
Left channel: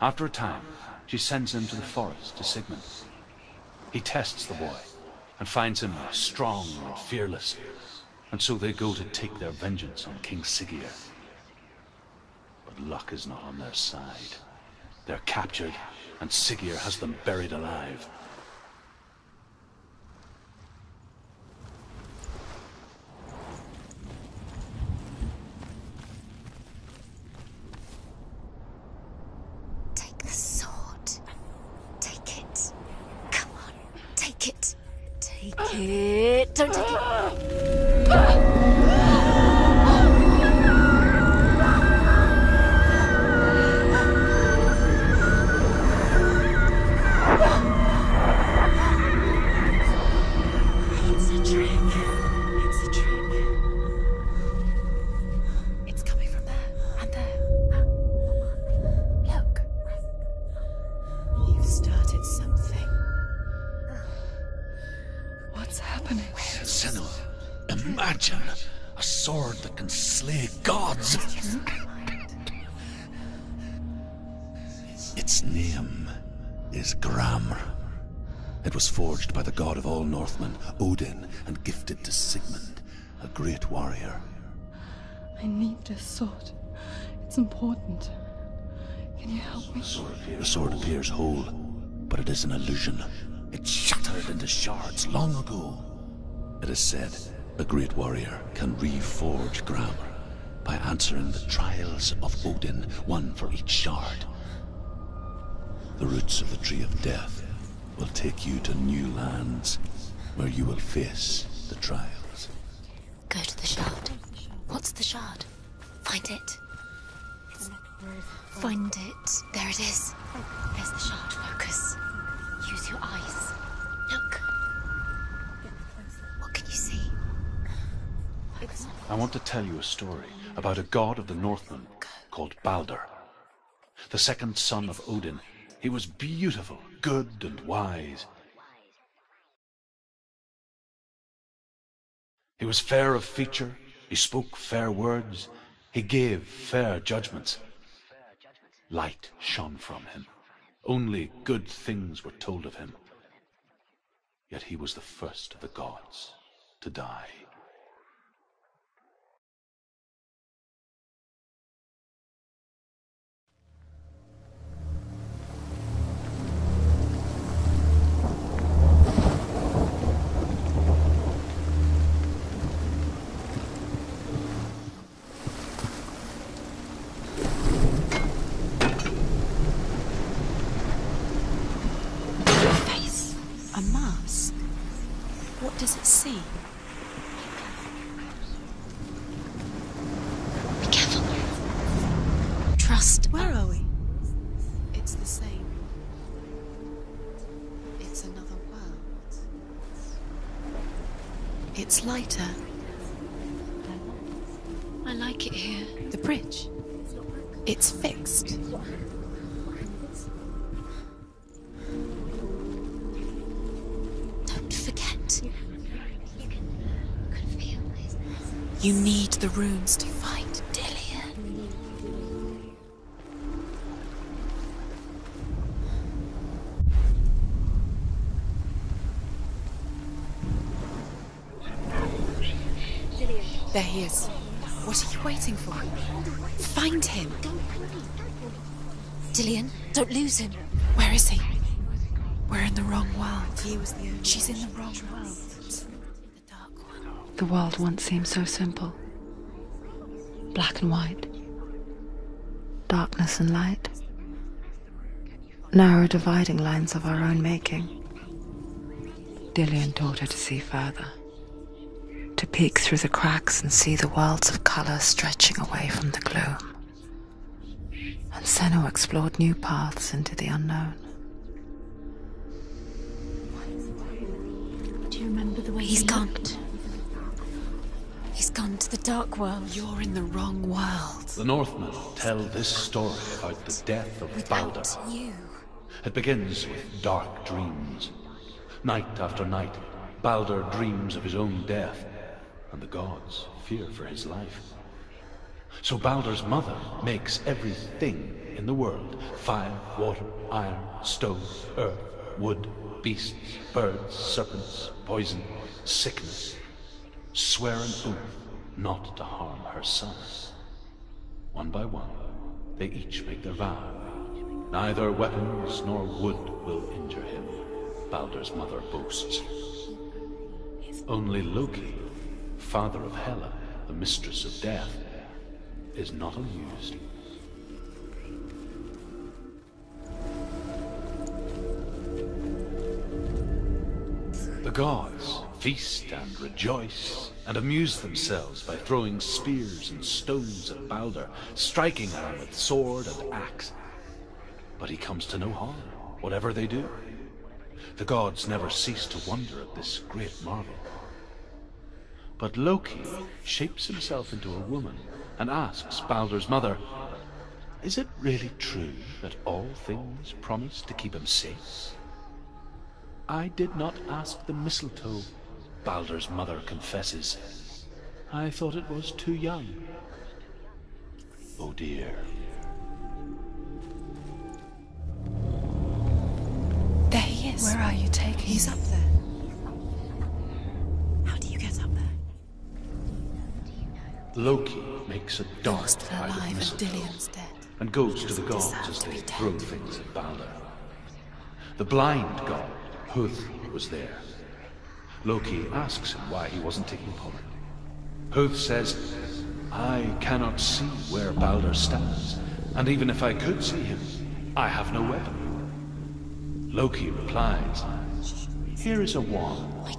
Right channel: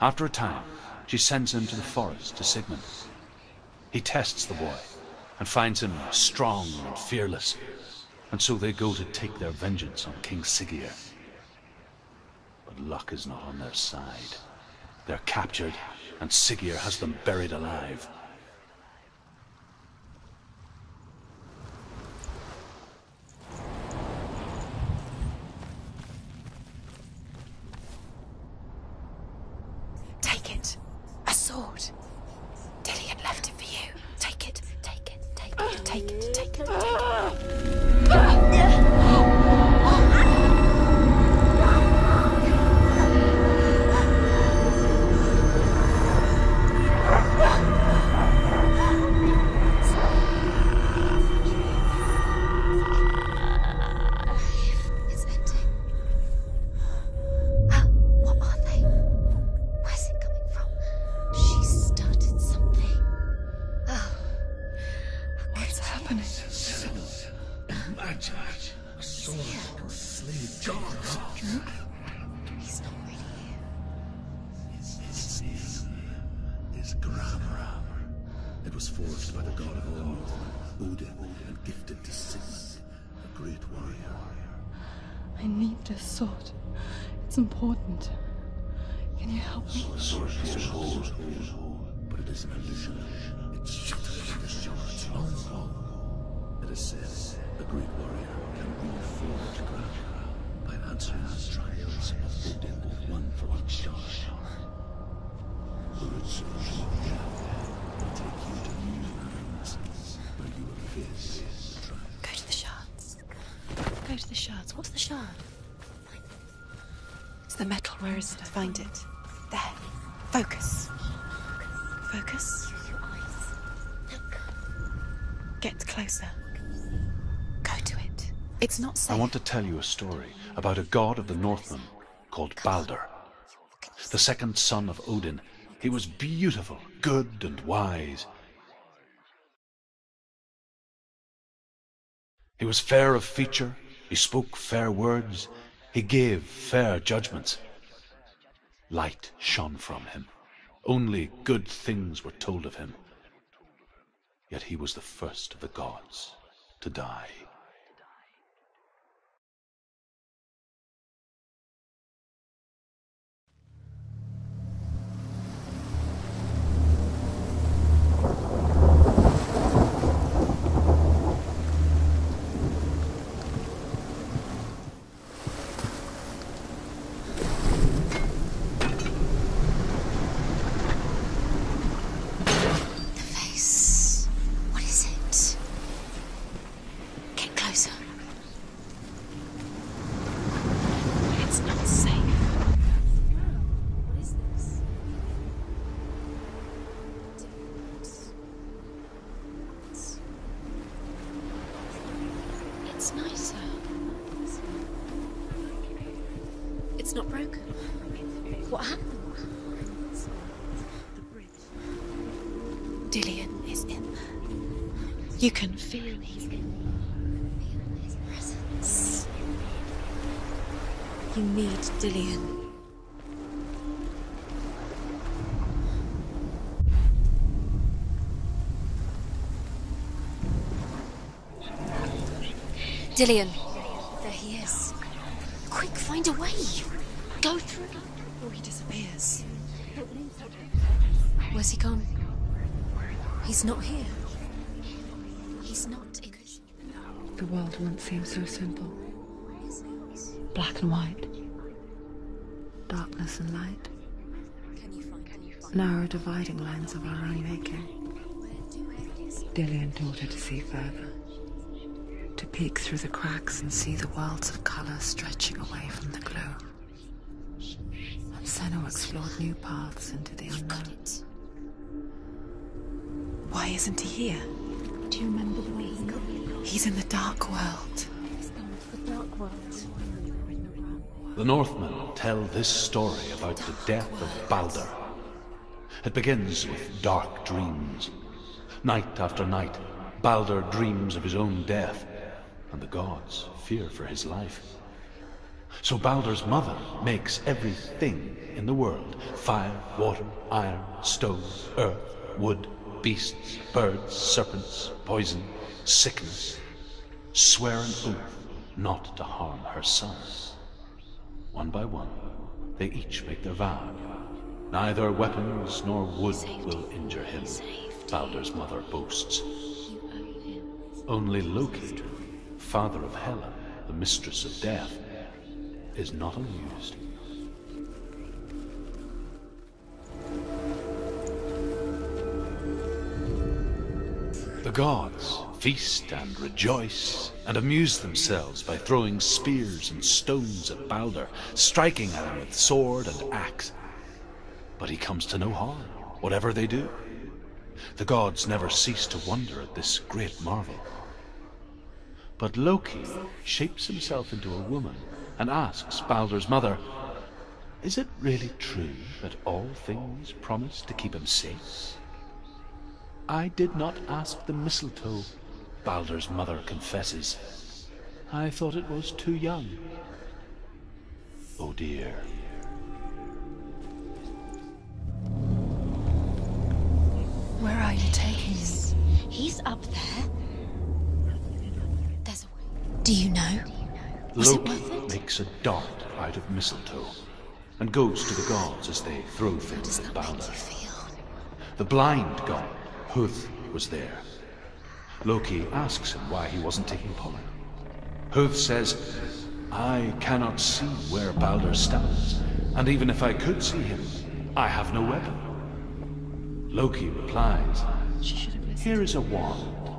After a time, she sends him to the forest to Sigmund. He tests the boy and finds him strong and fearless, and so they go to take their vengeance on King Siggeir. But luck is not on their side. They're captured, and Siggeir has them buried alive. A sword. Take it. Dillion left it for you. Take it. Take it. Take it. Don't take it. Its name is Gramr. It was forged by the god of all Northmen, Odin, and gifted to Sigmund, a great warrior. I need this sword. It's important. Can you help me? The sword appears whole, but it is an illusion. It shattered into shards long ago. It is said a great warrior can reforge Gramr by answering the trials of Odin, one for each shard. The roots of the Tree of Death will take you to new lands, where you will face the trial. Go to the shards. Go to the shard. Go to the shards. What's the shard? Find it. It's the metal. Where is it? Find it. There it is. Focus. There's the shard. Focus. Focus. Use your eyes. Look. Get closer. What can you see? Go to it. It's not safe. I want to tell you a story about a god of the Northmen called Balder. The second son of Odin. He was beautiful, good and wise. He was fair of feature, he spoke fair words, he gave fair judgments. Light shone from him. Only good things were told of him. Yet he was the first of the gods to die. see. Get closer. Be careful, it's not safe. Trust. Where are we? What is this? It's the same. It's another world. It's lighter. It's nicer. I like it here. The bridge. It's not broken. It's fixed. What happened? Dillian is in there. Don't forget. You can feel it. You can feel his presence. You need the runes to fight Dillian. You need Dillian. Dillian. There he is. There he is. What are you waiting for? Quick, find a way. Find him. Go through me before he disappears. Dillian, don't lose him. Where is he? Where's he gone? We're in the wrong world. He's not here. She's in the wrong world. He's not in the dark world. The world once seemed so simple. Black and white. Darkness and light. Narrow dividing lines of our own making. Dillian taught her to see further. To peek through the cracks and see the worlds of colour stretching away from the gloom. And Senua explored new paths into the unknowns. Why isn't he here? Do you remember the way He's gone. He's in the dark world. He's gone to the dark world. You're in the wrong world. The Northmen tell this story about the death of Balder. It begins with dark dreams. Night after night, Balder dreams of his own death, and the gods fear for his life. So Balder's mother makes everything in the world: fire, water, iron, stone, earth, wood, beasts, birds, serpents, poison, sickness, swear an oath not to harm her son. One by one, they each make their vow. Neither weapons nor wood will injure him, Balder's mother boasts. Only Loki, father of Hela, the mistress of death, is not amused. The gods feast and rejoice and amuse themselves by throwing spears and stones at Balder, striking at him with sword and axe. But he comes to no harm, whatever they do. The gods never cease to wonder at this great marvel. But Loki shapes himself into a woman and asks Balder's mother, "Is it really true that all things promise to keep him safe?" "I did not ask the mistletoe," Balder's mother confesses. "I thought it was too young." Oh dear. There he is. Where are you taking He's me? up there. He's up there. How do you get up there? There's a way. Do you know? Loki makes a dart out of mistletoe and goes to the gods as they throw things at Balder. The blind god, Huth, was there. Loki asks him why he wasn't taking part. Huth says, "I cannot see where Balder stands, and even if I could see him, I have no weapon." Loki replies, "Here is a wand.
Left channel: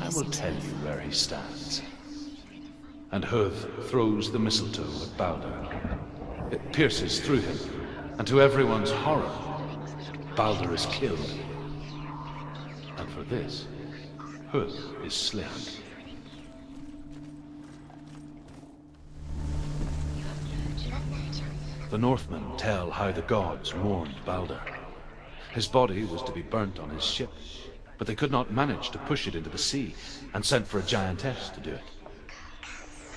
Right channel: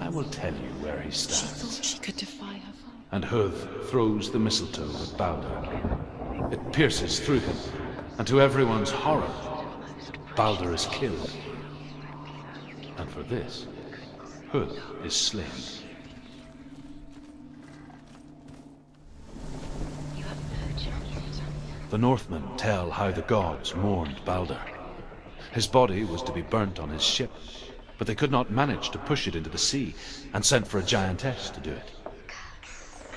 I will tell you where he stands." She could defy her. And Huth throws the mistletoe at Balder. It pierces through him, and to everyone's horror, Balder is killed. And for this, Huth is slain. The Northmen tell how the gods mourned Balder. His body was to be burnt on his ship, but they could not manage to push it into the sea, and sent for a giantess to do it.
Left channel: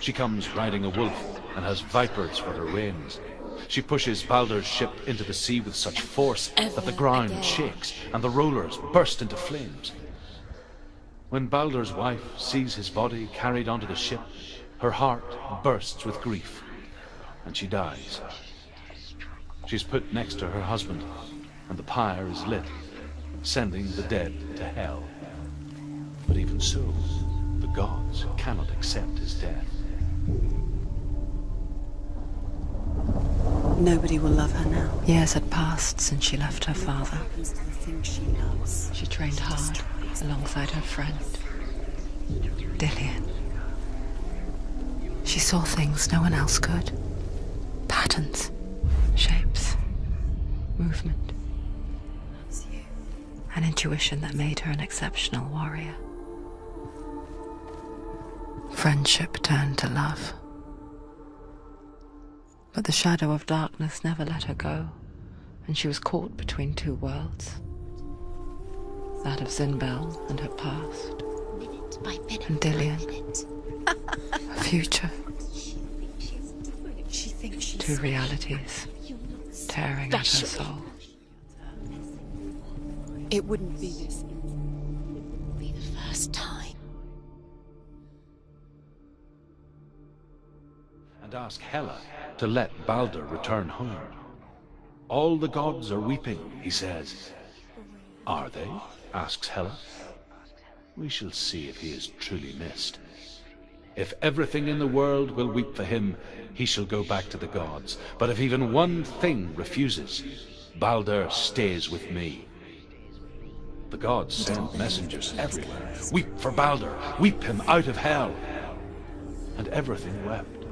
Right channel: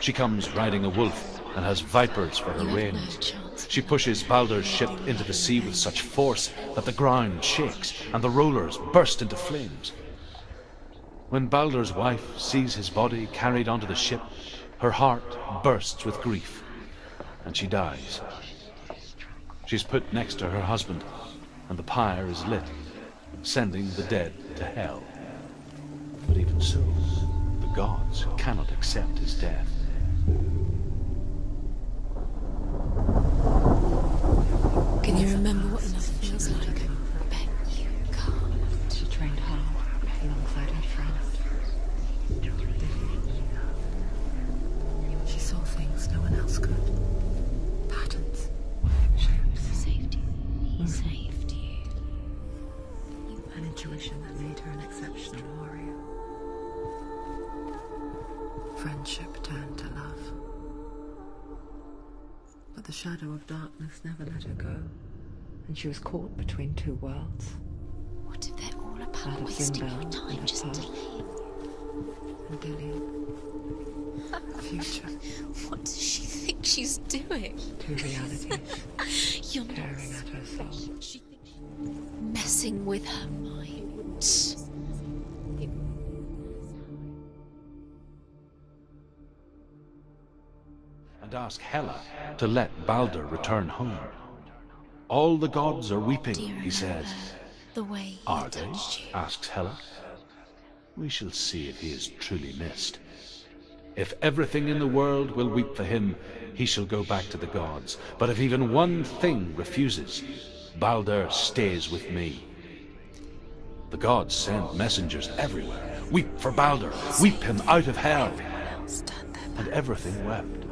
She comes riding a wolf and has vipers for her reins. She pushes Balder's ship into the sea with such force that the ground shakes and the rollers burst into flames. When Balder's wife sees his body carried onto the ship, her heart bursts with grief, and she dies. She's put next to her husband, and the pyre is lit, sending the dead to hell. But even so, the gods cannot accept his death. Nobody will love her now. Years had passed since she left her father. She trained hard alongside her friend. Dillian. She saw things no one else could. Patterns, shapes, movement. An intuition that made her an exceptional warrior. Friendship turned to love. But the shadow of darkness never let her go, and she was caught between two worlds. That of Zinbel and her past, and Dillian, her future. What does she think she's doing? Two realities tearing at her soul. Messing with her. It wouldn't be the first time. And ask Hela to let Balder return home. All the gods are weeping, he says. Are they? Asks Hela. We shall see if he is truly missed. If everything in the world will weep for him, he shall go back to the gods. But if even one thing refuses, Balder stays with me. The gods send messengers everywhere. Weep for Balder, weep him out of hell. And everything wept.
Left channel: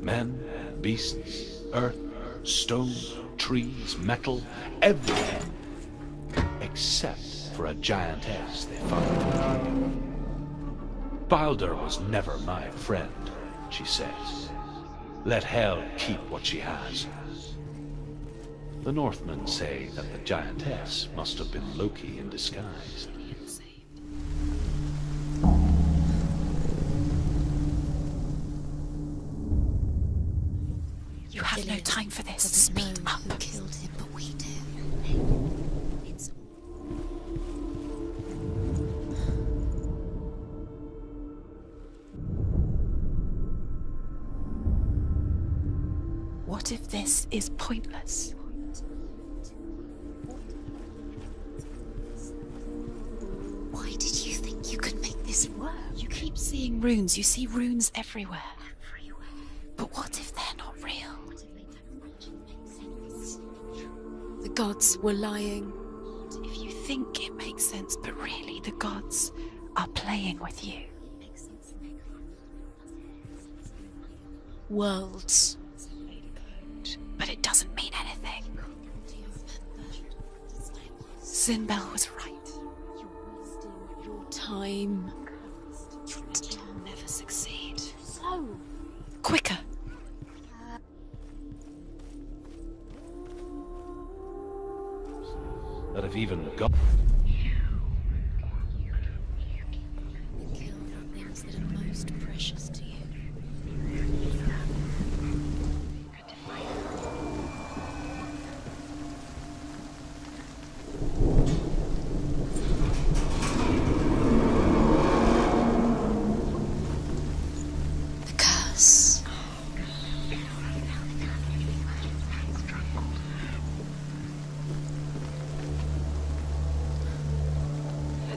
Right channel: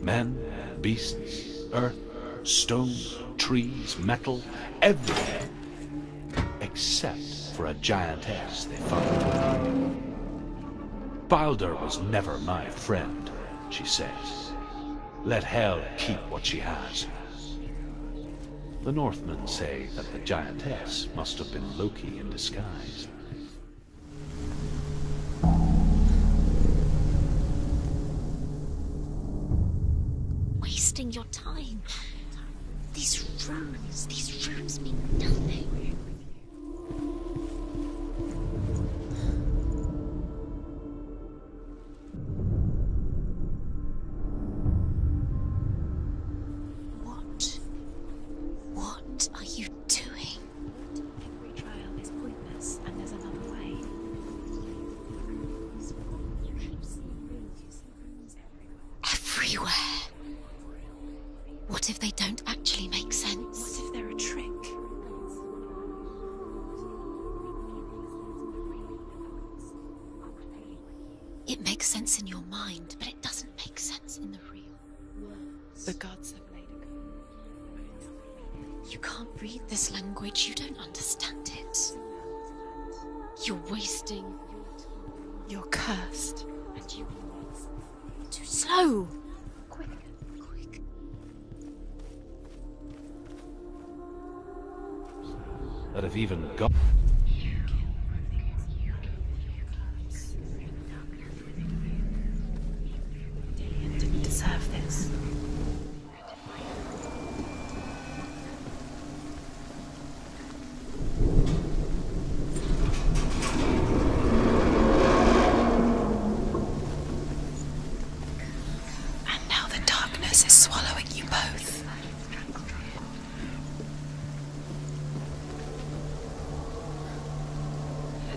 Men, beasts, earth, stone, trees, metal, everything. Except for a giantess they found. Balder was never my friend, she says. Let Hel keep what she has. The Northmen say that the giantess must have been Loki in disguise. Wasting your time. You have no time for this. Speed up. What if this is pointless? What are you doing? Why did you think you could make this work? You keep seeing runes. You see runes everywhere. Everywhere. But what if they're not real? What if they don't actually make sense? What if they're a trick? The gods were lying. If you think it makes sense, but really the gods are playing with you. It makes sense in your mind, but it doesn't make sense in the real world. The gods are playing, but it doesn't mean anything. You can't read this language. You don't understand. Zinbel was right. You're wasting time. You're cursed. You'll never succeed. Slow! Quicker! That if even God... Most precious to you. You deserve this. And now the darkness is swallowing you both.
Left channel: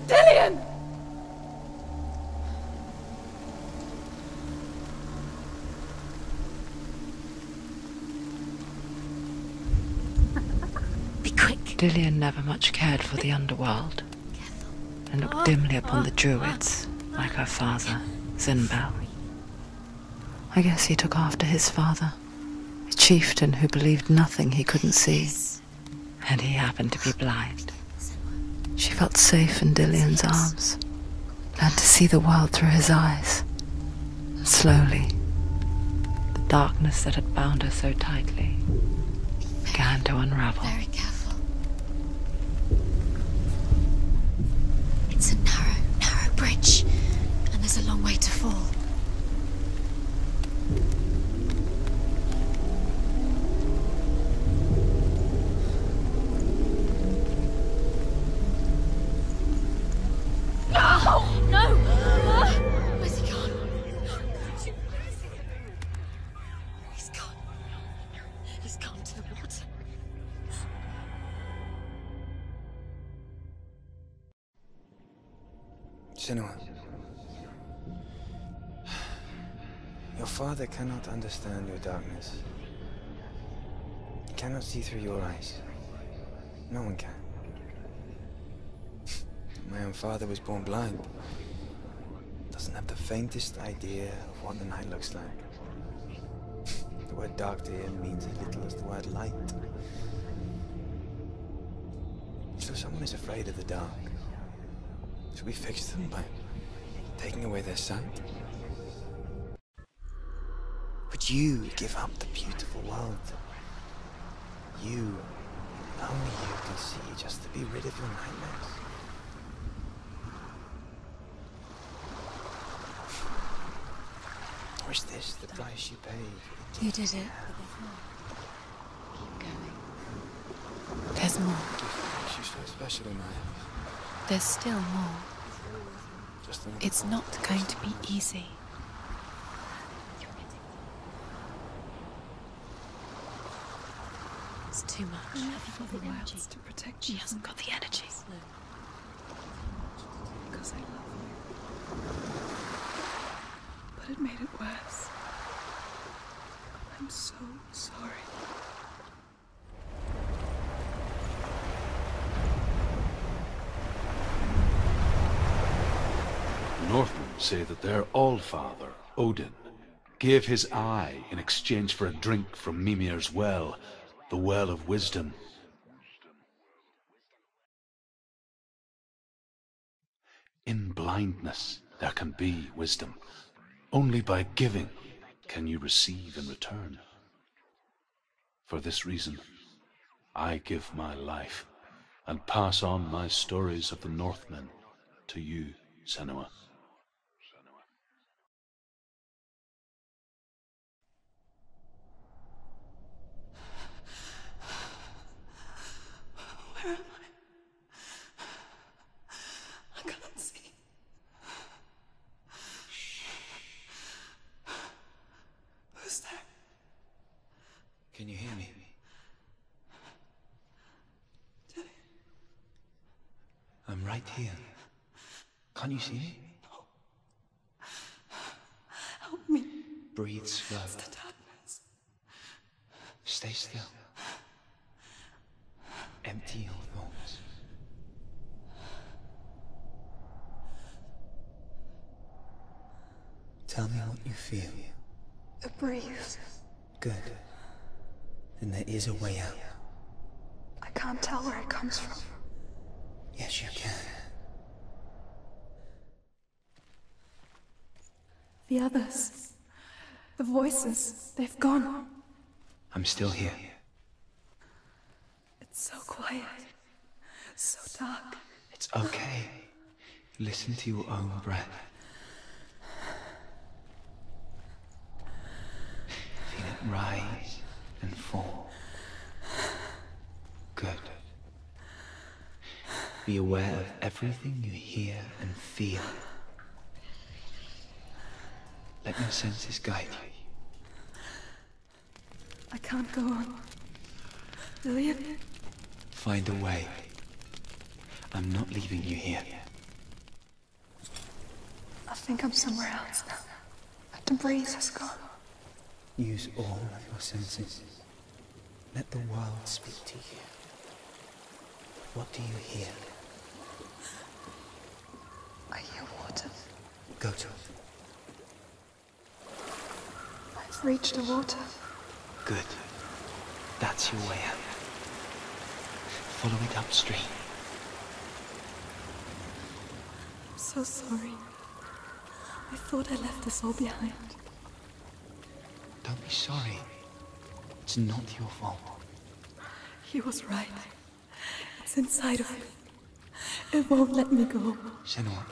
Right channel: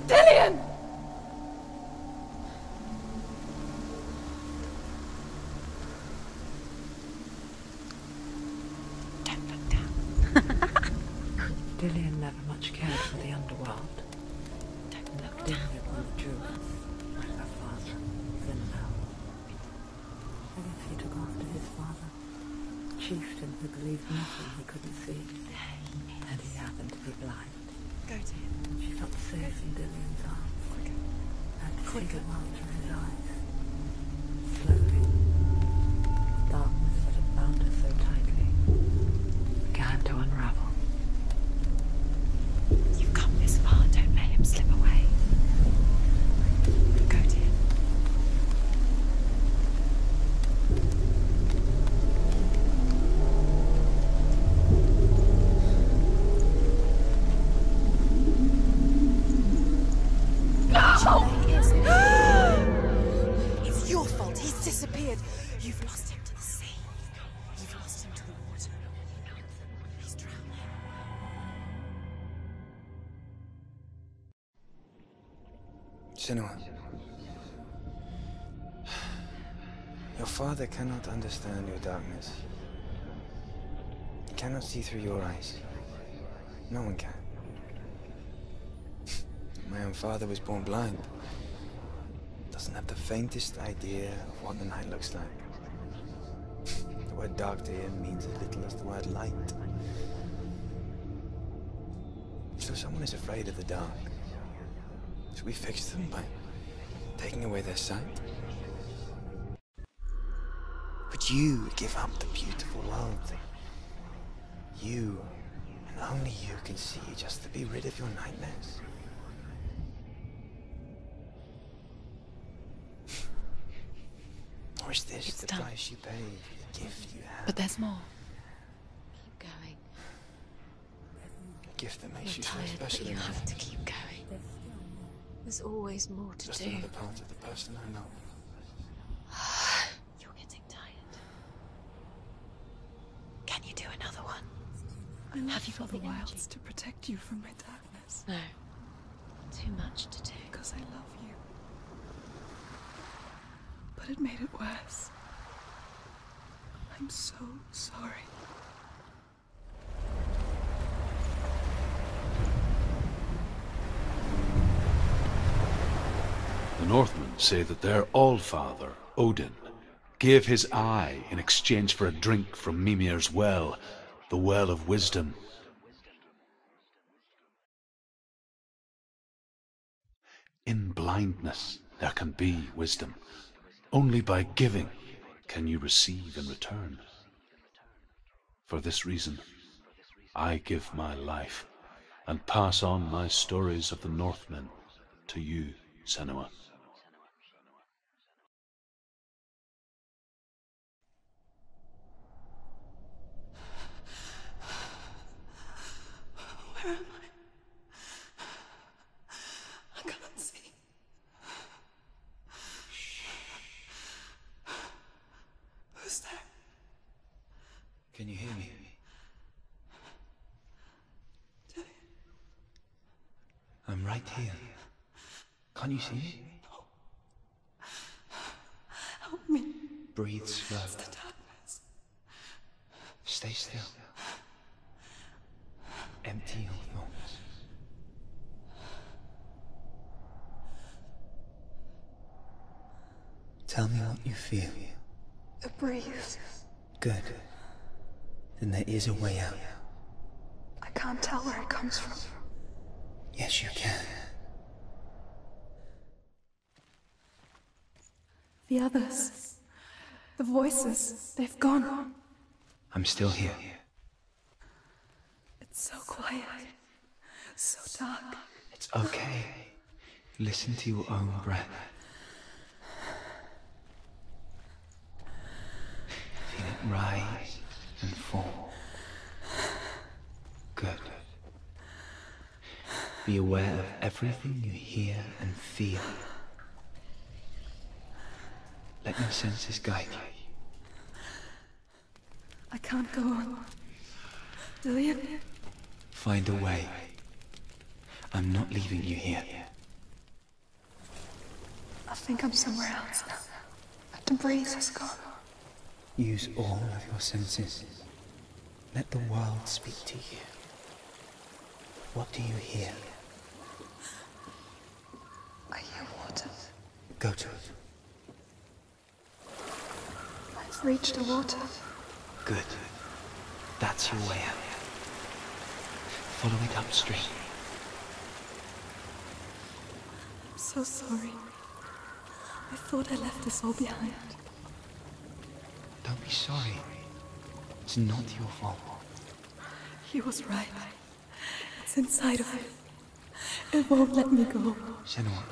Dillian! Be quick. Dillian never much cared for the underworld, and looked dimly upon the druids, like her father, Zinbel. I guess he took after his father, a chieftain who believed nothing he couldn't see, and he happened to be blind. She felt safe in Dillian's arms, learned to see the world through his eyes. And slowly, the darkness that had bound her so tightly began to unravel. Very careful. You've come this far, don't let him slip away. It's a narrow bridge. And there's a long way to fall. It's your fault. He's disappeared. You've lost him to the sea. He's gone. You've lost him to the... He's gone to the water. He's drowned. Senua. Your father cannot understand your darkness. He cannot see through your eyes. No one can. My own father was born blind. Doesn't doesn't have the faintest idea of what the night looks like. The word dark to him means as little as the word light. So someone is afraid of the dark. Should we fix them by taking away their sight? Would you give up the beautiful world that you, and only you, can see just to be rid of your nightmares? Or is this the price you paid? You did it, but there's more. Keep going. There's more. Gift that makes you so special in life. There's still more. There's always more to do. It's not going to be easy. You're getting tired. Can you do another one? It's too much. Have you got the wilds to protect you? She hasn't got the energies. No. Too much to do. Because I love you. But it made it worse. I'm so sorry. The Northmen say that their Allfather, Odin, gave his eye in exchange for a drink from Mimir's well, the well of wisdom. In blindness there can be wisdom. Only by giving can you receive in return. For this reason, I give my life and pass on my stories of the Northmen to you, Senua. Where am I can't see. Who's there? Can you hear me? I'm right here. Can't you see me? No. Help me. Breathe slow. It's the darkness. Stay still. Empty your thoughts. Tell me what you feel. A breeze. Good. Then there is a way out. I can't tell where it comes from. Yes, you can. The others. The voices. They've gone. I'm still here. It's so quiet. So dark. It's okay. Listen to your own breath. Feel it rise and fall. Good. Be aware of everything you hear and feel. Let your senses guide you. I can't go on. Lillian? Find a way. I'm not leaving you here. I think I'm somewhere else now. The breeze has gone. Use all of your senses. Let the world speak to you. What do you hear? I hear water. Go to it. I've reached the water. Good. That's your way out. Follow it upstream. I'm so sorry. I thought I left this all behind. Don't be sorry. It's not your fault. He was right. It's inside of me. It won't let me go. Senua.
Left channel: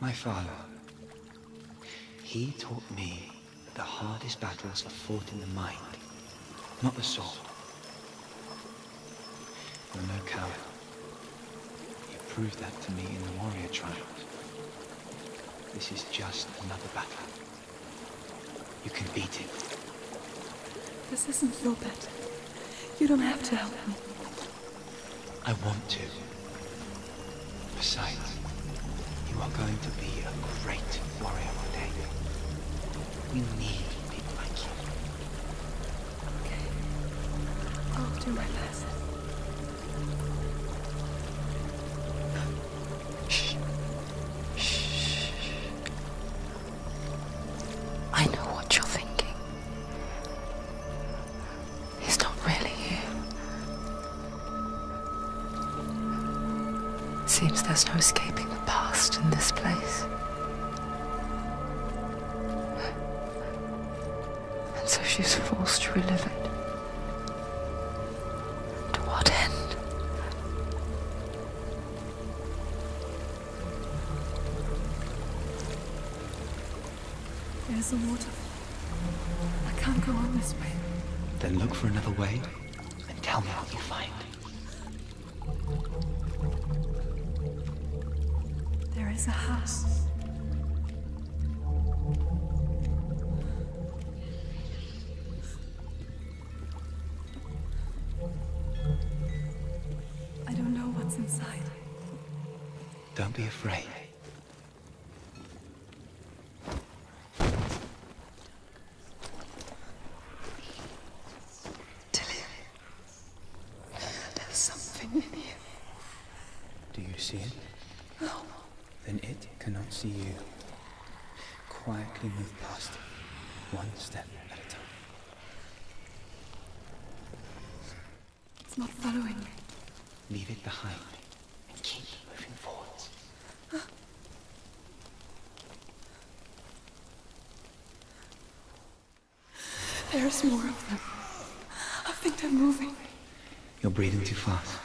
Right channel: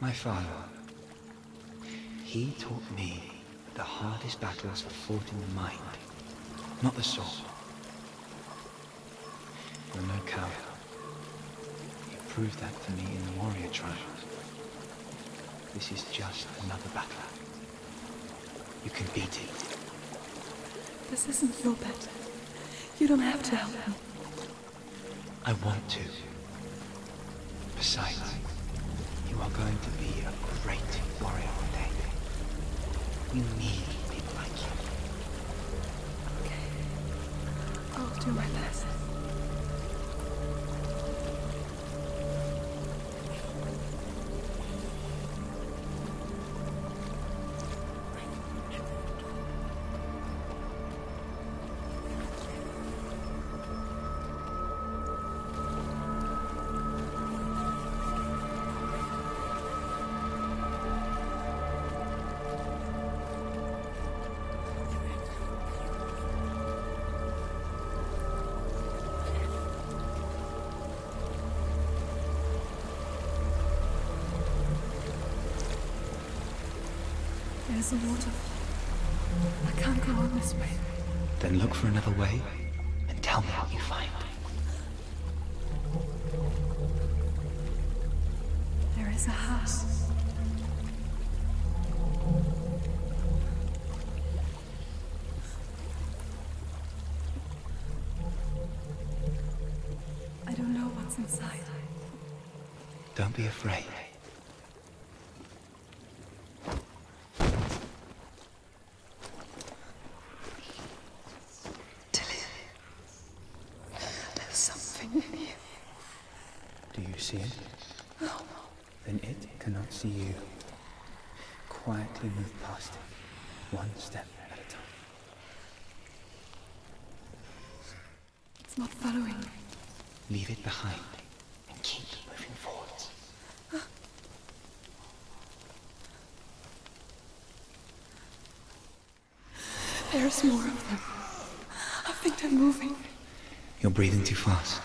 My father. He taught me that the hardest battles are fought in the mind, not the soul. You're no coward. You proved that to me in the warrior trials. This is just another battle. You can beat it. This isn't your battle. You don't have to help me. I want to. Besides, you are going to be a great warrior one day. We need people like you. Okay. I'll do my best. Shh. Shh. There's no escaping the past in this place. And so she's forced to relive it. To what end? There's a waterfall. I can't go on this way. Then look for another way and tell me what you find. There is a house. I don't know what's inside. Don't be afraid. There's something in here. Do you see it? No. Then it cannot see you. Quietly move past it, one step at a time. It's not following me. Leave it behind and keep moving forwards. There's more of them. I think they're moving. You're breathing too fast.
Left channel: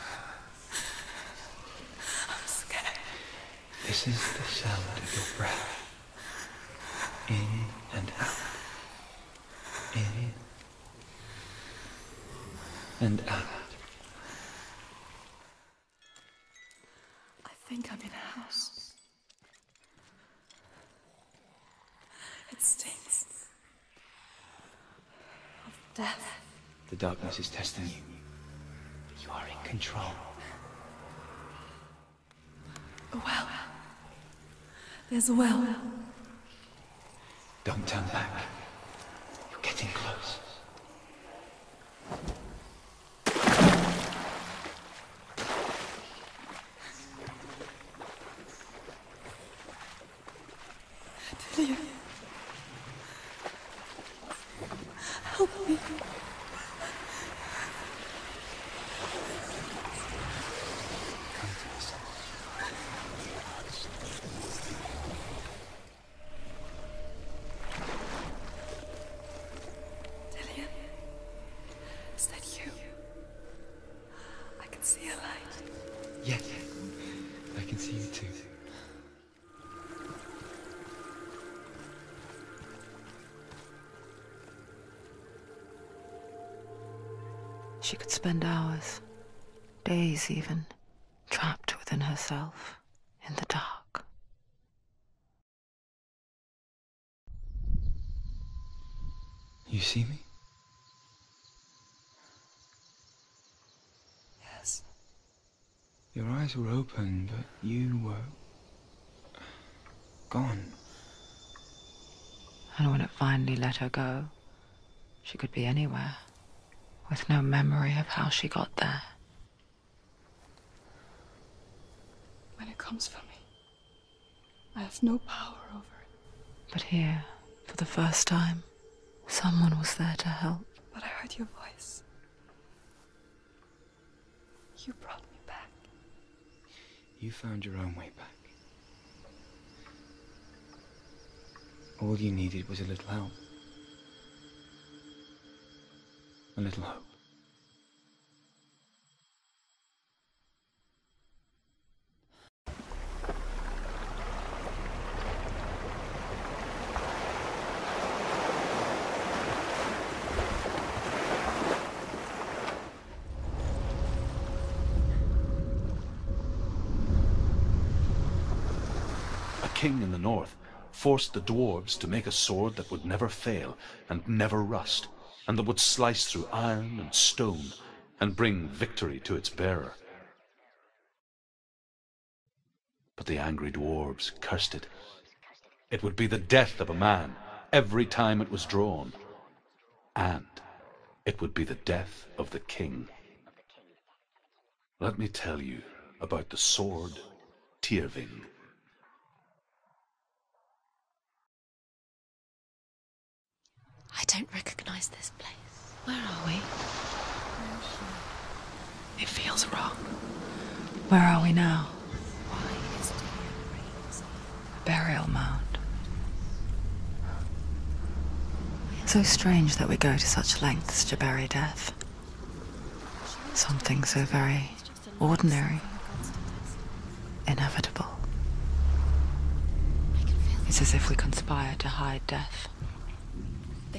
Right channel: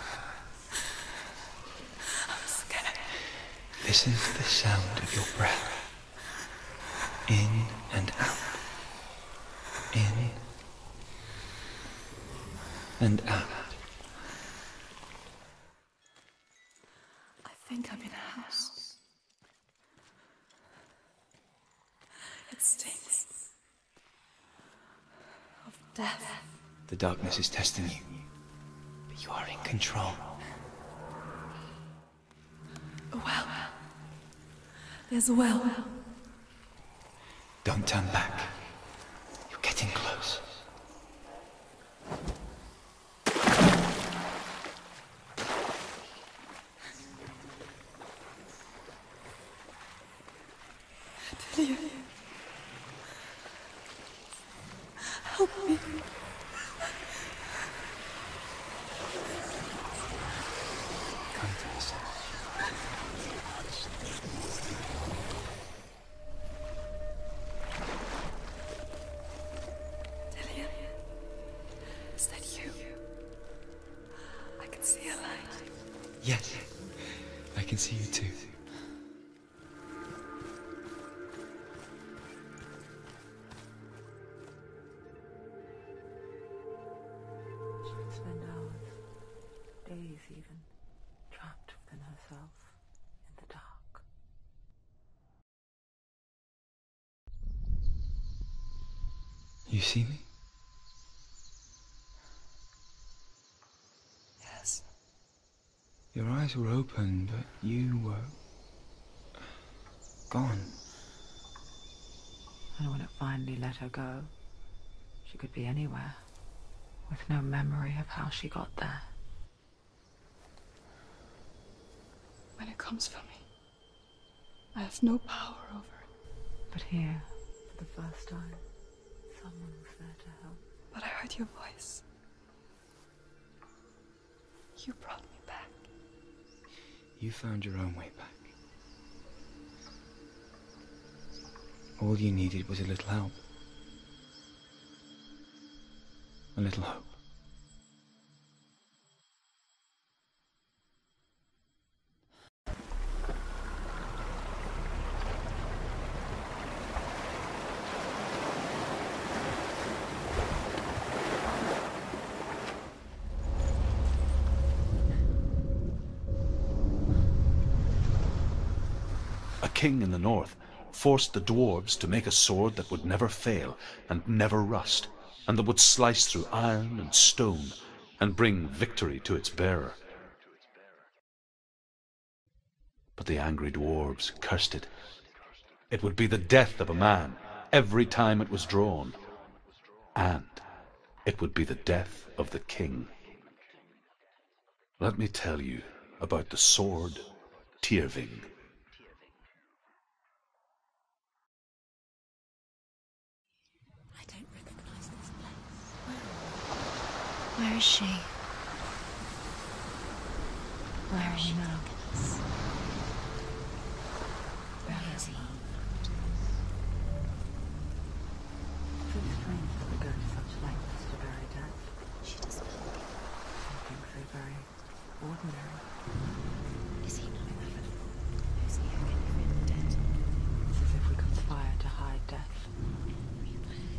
I'm scared. Listen to the sound of your breath. In and out. In and out. I think I'm in a house. It stinks of death. The darkness is testing you, but you are in control. A well. There's a well. Don't turn back. You're getting close. Delia. Help me. Come to the center. Delia. Is that you? I can see a light. Yes, I can see you too. She could spend hours, days even, trapped within herself, in the dark. You see me? Yes. Your eyes were open, but you were gone. And when it finally let her go, she could be anywhere, with no memory of how she got there. When it comes for me, I have no power over it. But here, for the first time, someone was there to help. But I heard your voice. You brought me back. You found your own way back. All you needed was a little help. A little hope. A king in the north forced the dwarves to make a sword that would never fail and never rust, and that would slice through iron and stone and bring victory to its bearer. But the angry dwarves cursed it. It would be the death of a man every time it was drawn, and it would be the death of the king. Let me tell you about the sword Tyrving. I don't recognize this place. Where are we? Where is she? It feels wrong. Where are we now? burial mound. So strange that we go to such lengths to bury death. Something so very ordinary, inevitable. It's as if we conspire to hide death,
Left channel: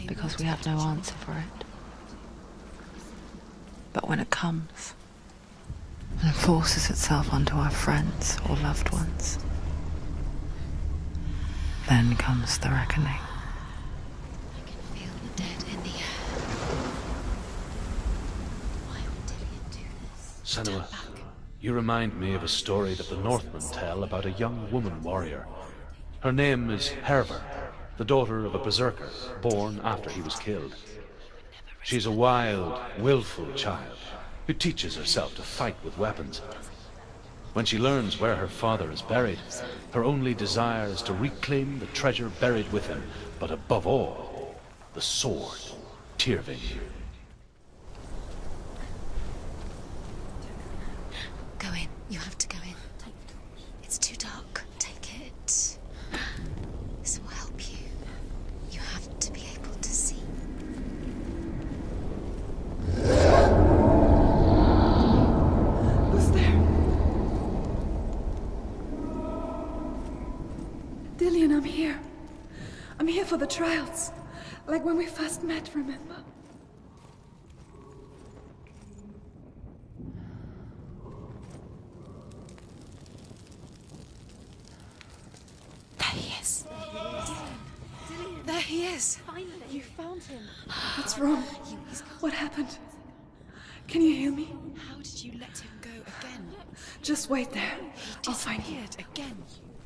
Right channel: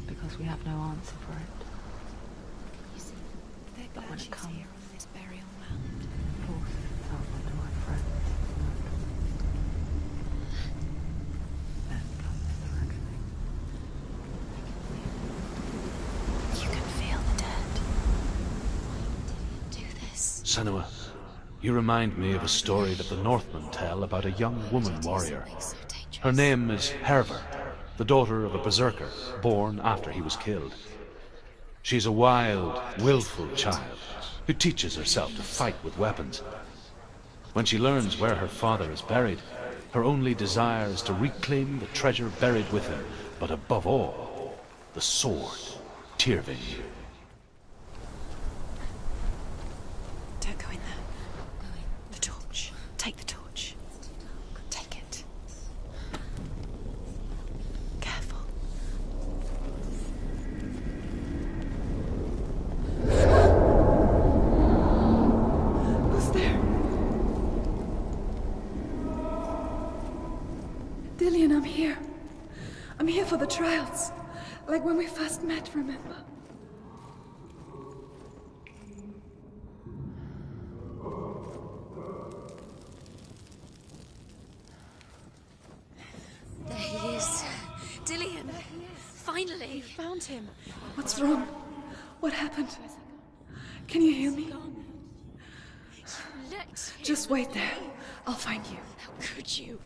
because we have no answer for it. But when it comes and forces itself onto our friends or loved ones, then comes the reckoning. Senua, you remind me of a story that the Northmen tell about a young woman warrior. Her name is Herver, the daughter of a berserker born after he was killed. She's a wild, willful child who teaches herself to fight with weapons. When she learns where her father is buried, her only desire is to reclaim the treasure buried with him, but above all, the sword, Tyrving. Don't go in there. Go in. You have to go in. Take the torch. It's too dark. Take it. This will help you. Careful. You have to be able to see. Who's there? Dillian, I'm here. I'm here for the trials. Like when we first met, remember? There he is. There he is. Dillian, there he is. Finally. You found him. What's wrong? What happened? Can you hear me? How did you let him go? Just wait there. I'll find you. How could you?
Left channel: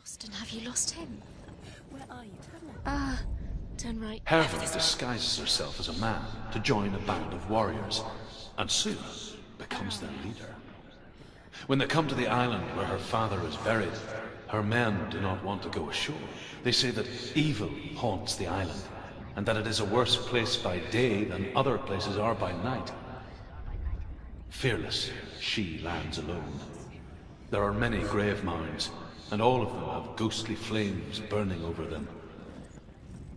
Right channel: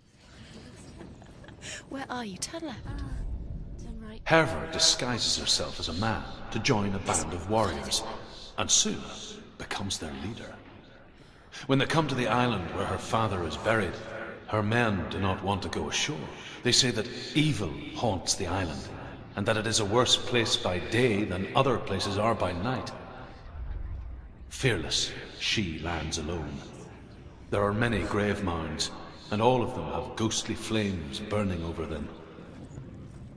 Lost, and have you lost him? Where are you? Turn left. Turn right. Herver disguises herself as a man to join a band of warriors, and soon becomes their leader. When they come to the island where her father is buried, her men do not want to go ashore. They say that evil haunts the island, and that it is a worse place by day than other places are by night. Fearless, she lands alone. There are many grave mounds, and all of them have ghostly flames burning over them.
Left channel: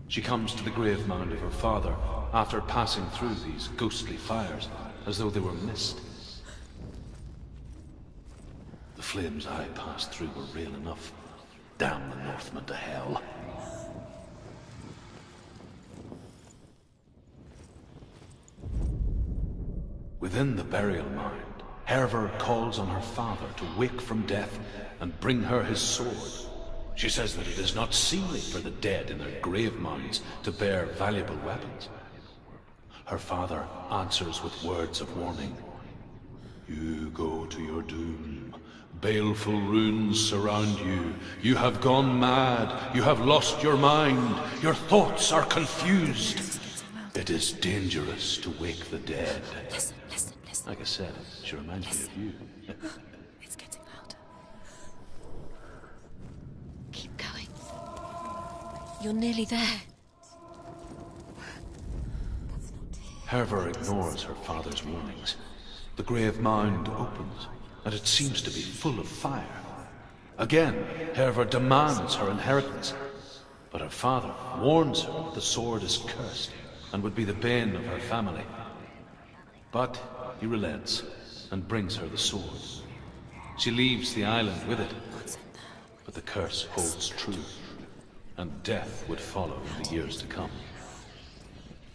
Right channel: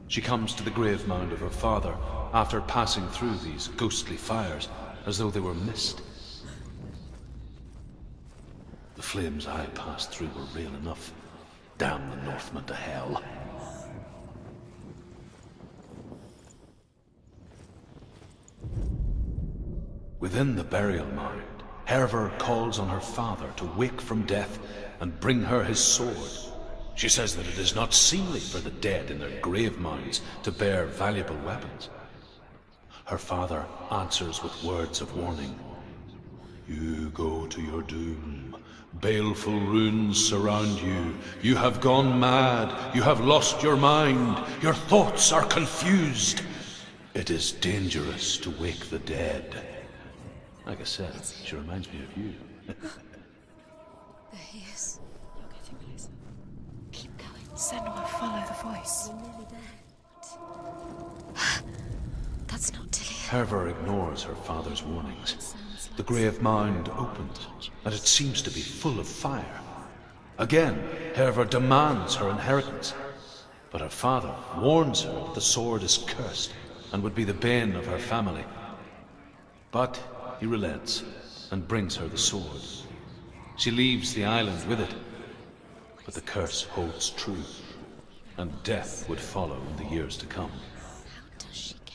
She comes to the grave mound of her father after passing through these ghostly fires as though they were mist. The flames I passed through were real enough. Damn the Northmen to hell. Within the burial mound, Herver calls on her father to wake from death and bring her his sword. She says that it is not seemly for the dead in their grave mounds to bear valuable weapons. Her father answers with words of warning. You go to your doom. Baleful runes surround you. You have gone mad. You have lost your mind. Your thoughts are confused. It is dangerous to wake the dead. Like I said, she reminds me of you. It's getting louder. There he is. Keep going. Senua, follow the voice. You're nearly there. That's not Dillian. Herver ignores her father's warnings. The grave mound opens, and it seems to be full of fire. Again, Herver demands her inheritance, but her father warns her that the sword is cursed and would be the bane of her family. But he relents and brings her the sword. She leaves the island with it, but the curse holds true, and death would follow in the years to come.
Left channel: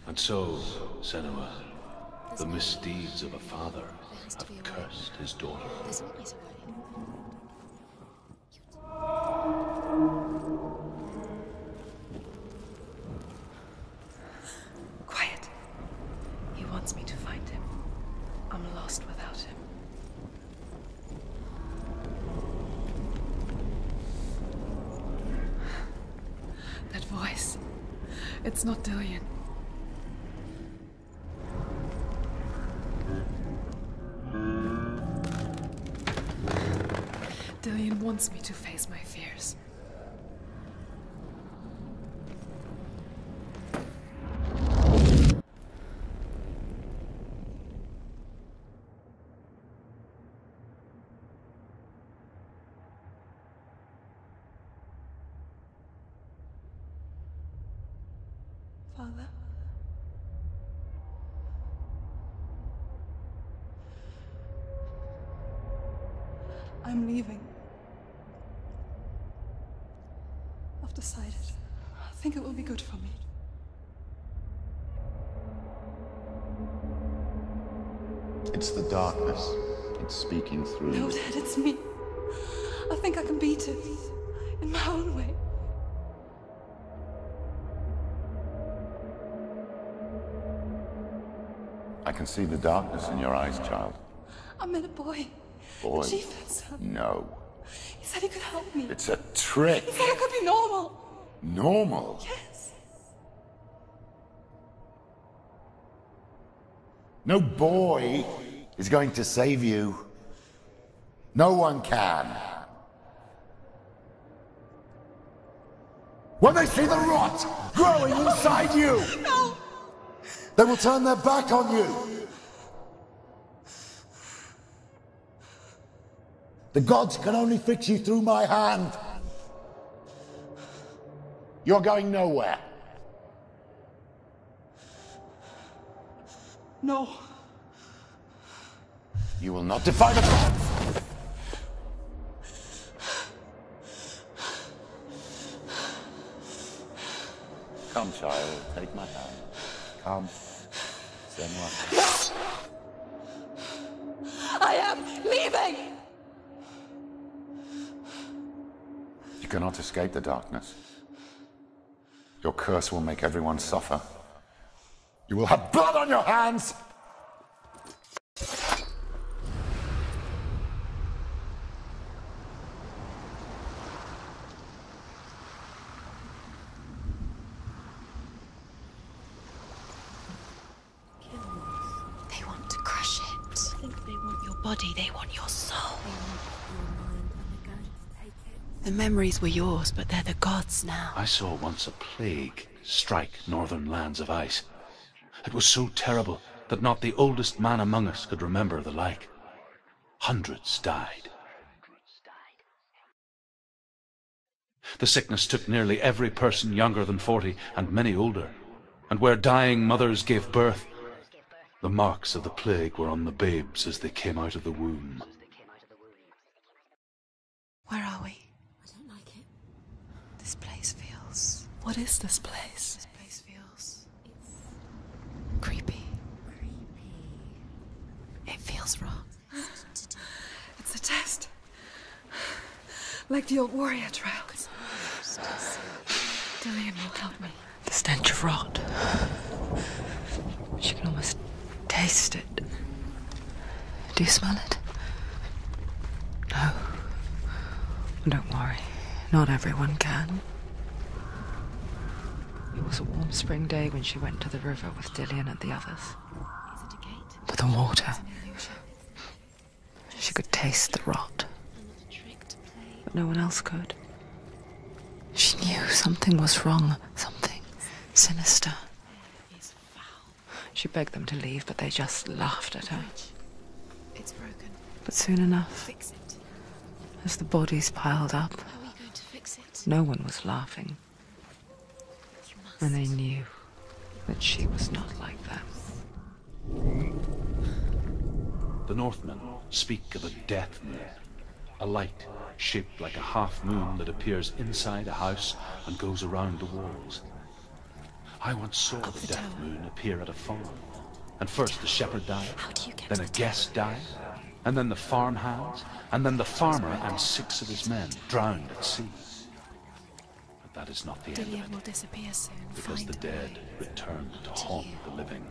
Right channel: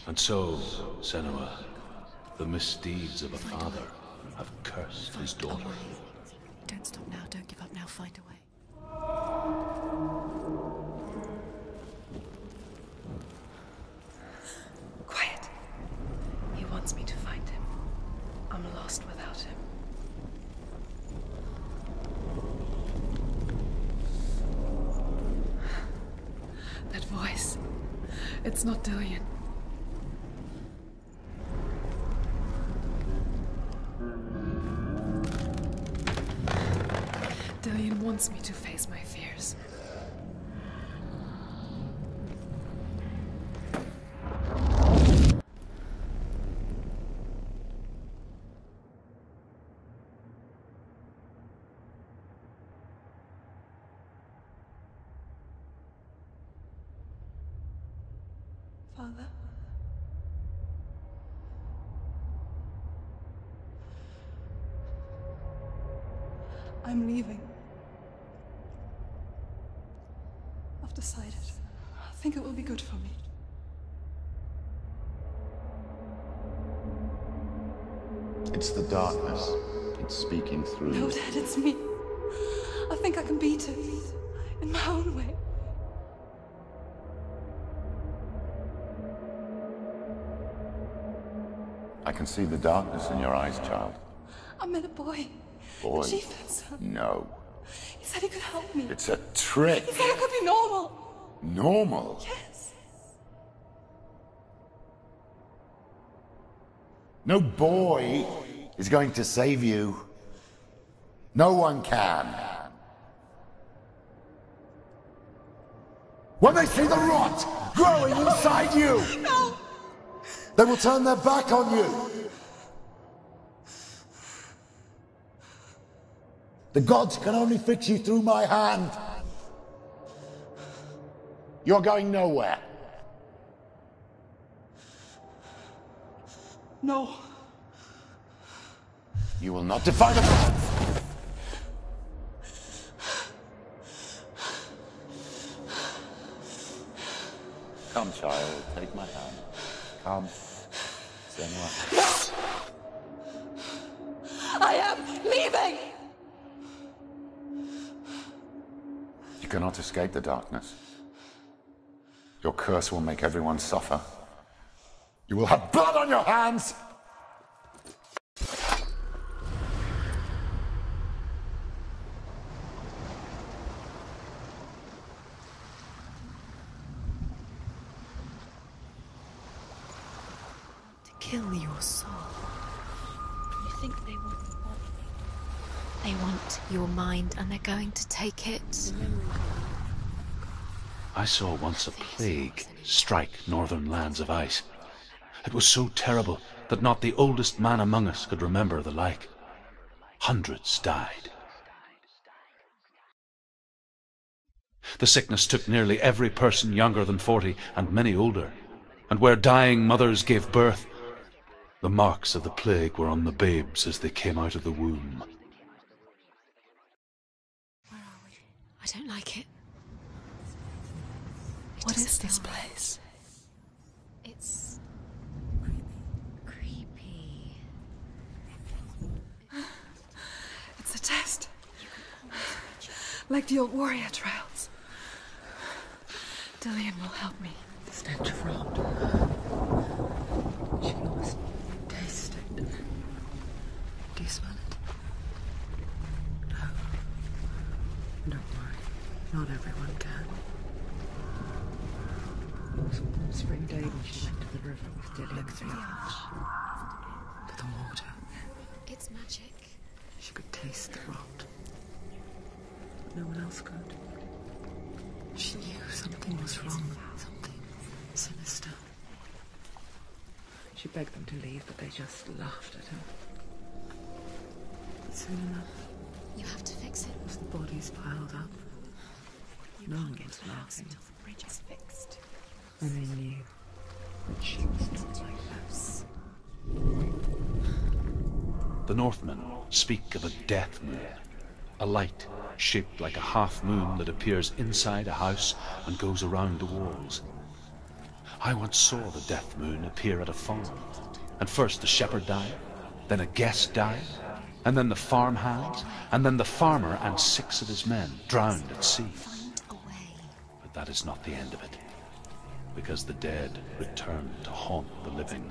And so, Senua, the misdeeds of a father have cursed his daughter. Don't stop now, don't give up now, find a way. Quiet. He wants me to find him. I'm lost without him. That voice. It's not Dillian. Dillian wants me to face my fears. Father? I'm leaving. I've decided. I think it will be good for me. It's the darkness. It's speaking through No, you. Dad, it's me. I think I can beat it. In my own way. I can see the darkness in your eyes, child. I met a boy. Boy. The chief had son. No. He said he could help me. It's a trick. He said I could be normal. Normal? Yes. No boy is going to save you. No one can. When they see the rot growing inside you, No! they will turn their back on you. The gods can only fix you through my hand. You're going nowhere. No. You will not defy the gods. Come, child, take my hand. Come, Senua. I am leaving! You cannot escape the darkness. Your curse will make everyone suffer. You will have blood on your hands! Kill your soul. They want to crush it. I think they want your body, they want your soul. They want your mind, and they're going to take it. The memories were yours, but they're the gods now. I saw once a plague strike northern lands of ice. It was so terrible that not the oldest man among us could remember the like. Hundreds died. The sickness took nearly every person younger than 40, and many older. And where dying mothers gave birth, the marks of the plague were on the babes as they came out of the womb. Where are we? I don't like it. This place feels... What is this place? This place feels... It's... creepy. Creepy. It feels wrong. It's a test. Like the old warrior trials. Dillian will help me. The stench of rot. She can almost taste it. Do you smell it? No. Don't worry. Not everyone can. It was a warm spring day when she went to the river with Dillian and the others. But the water... She could taste the rot. But no one else could. She knew something was wrong. Something sinister. She begged them to leave, but they just laughed at her. But soon enough, as the bodies piled up, no one was laughing. And they knew that she was not like that. The Northmen speak of a death moon, a light shaped like a half moon that appears inside a house and goes around the walls. I once saw the death moon appear at a farm, and first the shepherd died, then a guest died, and then the farmhands, and then the farmer and 6 of his men drowned at sea. But that is not the end of it, because the dead return to haunt the living.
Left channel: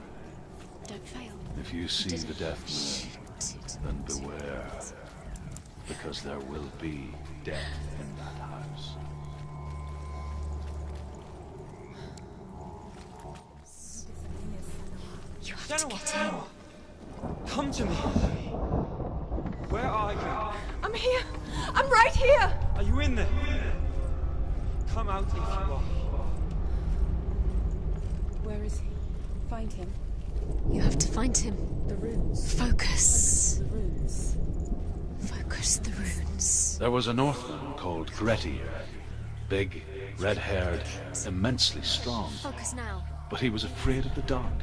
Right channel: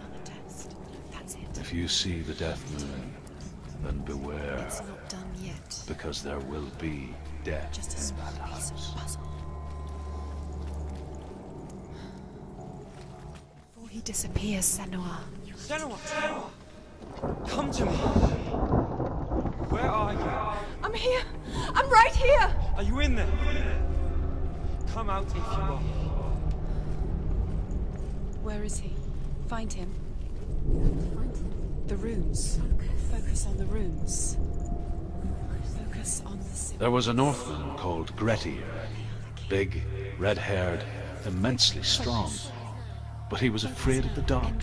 If you see the death moon, then beware, because there will be death in that house. He disappears, Senua. Senua! Come to me! Where are you? I'm here! I'm right here! Are you in there? Come out if you are. Where is he? Find him. You have to find him. The runes. Focus. Focus on the runes. Focus the runes. There was a Northman called Grettir. Big, red-haired, immensely strong. Focus now. but he was afraid of the dark.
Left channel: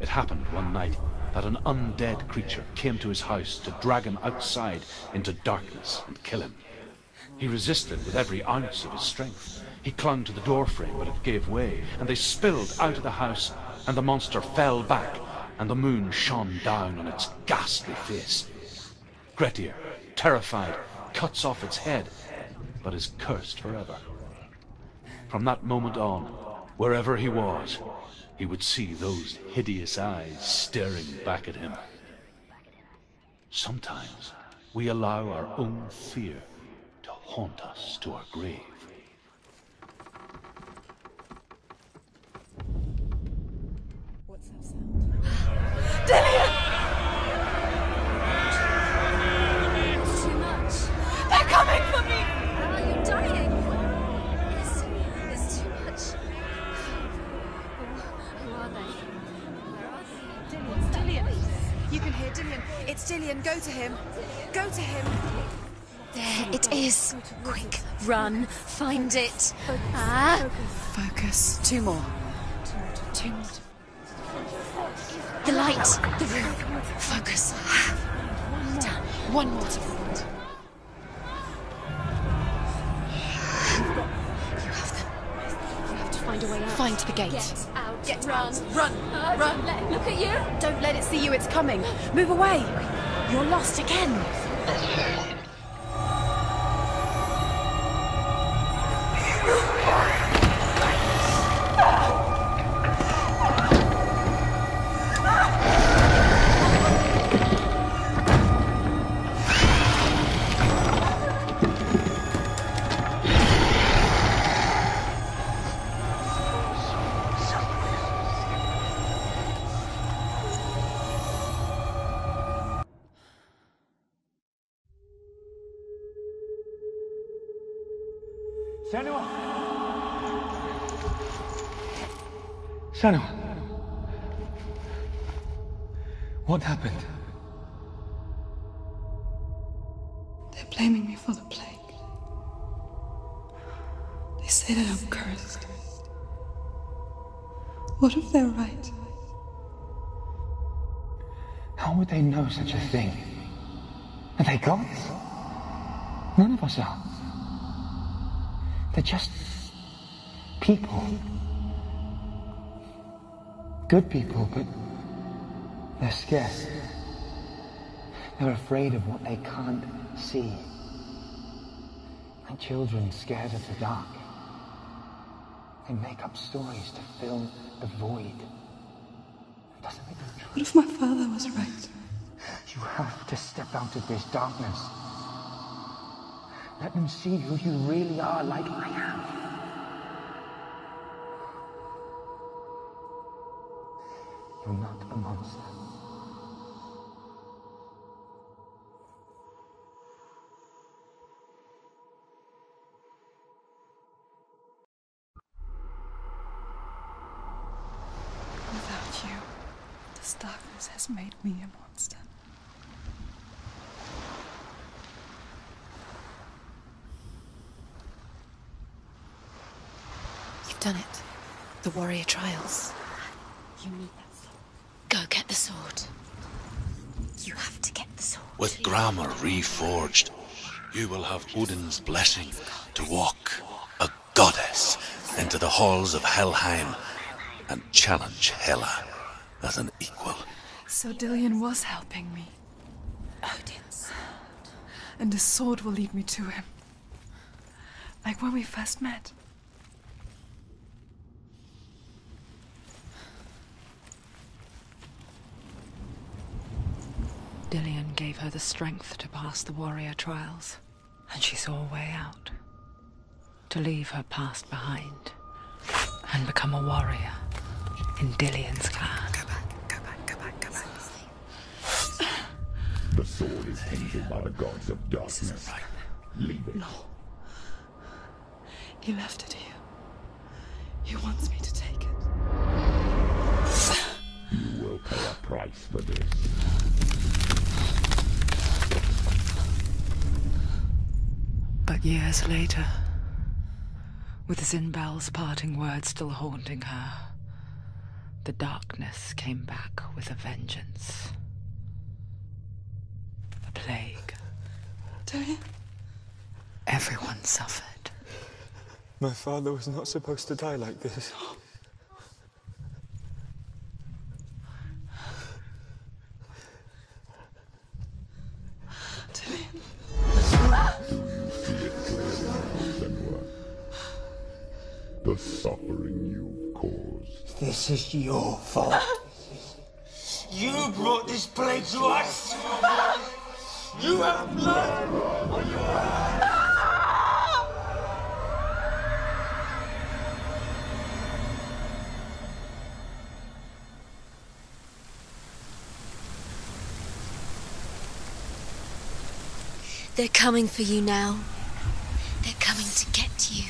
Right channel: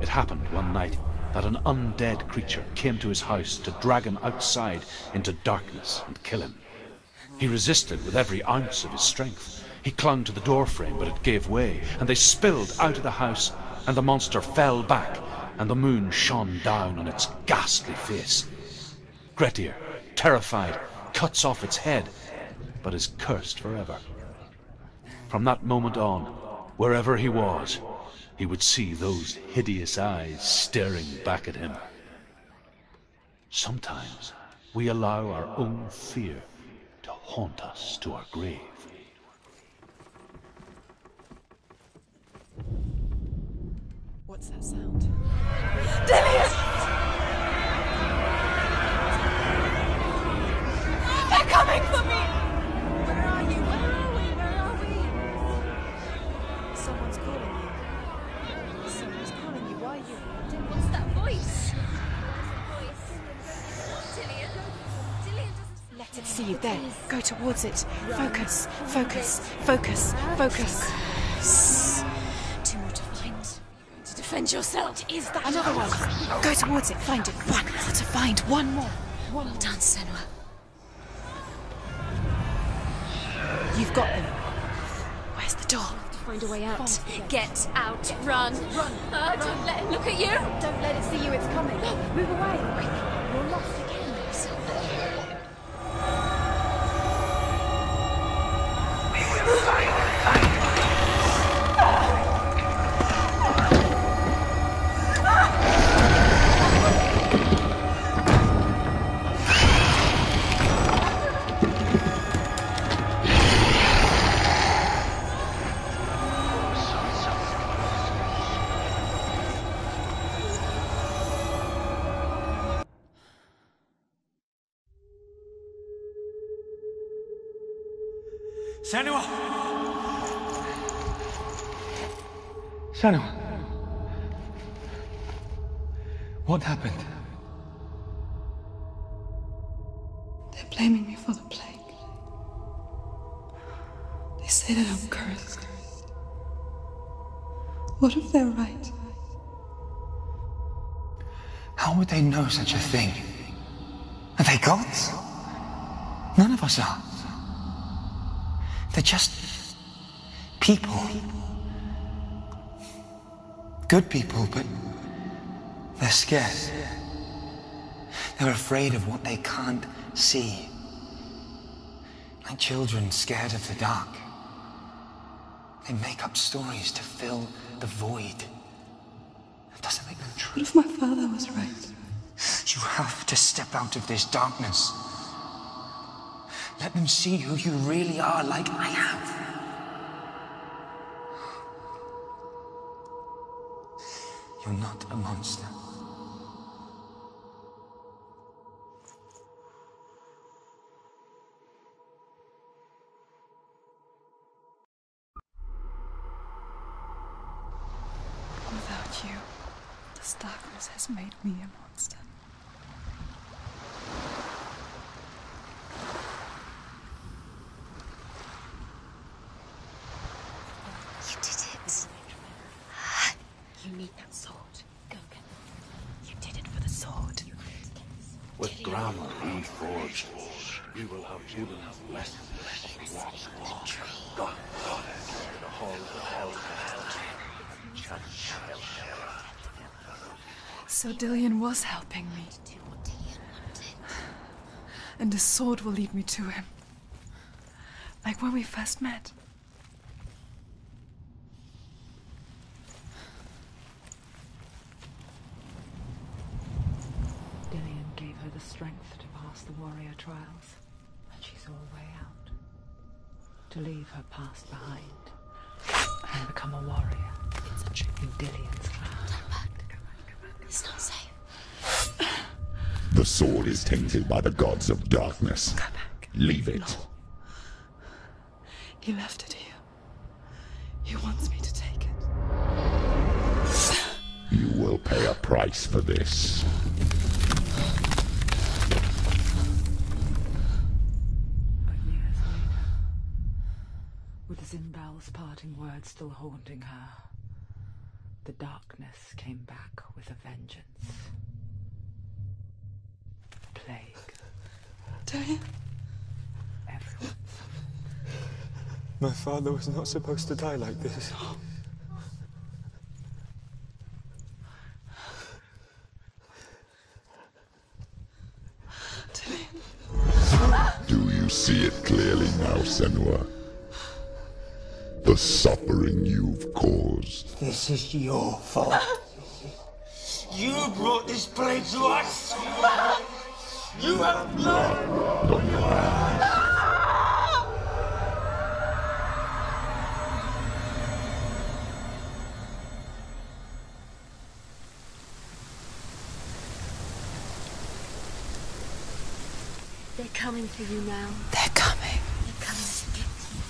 It happened one night that an undead creature came to his house to drag him outside into darkness and kill him. He resisted with every ounce of his strength. He clung to the doorframe, but it gave way, and they spilled out of the house, and the monster fell back, and the moon shone down on its ghastly face. Grettir, terrified, cuts off its head, but is cursed forever. From that moment on, wherever he was, he would see those hideous eyes staring back at him. Sometimes we allow our own fear to haunt us to our grave. What's that sound? Dillian! They're coming for me! Dillian, go to him. Dillian, go to him. There it is. Go towards it. Run. Focus. Find Focus. it. Focus. Focus. Focus. Two more. Two more to find. To defend yourself. What is that The light. Go towards it. Find Focus. it. To find one more. One more to send. You've got them. Where's the door? You have to find a way out. Find the gate. Get out. Run. Run. Run. Look at you. Don't let it see you. It's coming. Move away. You're lost again. Senua! Senua! What happened? They're blaming me for the plague. They say that I'm cursed. What if they're right? How would they know such a thing? Are they gods? None of us are. They're just people. Good people, but they're scared. They're afraid of what they can't see. Like children scared of the dark. They make up stories to fill the void. That doesn't make them true. What if my father was right? You have to step out of this darkness. Let them see who you really are, like I have. You're not a monster. Without you, this darkness has made me a monster. You've done it. You did it. The warrior trials. You need that sword. Go get the sword. You did it for the sword. You have to get the sword. With grammar reforged, you will have Odin's blessing to walk, a goddess, into the halls of Helheim and challenge Hela as an equal. So Dillian was helping me. And the sword will lead me to him. Like when we first met. Dillian gave her the strength to pass the warrior trials, and she saw a way out. To leave her past behind, and become a warrior in Dillian's clan. The sword is tainted by the gods of darkness. Leave it. No. He left it here. He wants me to take it. You will pay a price for this. But years later, With Zinbel's parting words still haunting her, the darkness came back with a vengeance. The plague. Diane? Everyone suffered. My father was not supposed to die like this. Do you see it clearly now, Senua? The suffering you've caused. This is your fault. You brought this plague to us. You have blood on your hands. They're coming for you now. They're coming. They're coming to get you.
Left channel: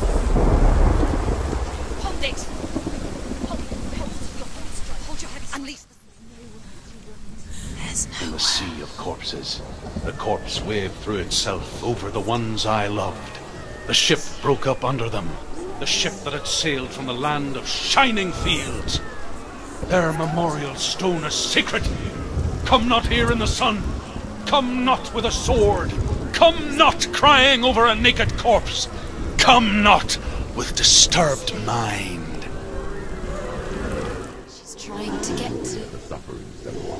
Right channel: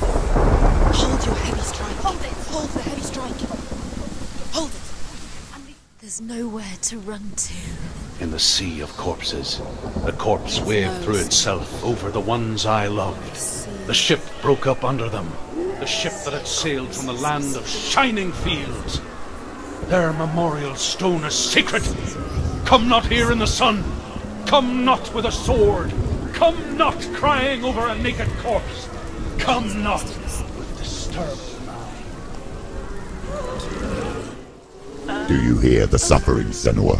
Hold your heavy strike. Hold it. Hold the heavy strike. Hold it. Hold your heavy strike. Unleash. There's nowhere to run to. There's In the sea of corpses, the corpse waved through itself over the ones I loved. The ship broke up under them. The ship that had sailed from the land of shining fields. Their memorial stone is sacred. Come not here in the sun. Come not with a sword. Come not crying over a naked corpse. Come not with disturbed mind. Do you hear the suffering, Senua?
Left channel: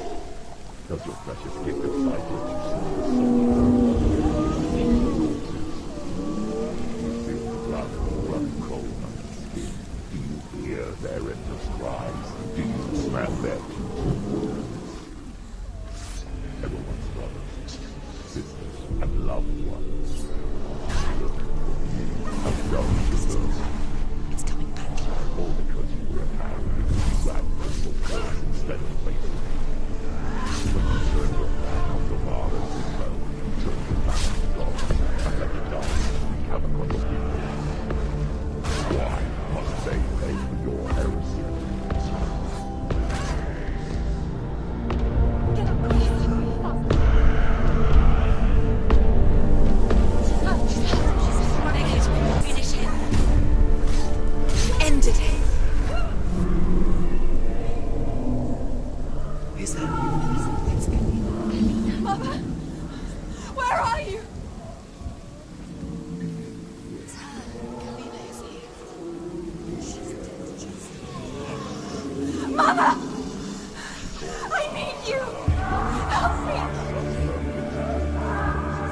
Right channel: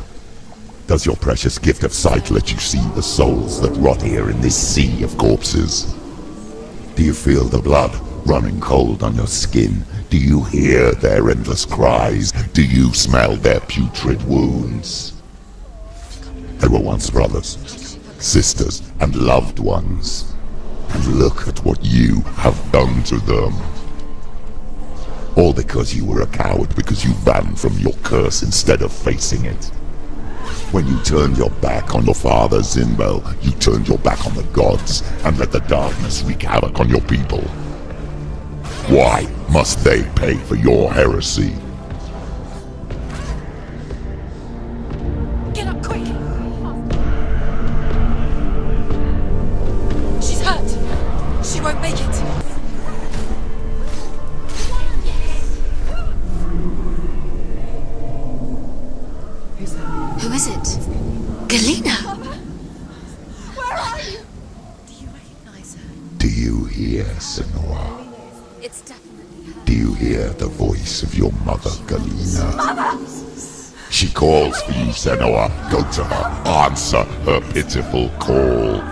Does your precious gift of sight let you see the souls that rot here in this sea of corpses? Do you feel the blood running cold on your skin? Do you hear their endless cries? Do you smell their putrid wounds? They were once brothers, sisters, and loved ones. And look at what you have done to them. All because you were a coward, because you ran from your curse instead of facing it. When you turned your back on your father, Zinbel, you turned your back on the gods, and let the darkness wreak havoc on your people. Why must they pay for your heresy? Get up quick. She's hurt. She won't make it. Finish it. End it. Who is it? Galena! Mother! Where are you? Do you hear, Senua? It's Do you hear the voice of your mother, Galena? Mother! She calls for you, Senua. Go to her. Answer her pitiful call.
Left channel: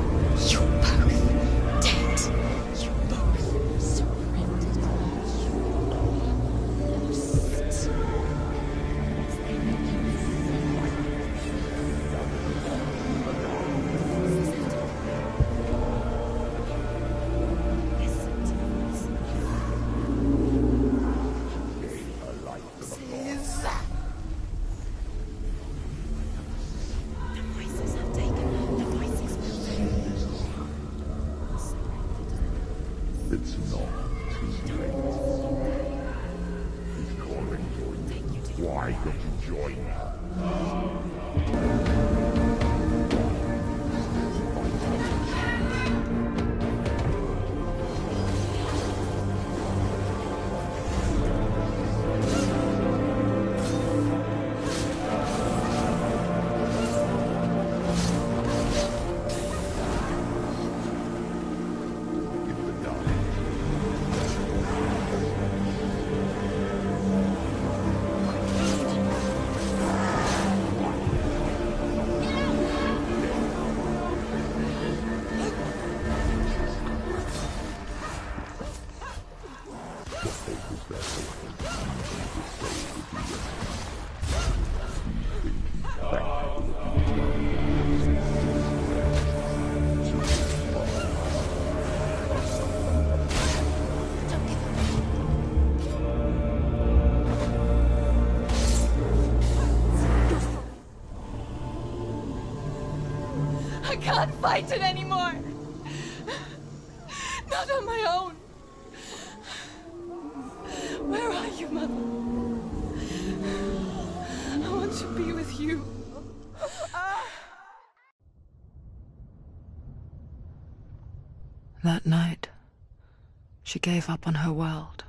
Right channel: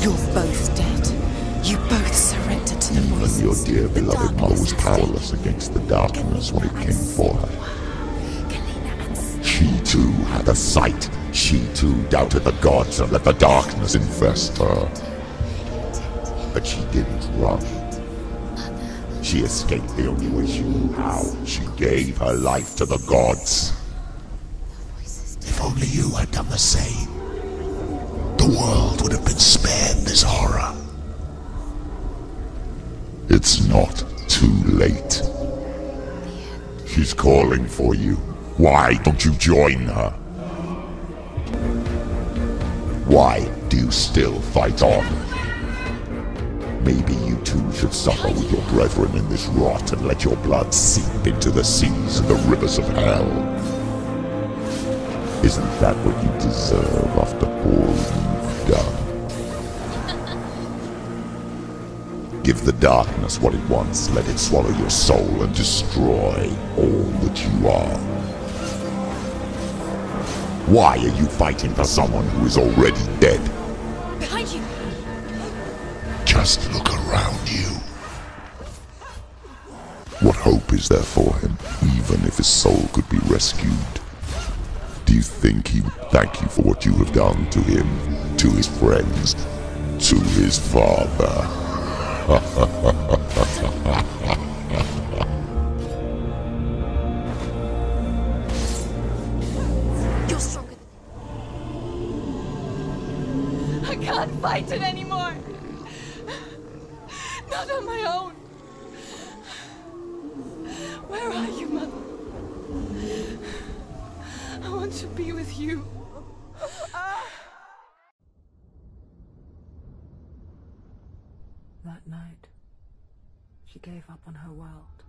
You're both dead. You both surrendered to the Even voices. your dear beloved mother was powerless against the darkness when it came for her. She too had a sight. She too doubted the gods and let the darkness infest her. But she didn't run. She escaped the only way she knew how. She gave her life to the gods. If only you had done the same, the world would have been spared this horror. It's not too late. She's calling for you. Why don't you join her? Why do you still fight on? Maybe you too should suffer with your brethren in this rot and let your blood seep into the seas and the rivers of hell. Isn't that what you deserve after all you've done? Give the darkness what it wants, let it swallow your soul and destroy all that you are. Why are you fighting for someone who is already dead? Behind you. Just look around you. What hope is there for him, even if his soul could be rescued? Do you think he would thank you for what you have done to him, to his friends, to his father? I can't fight it anymore. Not on my own. Where are you, Mother? I want to be with you. That night, she gave up on her world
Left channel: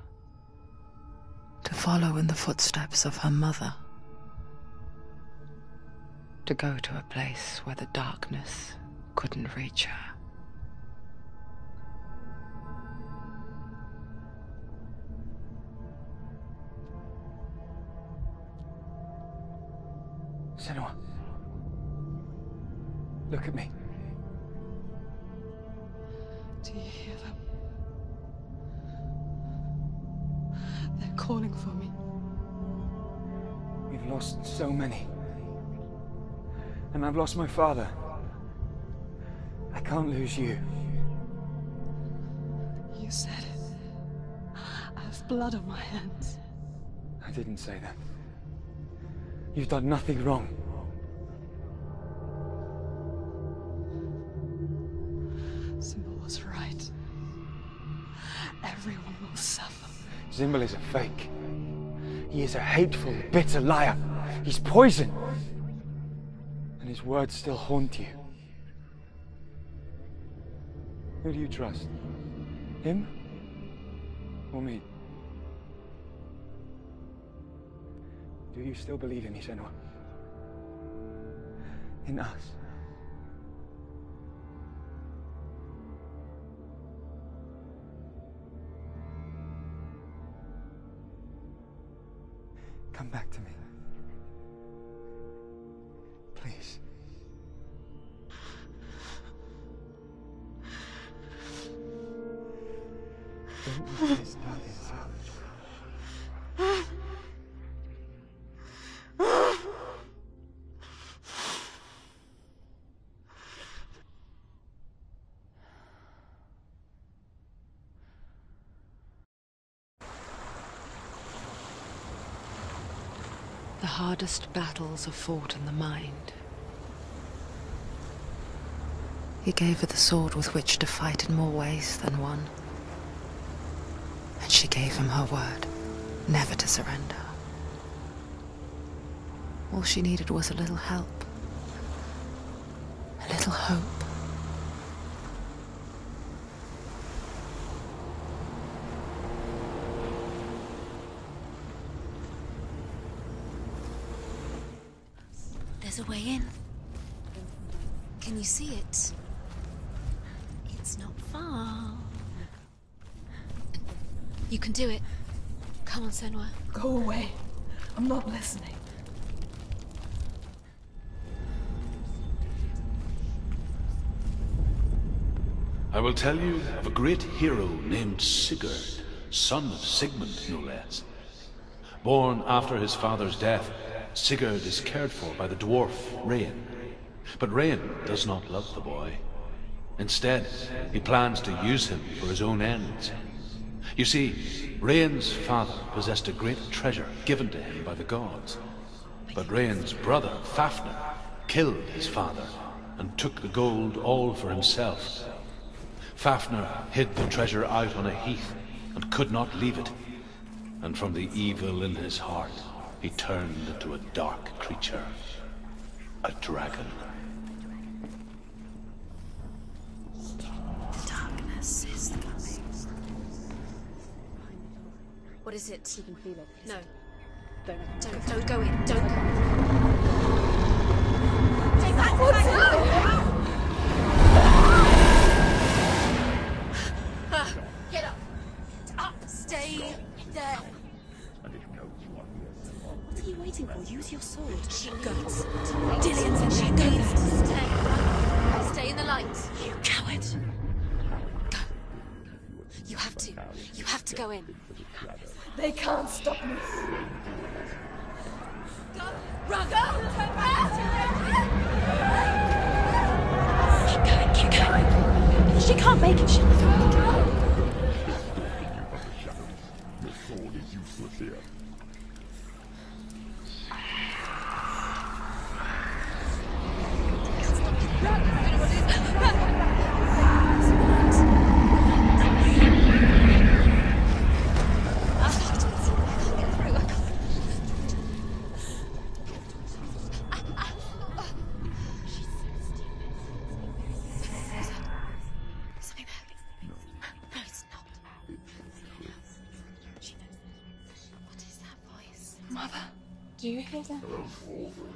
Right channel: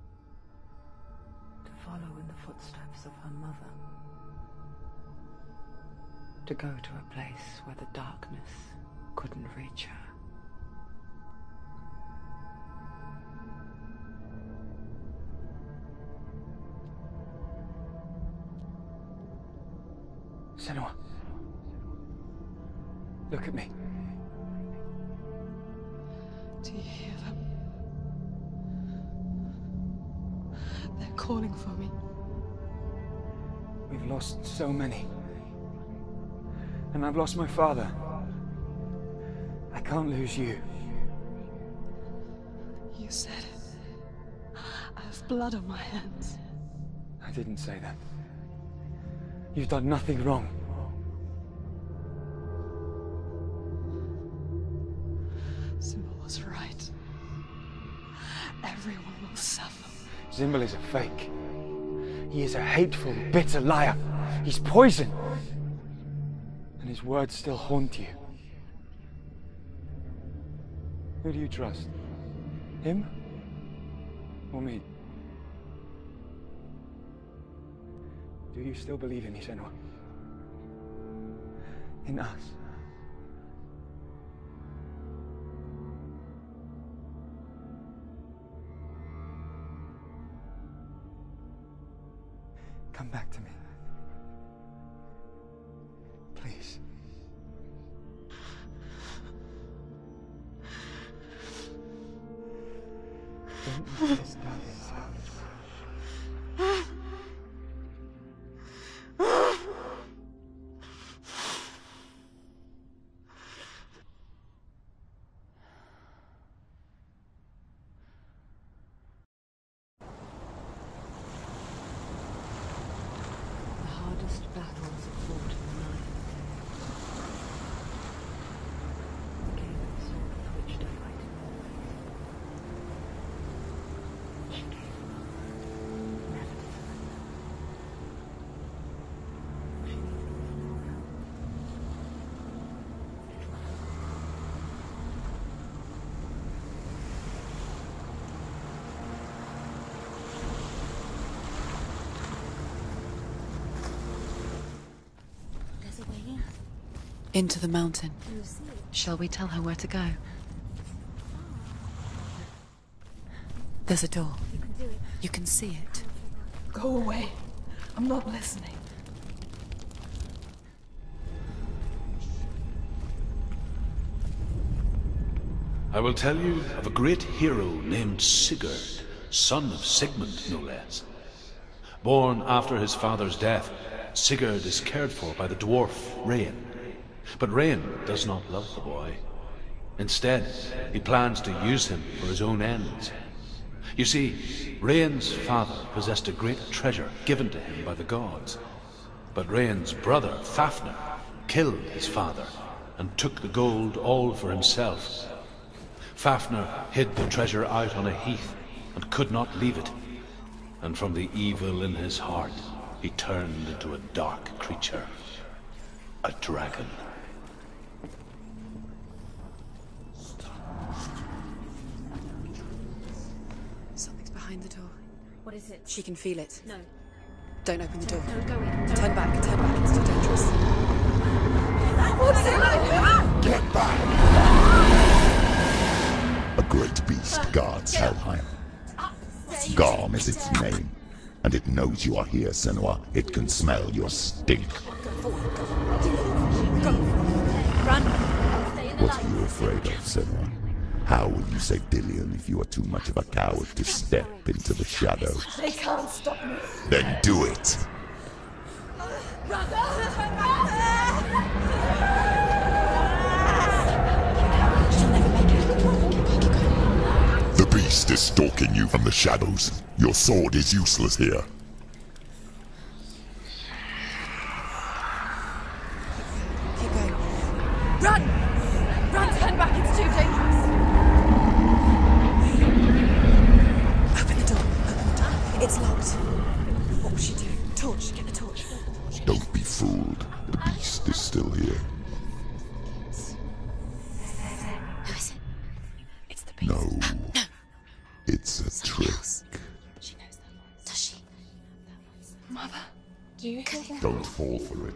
to follow in the footsteps of her mother, to go to a place where the darkness couldn't reach her. Senua, look at me. Do you hear them? They're calling for me. We've lost so many. And I've lost my father. I can't lose you. You said it. I have blood on my hands. I didn't say that. You've done nothing wrong. Symbol was right. Everyone will suffer. Symbol is a fake. He is a hateful, bitter liar. He's poison. And his words still haunt you. Who do you trust? Him? Or me? Do you still believe in me, Senua? In us? Come back to me. Please. Don't let this darkness out. The hardest battles are fought in the mind. He gave her the sword with which to fight in more ways than one. And she gave him her word, never to surrender. All she needed was a little help, a little hope. There's a way in. Into the mountain. Can you see it? Shall we tell her where to go? It's not far. There's a door. You can do it. You can see it. Come on, Senua. Go away. I'm not listening. I will tell you of a great hero named Sigurd, son of Sigmund, no less. Born after his father's death, Sigurd is cared for by the dwarf Rain. But Rain does not love the boy. Instead, he plans to use him for his own ends. You see, Rain's father possessed a great treasure given to him by the gods. But Rain's brother, Fafnir, killed his father and took the gold all for himself. Fafnir hid the treasure out on a heath and could not leave it. And from the evil in his heart, he turned into a dark creature. A dragon. Darkness is the coming. Something's behind the door. What is it? She can feel it. No. Don't open the door. No, go in. Don't. Turn back. Turn back. It's dangerous. What's in there? Get back! A great beast guards Helheim. Garm is its name, and it knows you are here, Senua. It can smell your stink. Dillian's in there. Go. Run. Stay in the What are light. you afraid of, Senua? How will you say Dillian if you are too much of a coward to step into the shadows? They can't stop me. Then do it! Run. She can't make it. The beast is stalking you from the shadows. Your sword is useless here. Run. Run. Turn back. It's too dangerous. It's locked. Torch. Get the torch. Don't be fooled. The beast is still here. Who is it? Something there. It's the beast. Do you hear that? Don't fall for it.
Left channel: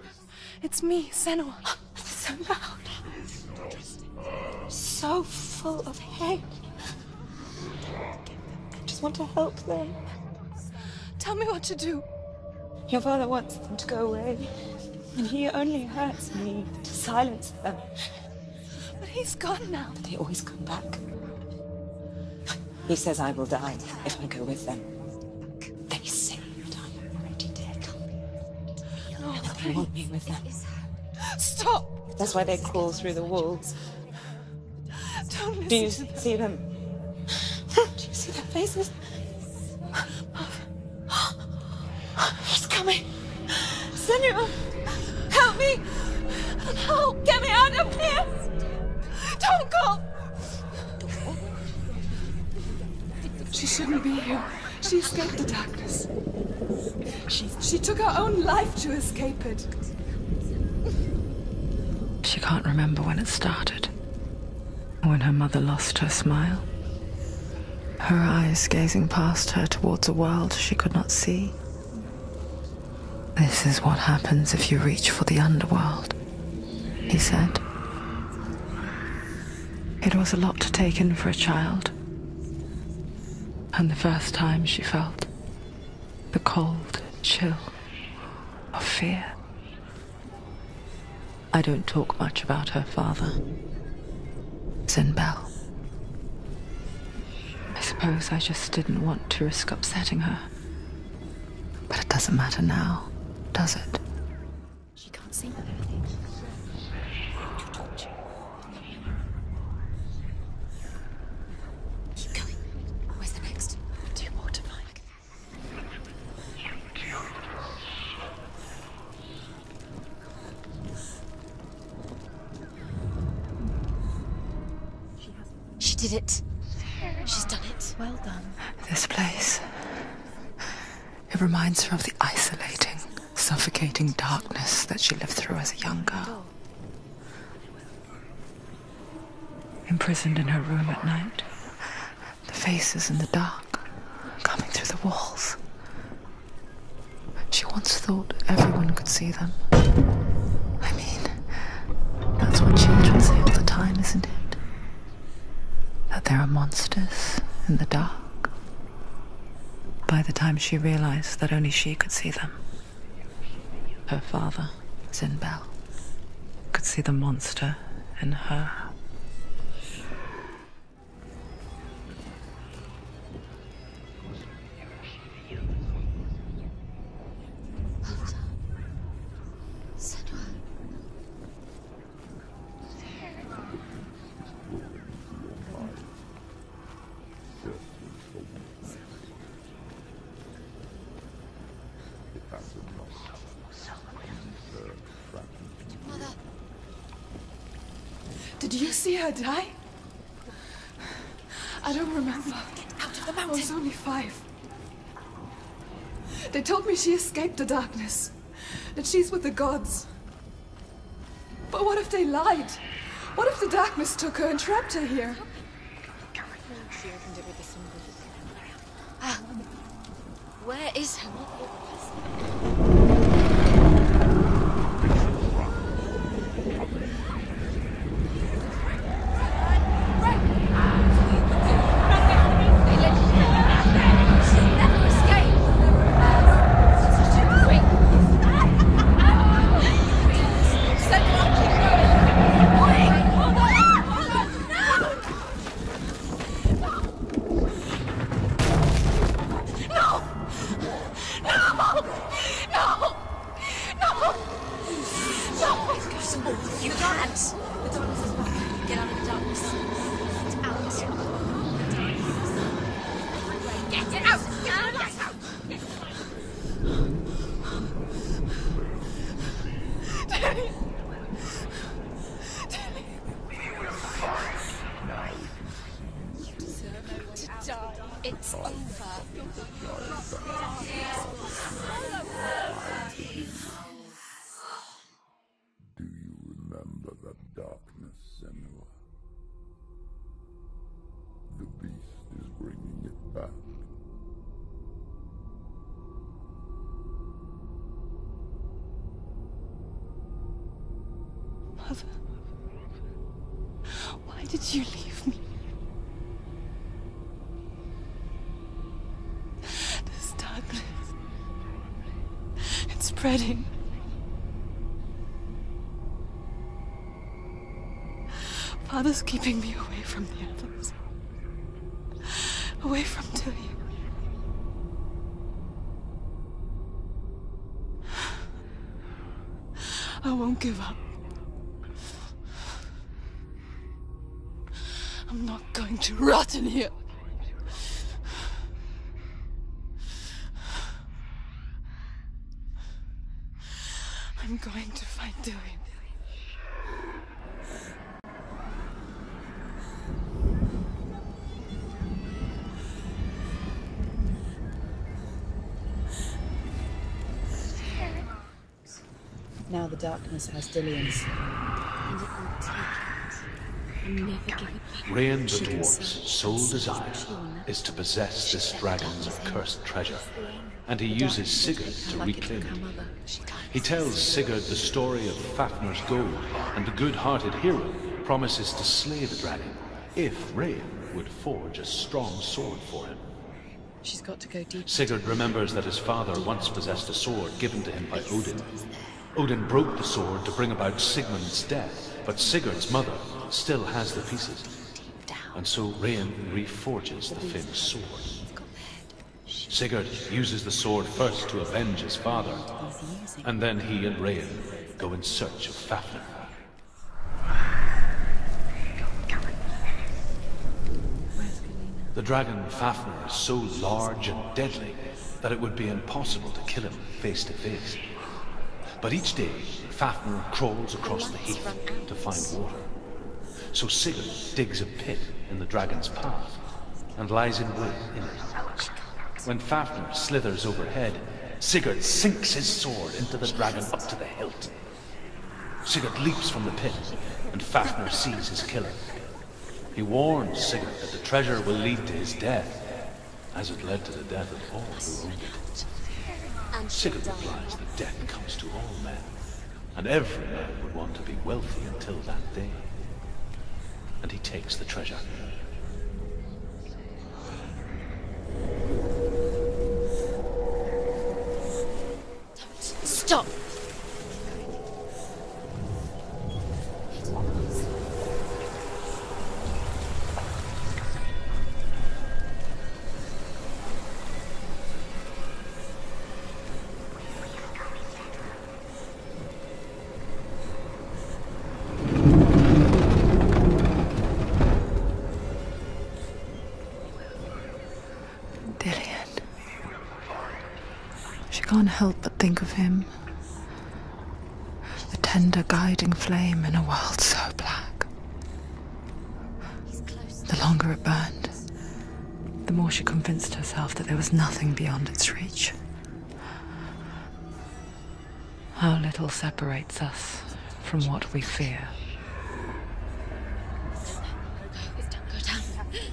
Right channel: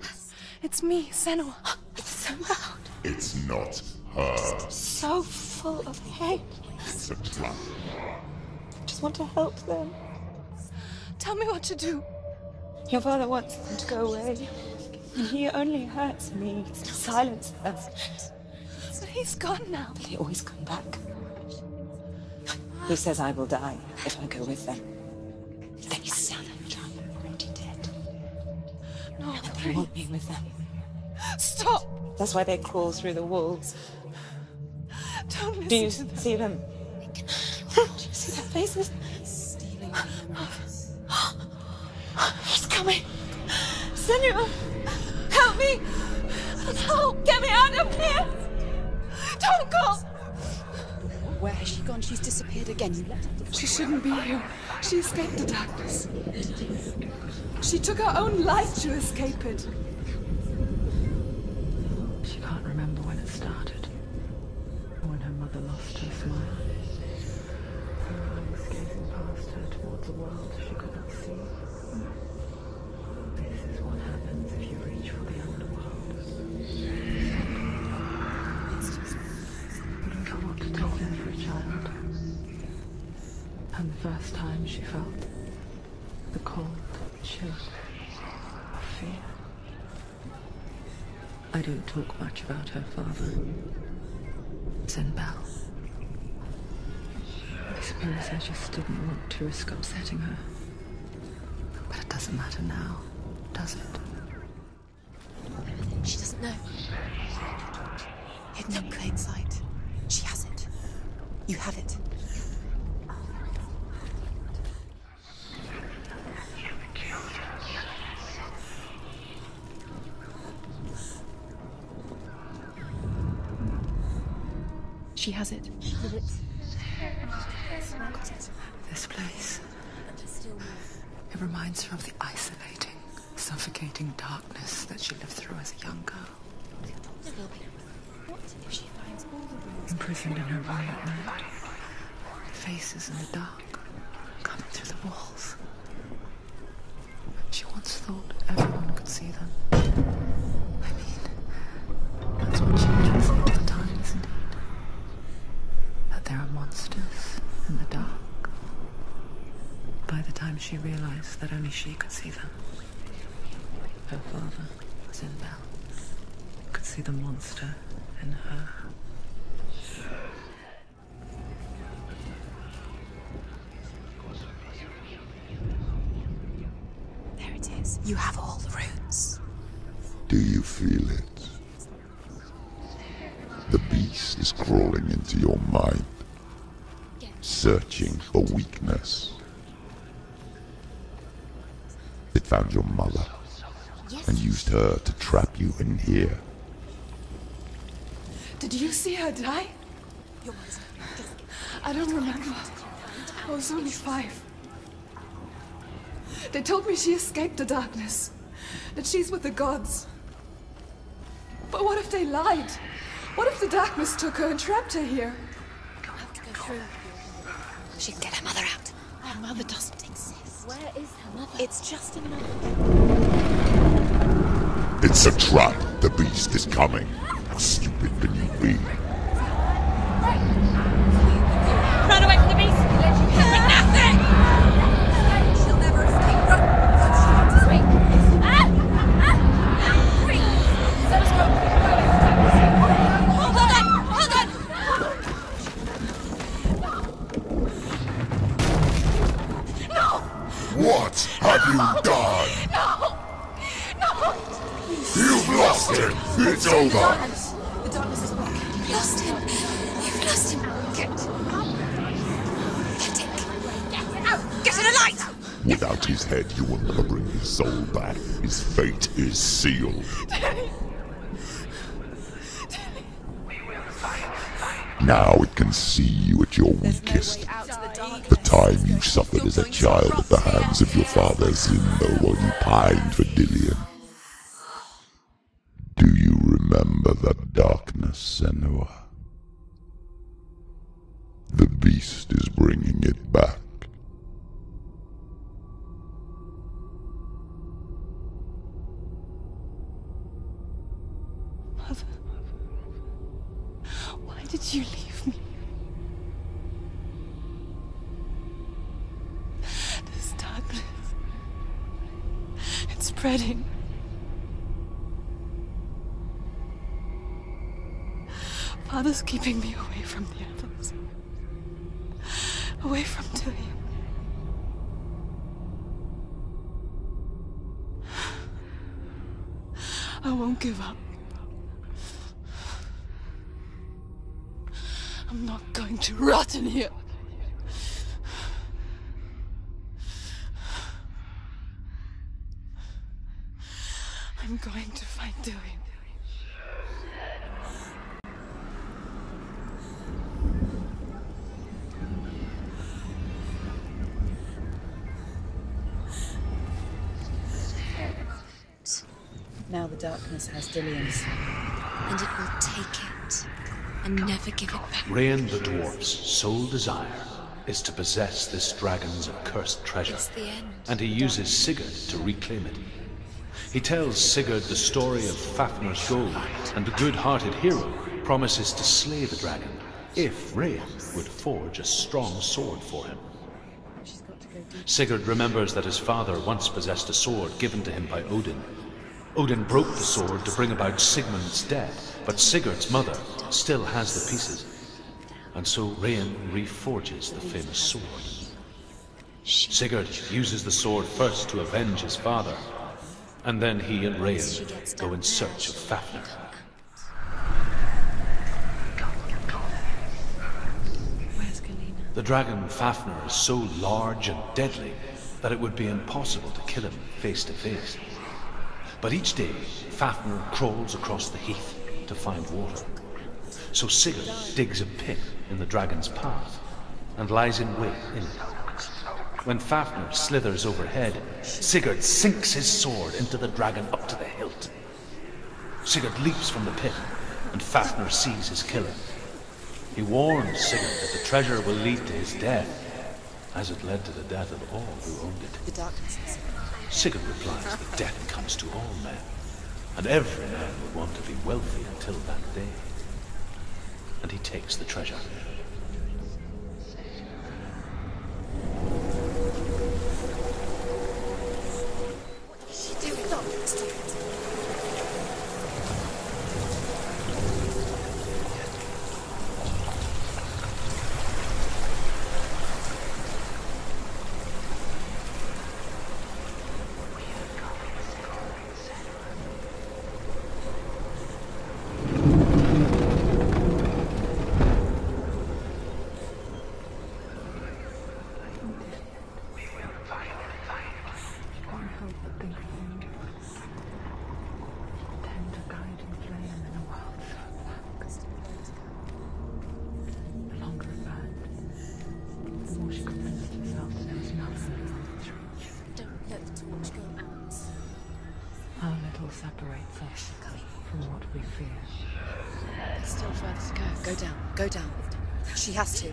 It's me, Senua. It's so loud. It's not her. So full of hate. It's a trap. I just want to help them. Tell me what to do. Your father wants them to go away, and he only hurts me to silence them. But he's gone now. They always come back. He says I will die if I go with them. They say that I'm already dead. No, and they want me with them. Stop! That's why they crawl through the walls. Don't listen to them. Do you see them? Do you see their faces? He's coming. Senua, help me! Help! Get me out of here! Don't go! Where has she gone? She's disappeared again. She shouldn't be here. She escaped the darkness. She took her own life to escape it. She can't remember when it started. When her mother lost her smile. Her eyes gazing past her towards a world she could not see. This is what happens if you reach for the underworld, he said. It was a lot to take in for a child. And the first time she felt the cold chill of fear. I don't talk much about her father, Bell. I suppose I just didn't want to risk upsetting her. But it doesn't matter now, does it? She can't see anything. She doesn't know. Hidden in plain sight. She has it. You have it. Keep going. Where's the next? 2 more to find. She has it. She did it. She's done it. Well done. This place. It reminds her of the isolating, suffocating darkness that she lived through as a young girl. Imprisoned in her room at night. The faces in the dark, coming through the walls. She once thought everyone could see them. I mean, that's what children say all the time, isn't it? That there are monsters in the dark. By the time she realized that only she could see them, her father, Bell, could see the monster in her. There it is. You have all the runes. Do you feel it? The beast is crawling into your mind, searching for weakness. It found your mother and used her to trap you in here. Did you see her die? I don't remember. I was only 5. They told me she escaped the darkness, that she's with the gods. But what if they lied? What if the darkness took her and trapped her here? She can get her mother out. Her mother doesn't exist. Where is her mother? It's just It's a trap. The beast is coming. Sleeping beneath me. run away from the beast! Nothing! She'll never escape. Hold on! No! What have you done? No! You've lost it. It's over. The darkness is back. You've lost him. You've lost him. Get it out. Get to the light. Without his head, you will never bring his soul back. His fate is sealed. Now it can see you at your weakest. The time you suffered as a child at the hands of your father Zindo while you pined for Dillian. Do you remember that darkness, Senua? The beast is bringing it back. Why did you leave me? This darkness. It's spreading. Father's keeping me away from the others. Away from Tilly. I won't give up. I'm not going to rot in here. I'm going to find Tilly. Now the darkness has Dillian's. And it will take it and never give it back. Rain the dwarf's sole desire is to possess this dragon's accursed treasure, and he uses Sigurd to reclaim it. He tells Sigurd the story of Fafnir's gold, and the good-hearted hero promises to slay the dragon if Rain would forge a strong sword for him. She's got to go deep. Sigurd remembers that his father once possessed a sword given to him by Odin. Odin broke the sword to bring about Sigmund's death, but Sigurd's mother still has the pieces. And so Rain reforges the famous sword. Sigurd uses the sword first to avenge his father, and then he and Rain go in search of Fafnir. The dragon Fafnir is so large and deadly that it would be impossible to kill him face to face. But each day, Fafnir crawls across the heath to find water. So Sigurd digs a pit in the dragon's path and lies in wait in it. When Fafnir slithers overhead, Sigurd sinks his sword into the dragon up to the hilt. Sigurd leaps from the pit, and Fafnir sees his killer. He warns Sigurd that the treasure will lead to his death, as it led to the death of all who owned it. Sigurd replies that death comes to all men, and every man would want to be wealthy until that day. And he takes the treasure. Stop! Can't help but think of him. A tender guiding flame in a world so black. The longer it burned, the more she convinced herself that there was nothing beyond its reach. How little separates us from what we fear. Go down, go down. She has to.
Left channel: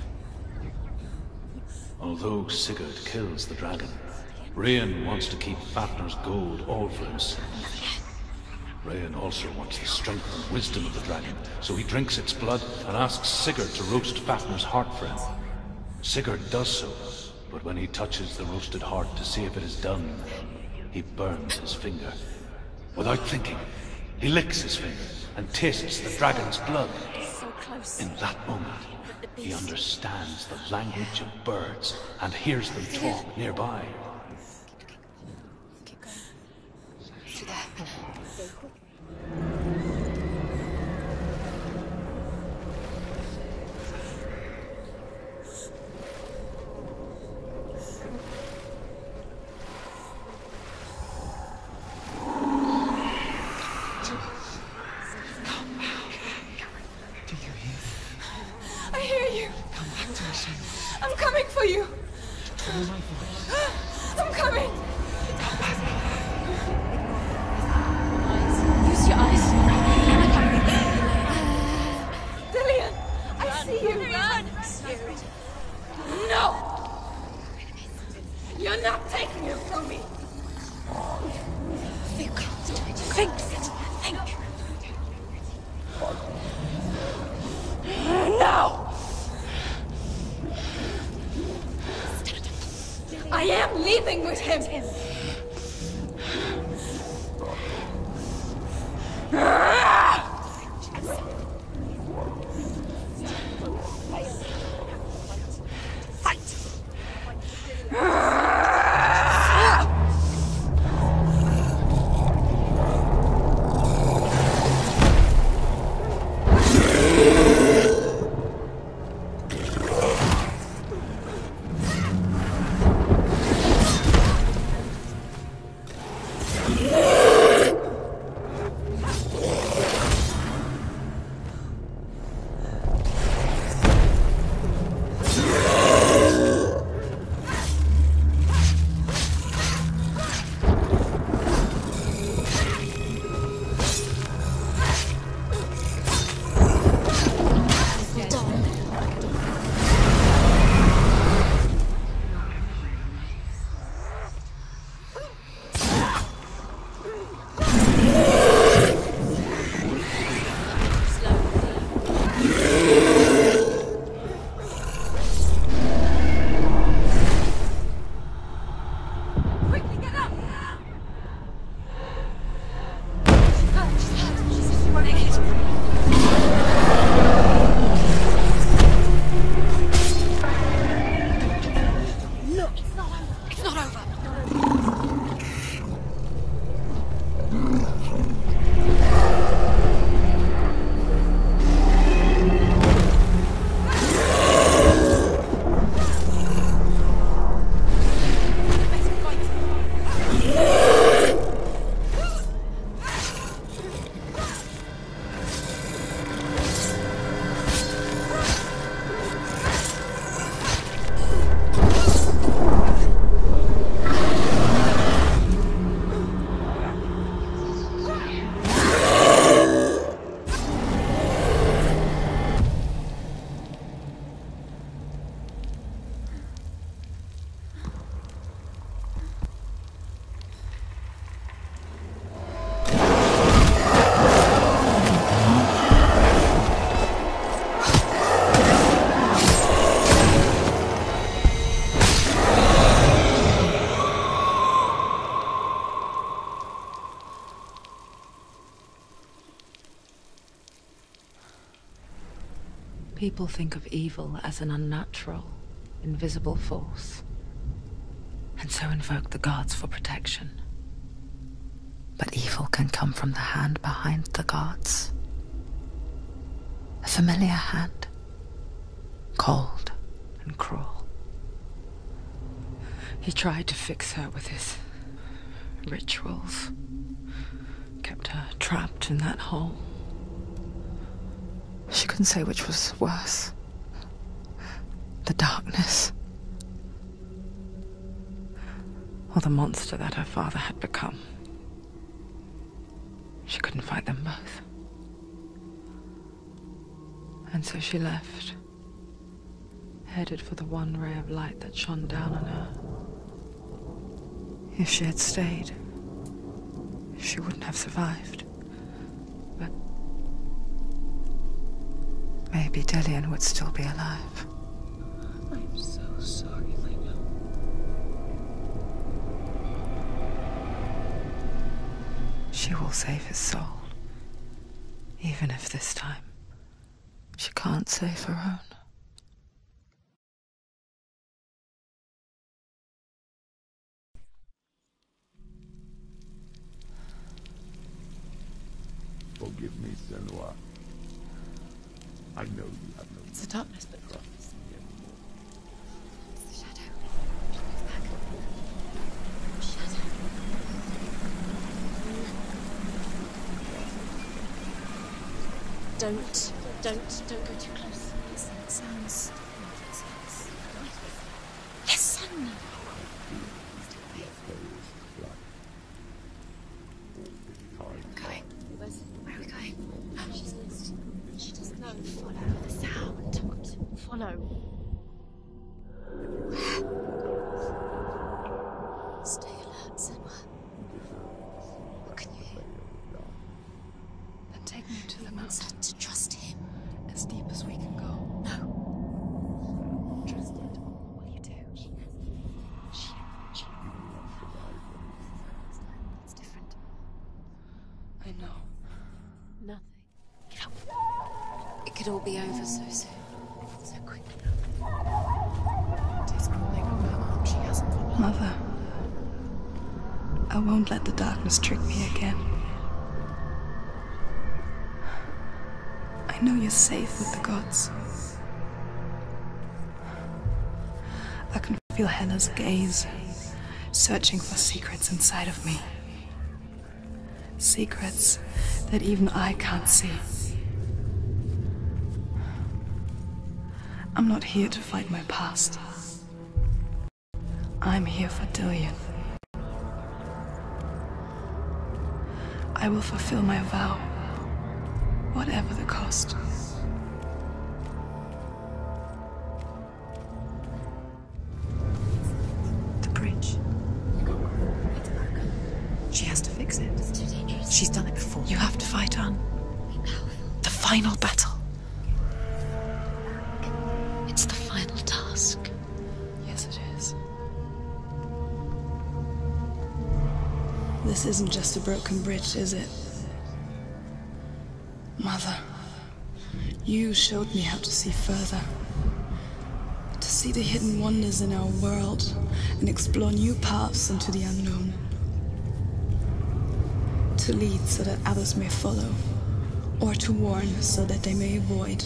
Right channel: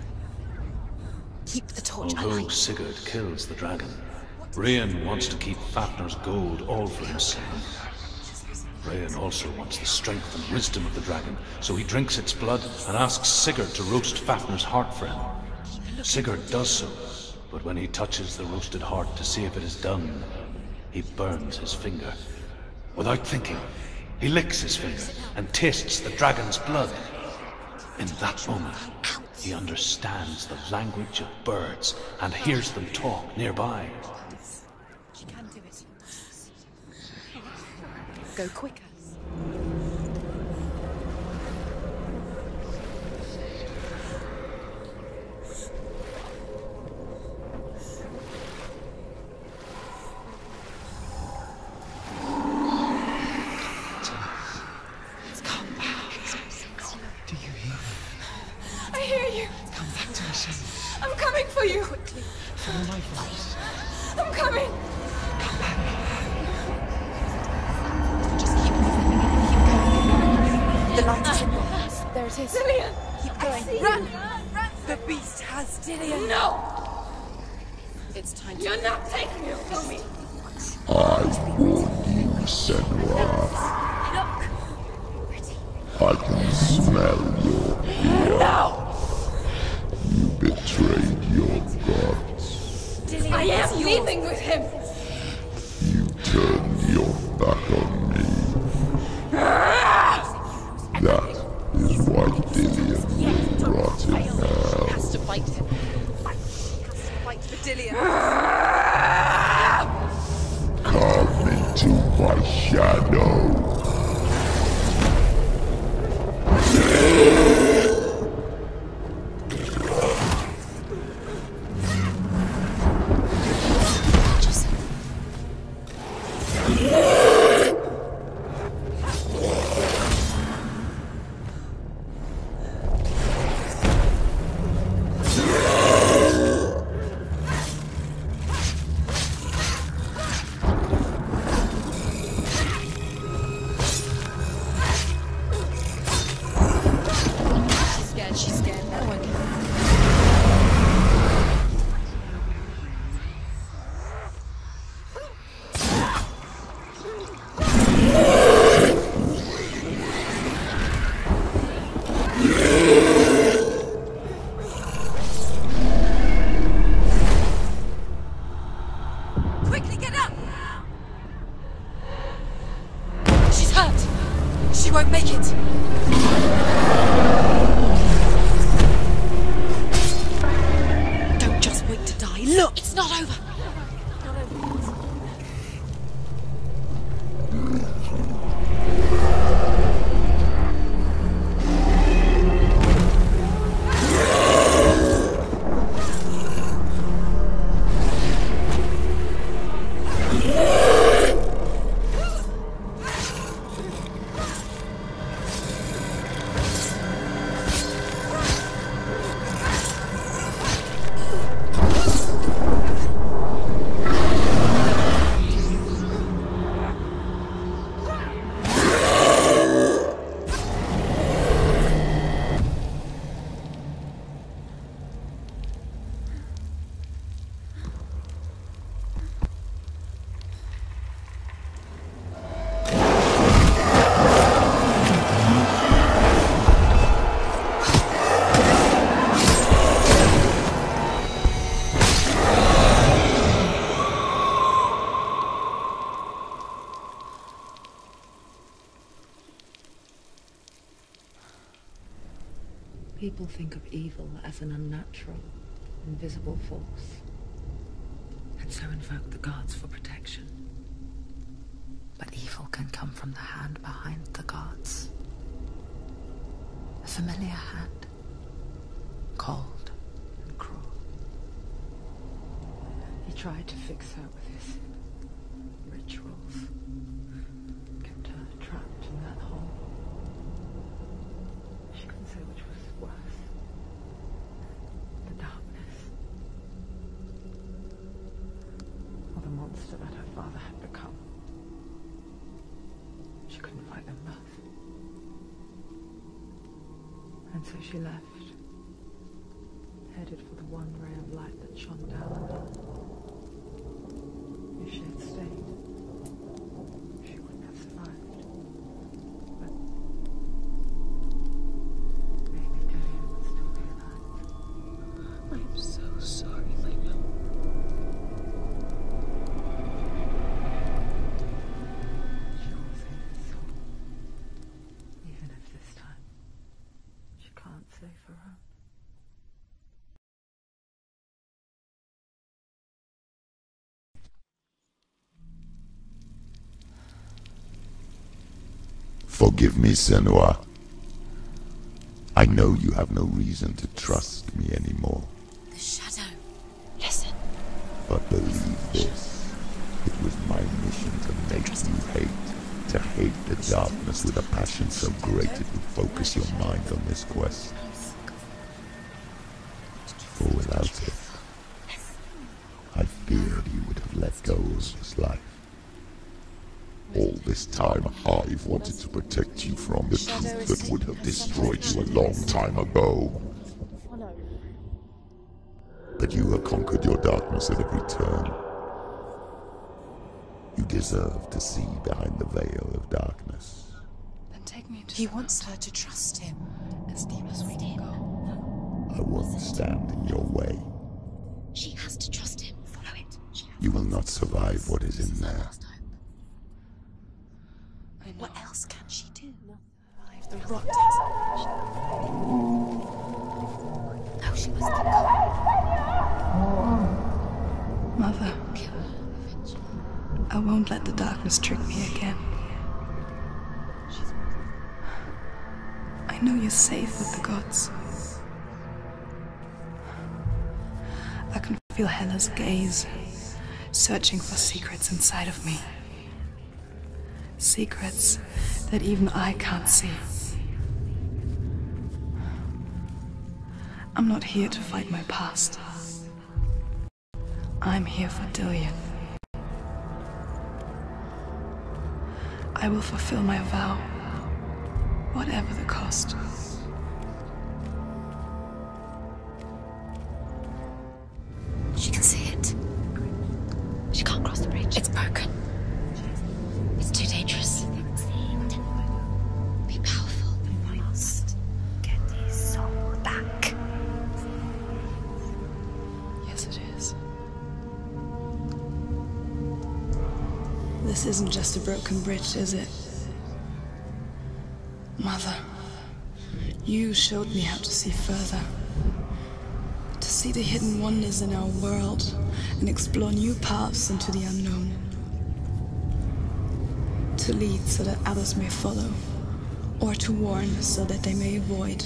Keep the torch. Although Sigurd kills the dragon, Rain wants to keep Fafnir's gold all for himself. Rain also wants the strength and wisdom of the dragon, so he drinks its blood and asks Sigurd to roast Fafnir's heart for him. Sigurd does so, but when he touches the roasted heart to see if it is done, he burns his finger. Without thinking, he licks his finger and tastes the dragon's blood. In that moment, he understands the language of birds and hears them talk nearby. Go quicker. Do you hear me? I hear you. Come back to me, Senua. I'm coming for you. Follow my voice. I'm coming. Come back. Dillian, I see you. The beast has Dillian. No! You're not taking him from me! I warn you, Senua. I can smell your... No! You betrayed your god. I am leaving with him! You turned your back on me. That is why Dillian will rot in hell. Has to fight. Fight! Fight for Dillian. Come into my shadow. People think of evil as an unnatural, invisible force, and so invoke the gods for protection. But evil can come from the hand behind the gods. A familiar hand, cold and cruel. He tried to fix her with his rituals, kept her trapped in that hole. She couldn't say which was worse. The darkness, or the monster that her father had become. She couldn't fight them both. And so she left, headed for the one ray of light that shone down on her. If she had stayed, she wouldn't have survived. But maybe Dillian would still be alive. I'm so sorry, my love. She will save his soul, even if this time she can't save her own. Forgive me, Senua. I know you have no reason to trust me anymore. The shadow. Listen. But believe this, it was my mission to make you hate the darkness with a passion so great it would focus your mind on this quest. Or without it, I fear you would have let go of this life. All this time, I've wanted to protect you from the truth that would have destroyed you a long time ago. Follow. But you have conquered your darkness at every turn. Stay alert, Senua. You deserve to see behind the veil of darkness. But Take me to He wants her to trust him. as deep as we can go. No. I won't stand in your way. She has to trust him. You will not survive what is in there. I know. What else can she do? Nothing. The rot takes. It could all be over so soon. So quick. No, she was the Mother, I won't let the darkness trick me again. I know you're safe with the gods. I can feel Hela's gaze, searching for secrets inside of me. Secrets that even I can't see. I'm not here to fight my past. I'm here for Dillion. I will fulfill my vow, whatever the cost. She can see it. The bridge. She can't cross the bridge. It's broken. She has to fix it. It's too dangerous. She's done it before. You have to fight on. Be powerful. The final battle. Get his soul back. It's the final task. Yes, it is. This isn't just a broken bridge, is it? Mother, you showed me how to see further. To see the hidden wonders in our world and explore new paths into the unknown. To lead so that others may follow, or to warn so that they may avoid.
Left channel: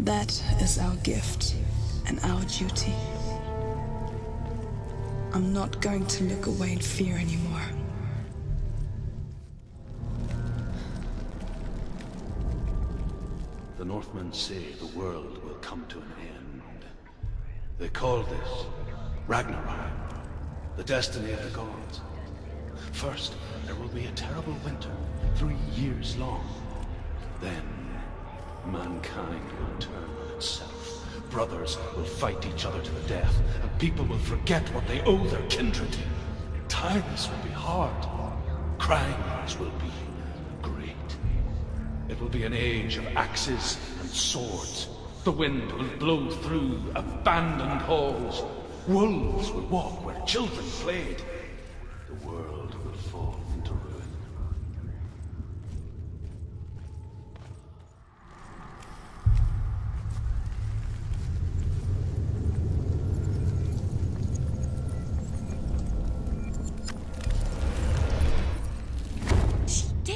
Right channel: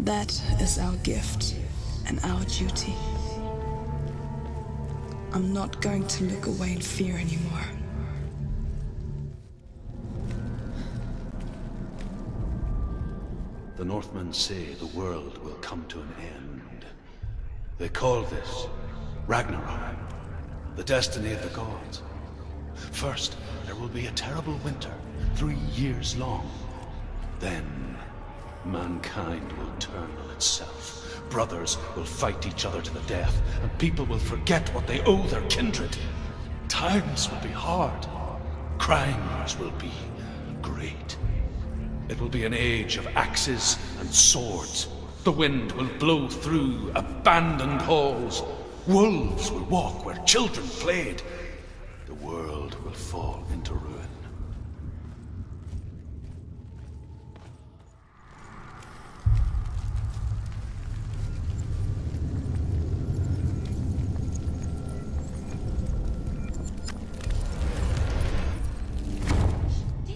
That is our gift and our duty. I'm not going to look away in fear anymore. The Northmen say the world will come to an end. They call this Ragnarok, the destiny of the gods. First, there will be a terrible winter, 3 years long. Then, mankind will turn on itself. Brothers will fight each other to the death, and people will forget what they owe their kindred. Times will be hard. Crimes will be great. It will be an age of axes and swords. The wind will blow through abandoned halls. Wolves will walk where children played. The world will fall into ruin.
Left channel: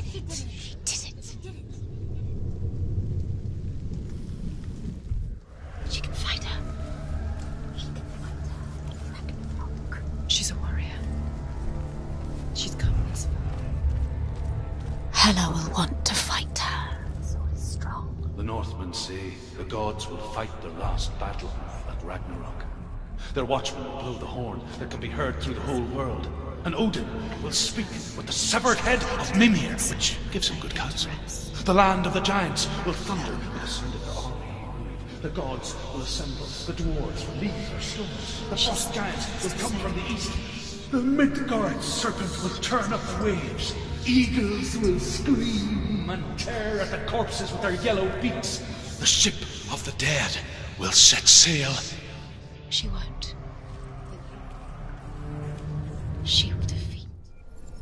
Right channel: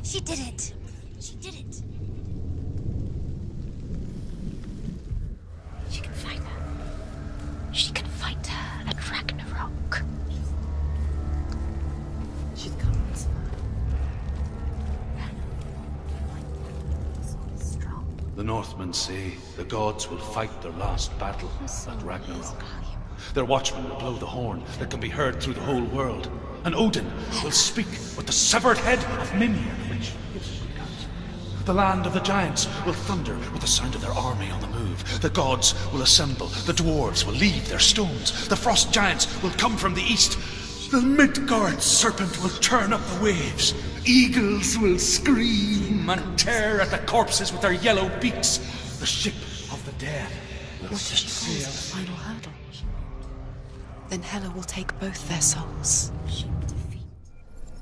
She did it. She did it. She did it. She can fight her. She can fight her at Ragnarok. She's a warrior. She's come this far. Hela will want to fight her. Strong. The Northmen say the gods will fight their last battle at Ragnarok. Their watchmen will blow the horn that can be heard through the whole world. And Odin will speak with the severed head of Mimi, which gives him good counsel. The land of the giants will thunder with the sound of their army on the move. The gods will assemble. The dwarves will leave their stones. The frost giants will come from the east. The Midgard serpent will turn up the waves. Eagles will scream and tear at the corpses with their yellow beaks. The ship of the dead will set sail. Final hurdle. She won't. Then Hela will take both their souls. She will defeat.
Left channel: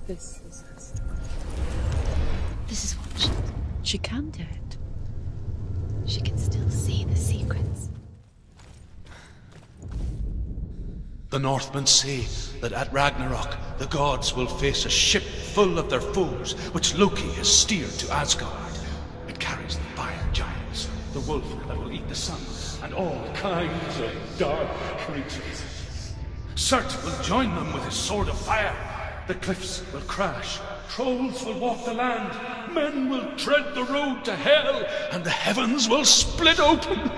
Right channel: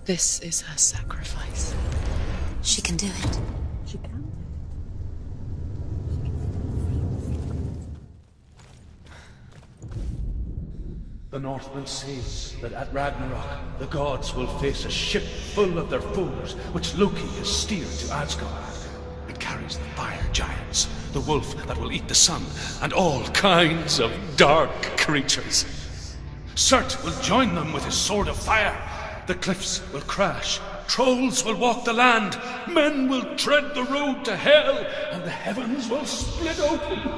This is her sacrifice. She can do it. She can do it. She can still see the secrets. The Northmen say that at Ragnarok, the gods will face a ship full of their foes, which Loki has steered to Asgard. It carries the fire giants, the wolf that will eat the sun, and all kinds of dark creatures. Surt will join them with his sword of fire. The cliffs will crash. Trolls will walk the land. Men will tread the road to hell, and the heavens will split open.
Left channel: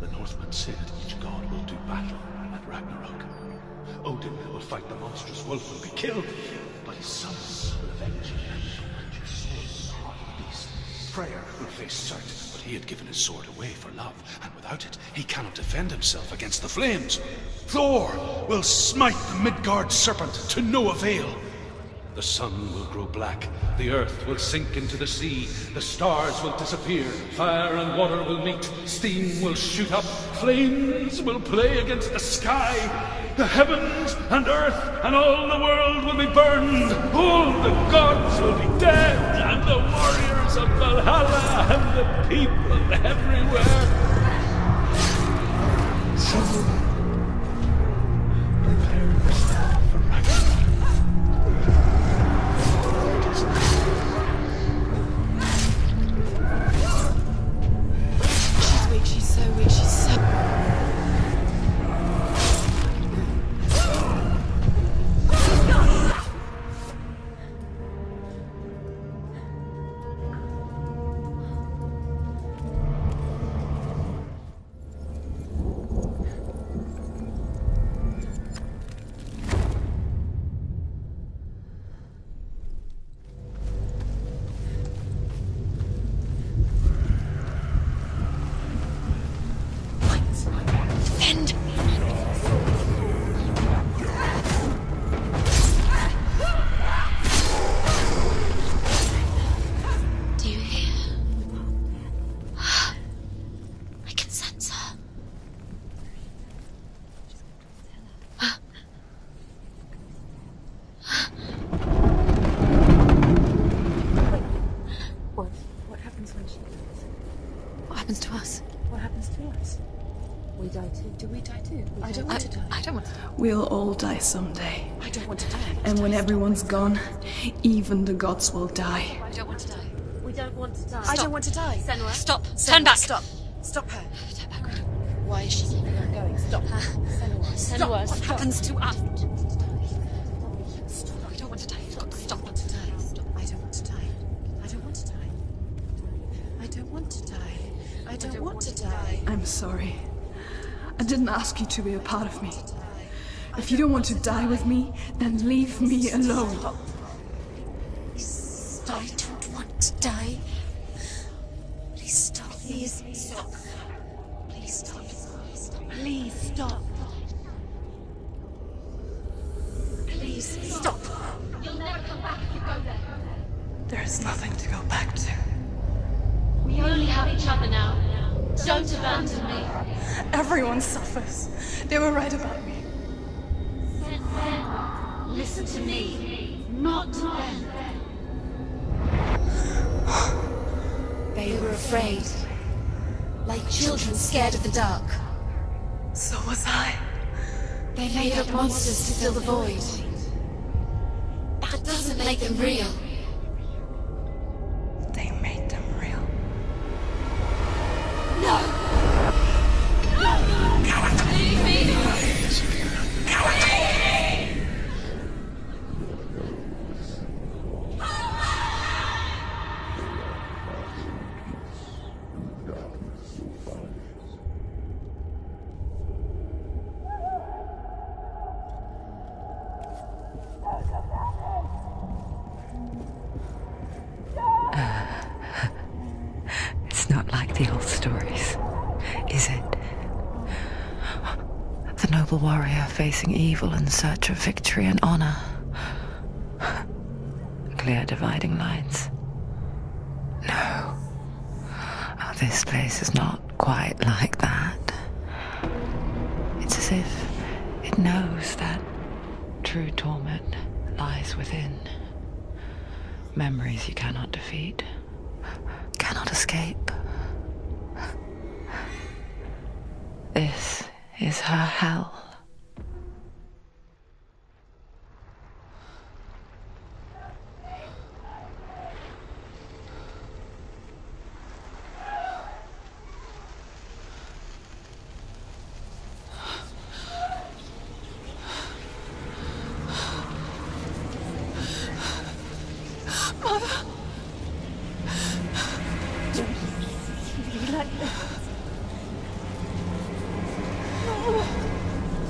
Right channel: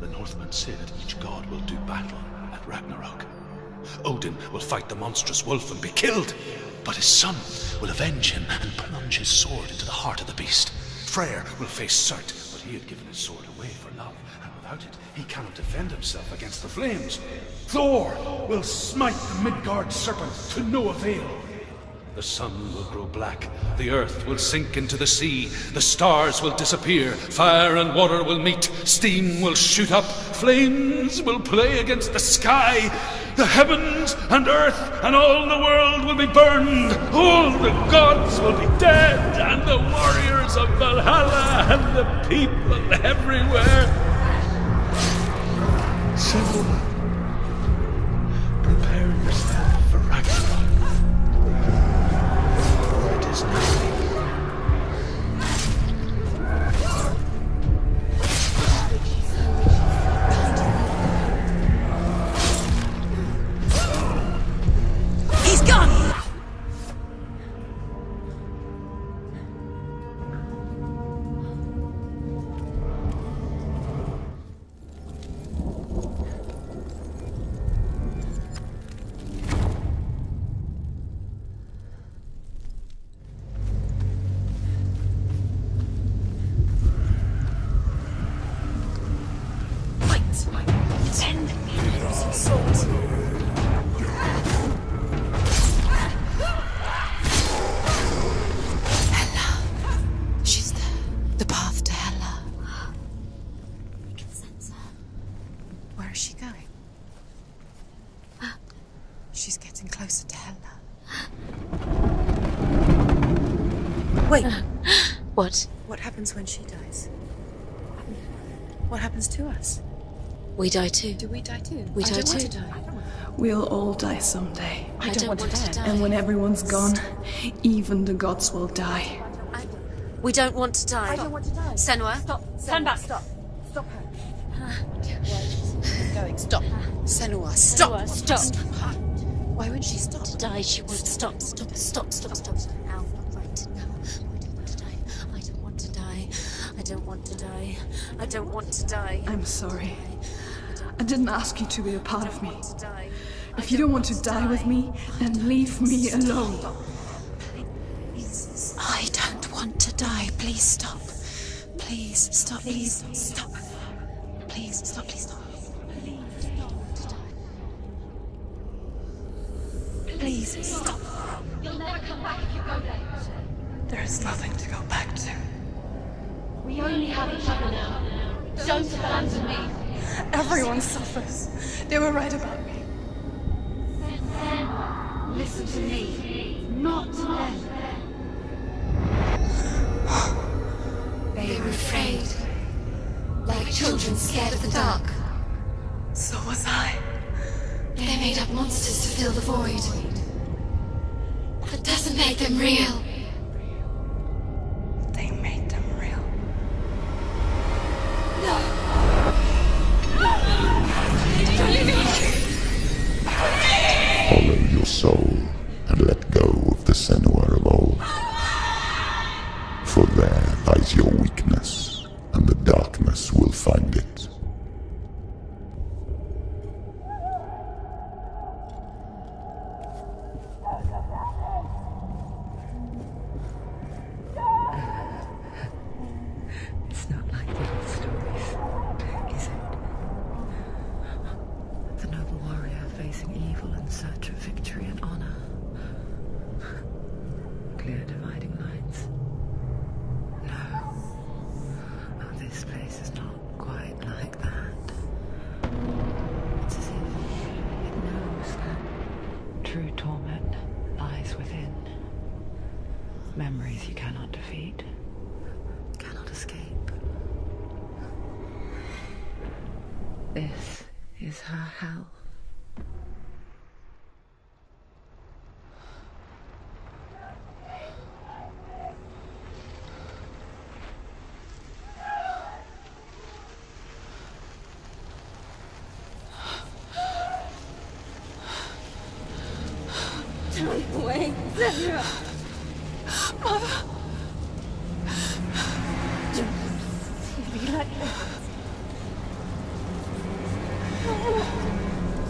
The Northmen say that each god will do battle at Ragnarok. Odin will fight the monstrous wolf and be killed, but his son will avenge him and plunge his sword into the heart of the beast. Freyr will face Surt, but he had given his sword away for love, and without it, he cannot defend himself against the flames. Thor will smite the Midgard serpent to no avail. The sun will grow black, the earth will sink into the sea, the stars will disappear, fire and water will meet, steam will shoot up, flames will play against the sky, the heavens and earth and all the world will be burned, all the gods will be dead, and the warriors of Valhalla and the people everywhere. So, prepare yourself for Ragnarok. She's so weak, she's so bad. He's gone! We die too. Do we die too? We die too. I don't want to die. We'll all die someday. I don't want to die. And when everyone's gone, even the gods will die. I don't want to die. We don't want to die. I don't want to die. Senua, stop. Turn back. Stop. Stop her. Why is she going? Stop. Senua, stop. Senua, stop. Stop. Why won't she stop? To die, she would stop. Stop. Stop. I don't want to die. I don't want to die. I don't want to die. I'm sorry. I didn't ask you to be a part of me. If you don't want to die with me, then leave me alone. I don't want to die. Please stop. Please stop. Please stop. Please stop. Please stop. Please stop. Please stop. You'll never come back if you go there. There is nothing to go back to. We only have each other now. Don't abandon me. Everyone suffers. They were right about me. Listen to me, not them. They were afraid. Like children scared of the dark. So was I. They made up monsters to fill the void. That doesn't make them real. They made them real. No! Follow your soul and let go of the Senua of old. For there lies your weakness, and the darkness will find it. It's not like the old stories, is it? The noble warrior facing evil in search of victory and honor. Clear dividing lines. No. Oh, this place is not quite like that. It's as if it knows that true torment lies within. Memories you cannot defeat, cannot escape. This is her hell. Don't wait, Senua. Mother! Don't see me like this.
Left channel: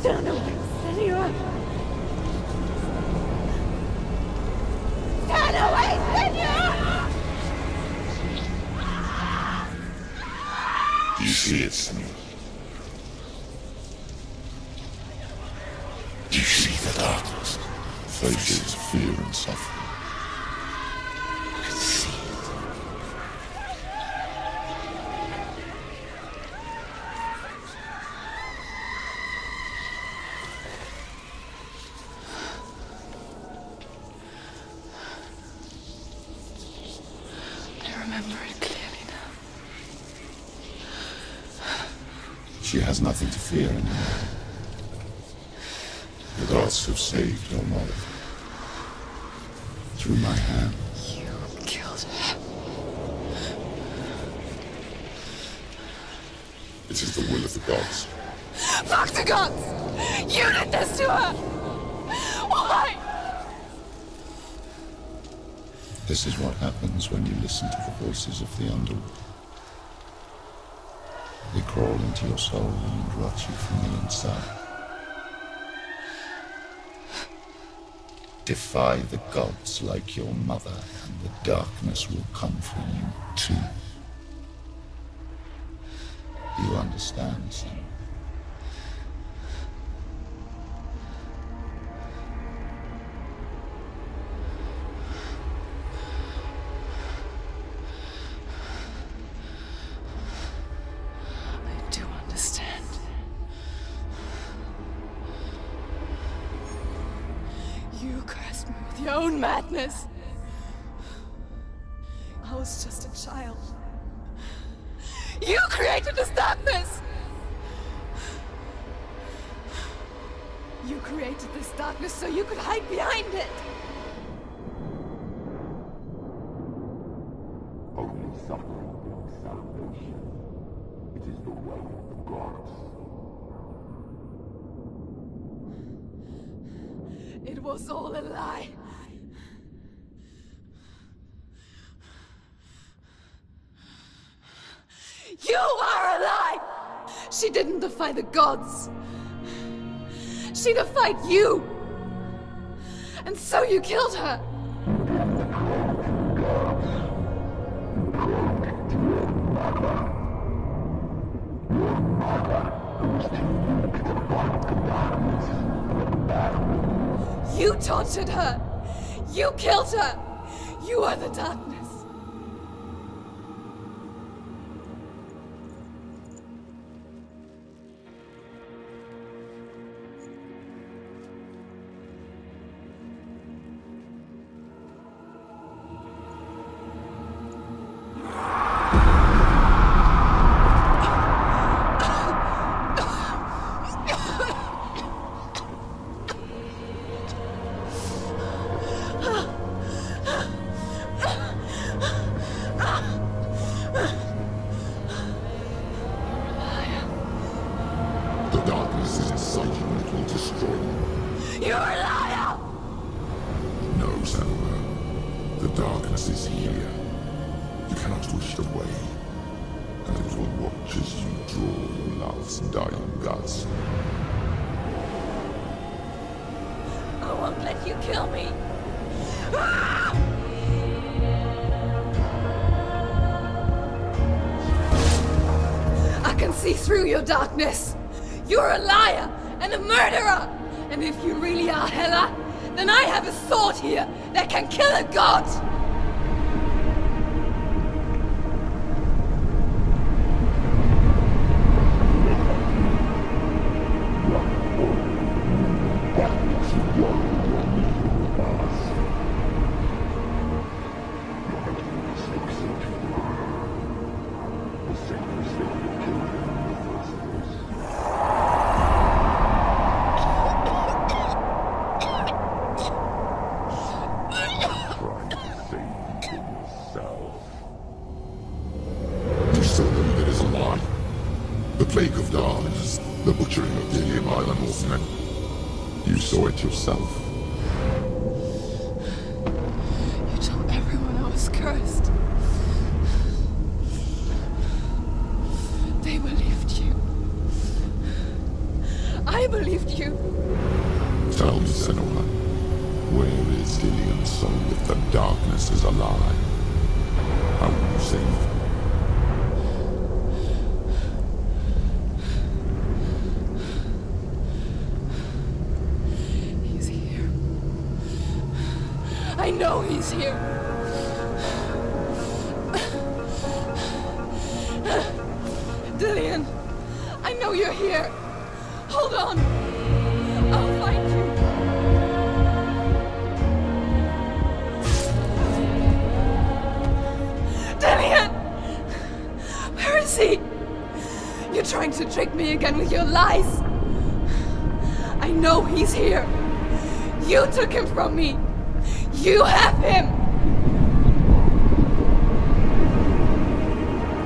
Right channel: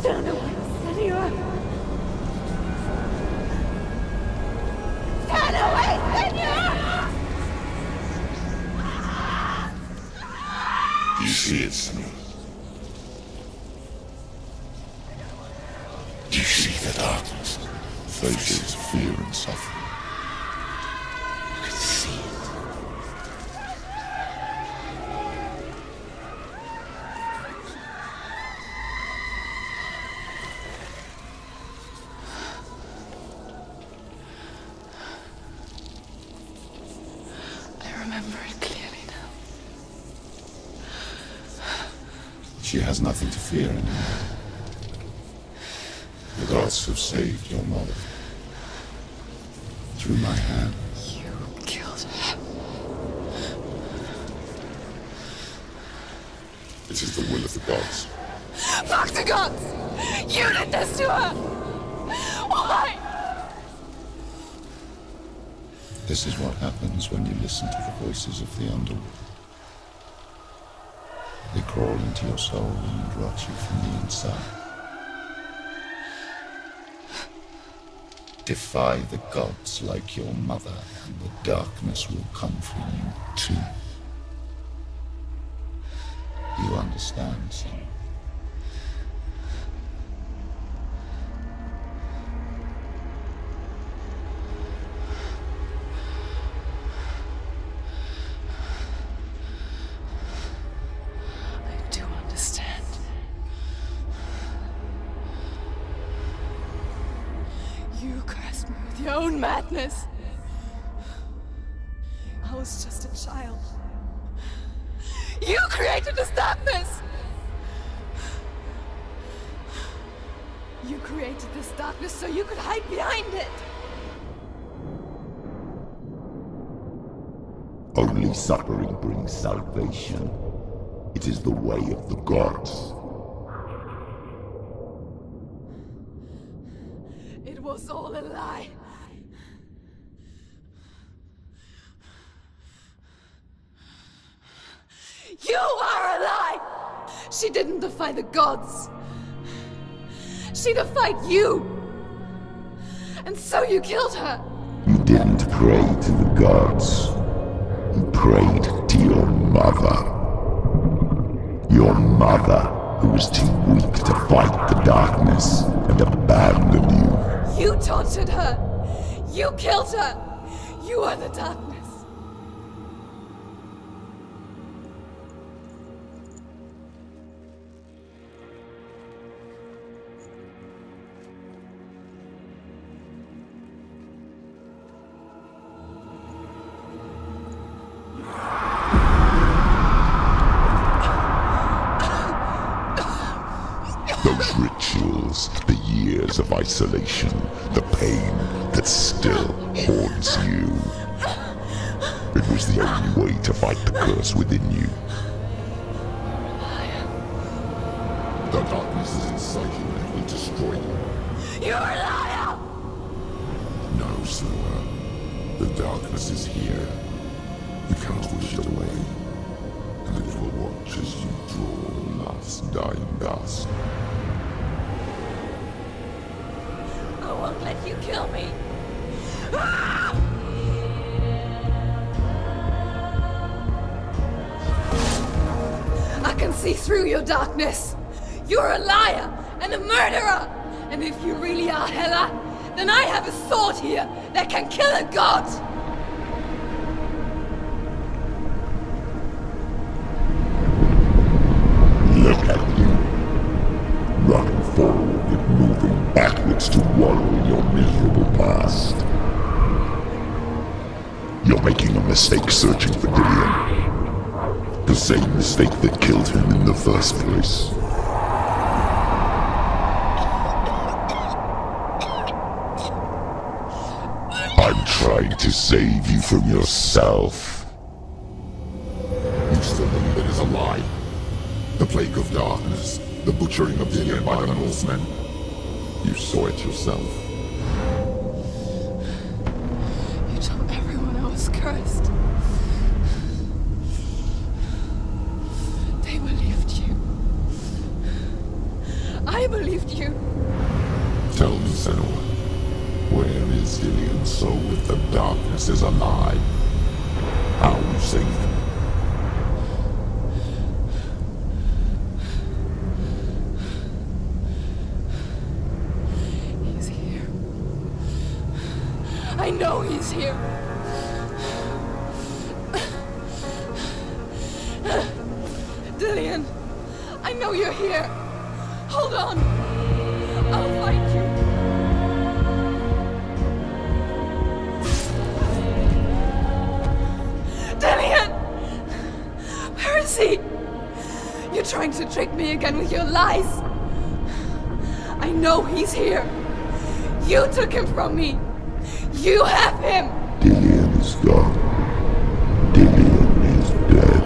Turn away, Senua! Turn away, Senua! see it, Senua? Do you see the darkness? Faces fear and suffering. You can see it. I remember it clearly now. She has nothing to fear anymore. The gods have saved your mother. Through my hand. You killed her. It is the will of the gods. Fuck the gods! You did this to her! Why? This is what happens when you listen to the voices of the underworld. They crawl into your soul and rot you from the inside. Defy the gods like your mother, and the darkness will come for you too. You understand, Senua? I do understand. You cursed me with your own madness. I was just a child. You created this darkness! You created this darkness so you could hide behind it! Only suffering brings salvation. It is the way of the gods. It was all a lie. You are a lie! She didn't defy the gods. She defied you! And so you killed her! You didn't pray to the gods. You prayed to your mother. Your mother, who was too weak to fight the darkness and abandoned you. You tortured her! You killed her! You are the darkness! Those rituals, the years of isolation, the pain that still haunts you. It was the only way to fight the curse within you. You're a liar. The darkness is inside you, let me destroy you. You're a liar! No, Senua. The darkness is here. You cannot wish it away. And it will watch as you draw the last dying gasp. I won't let you kill me! I can see through your darkness! You're a liar and a murderer! And if you really are Hela, then I have a sword here that can kill a god! Look at you. Running forward and moving backwards to wallow your miserable past. You're making a mistake searching for Dillion. The same mistake that killed him in the first place. I'm trying to save you from yourself. You still believe it is a lie? The plague of darkness, the butchering of Dillion by the Northmen. You saw it yourself. You told everyone I was cursed. They believed you. I believed you. Tell me, Senua, where is Dillion's soul if the darkness is alive? How will you save him? I know he's here. Dillian, I know you're here. Hold on. I'll find you. Dillian! Where is he? You're trying to trick me again with your lies. I know he's here. You took him from me. You have him. Dillian is gone. Dillian is dead.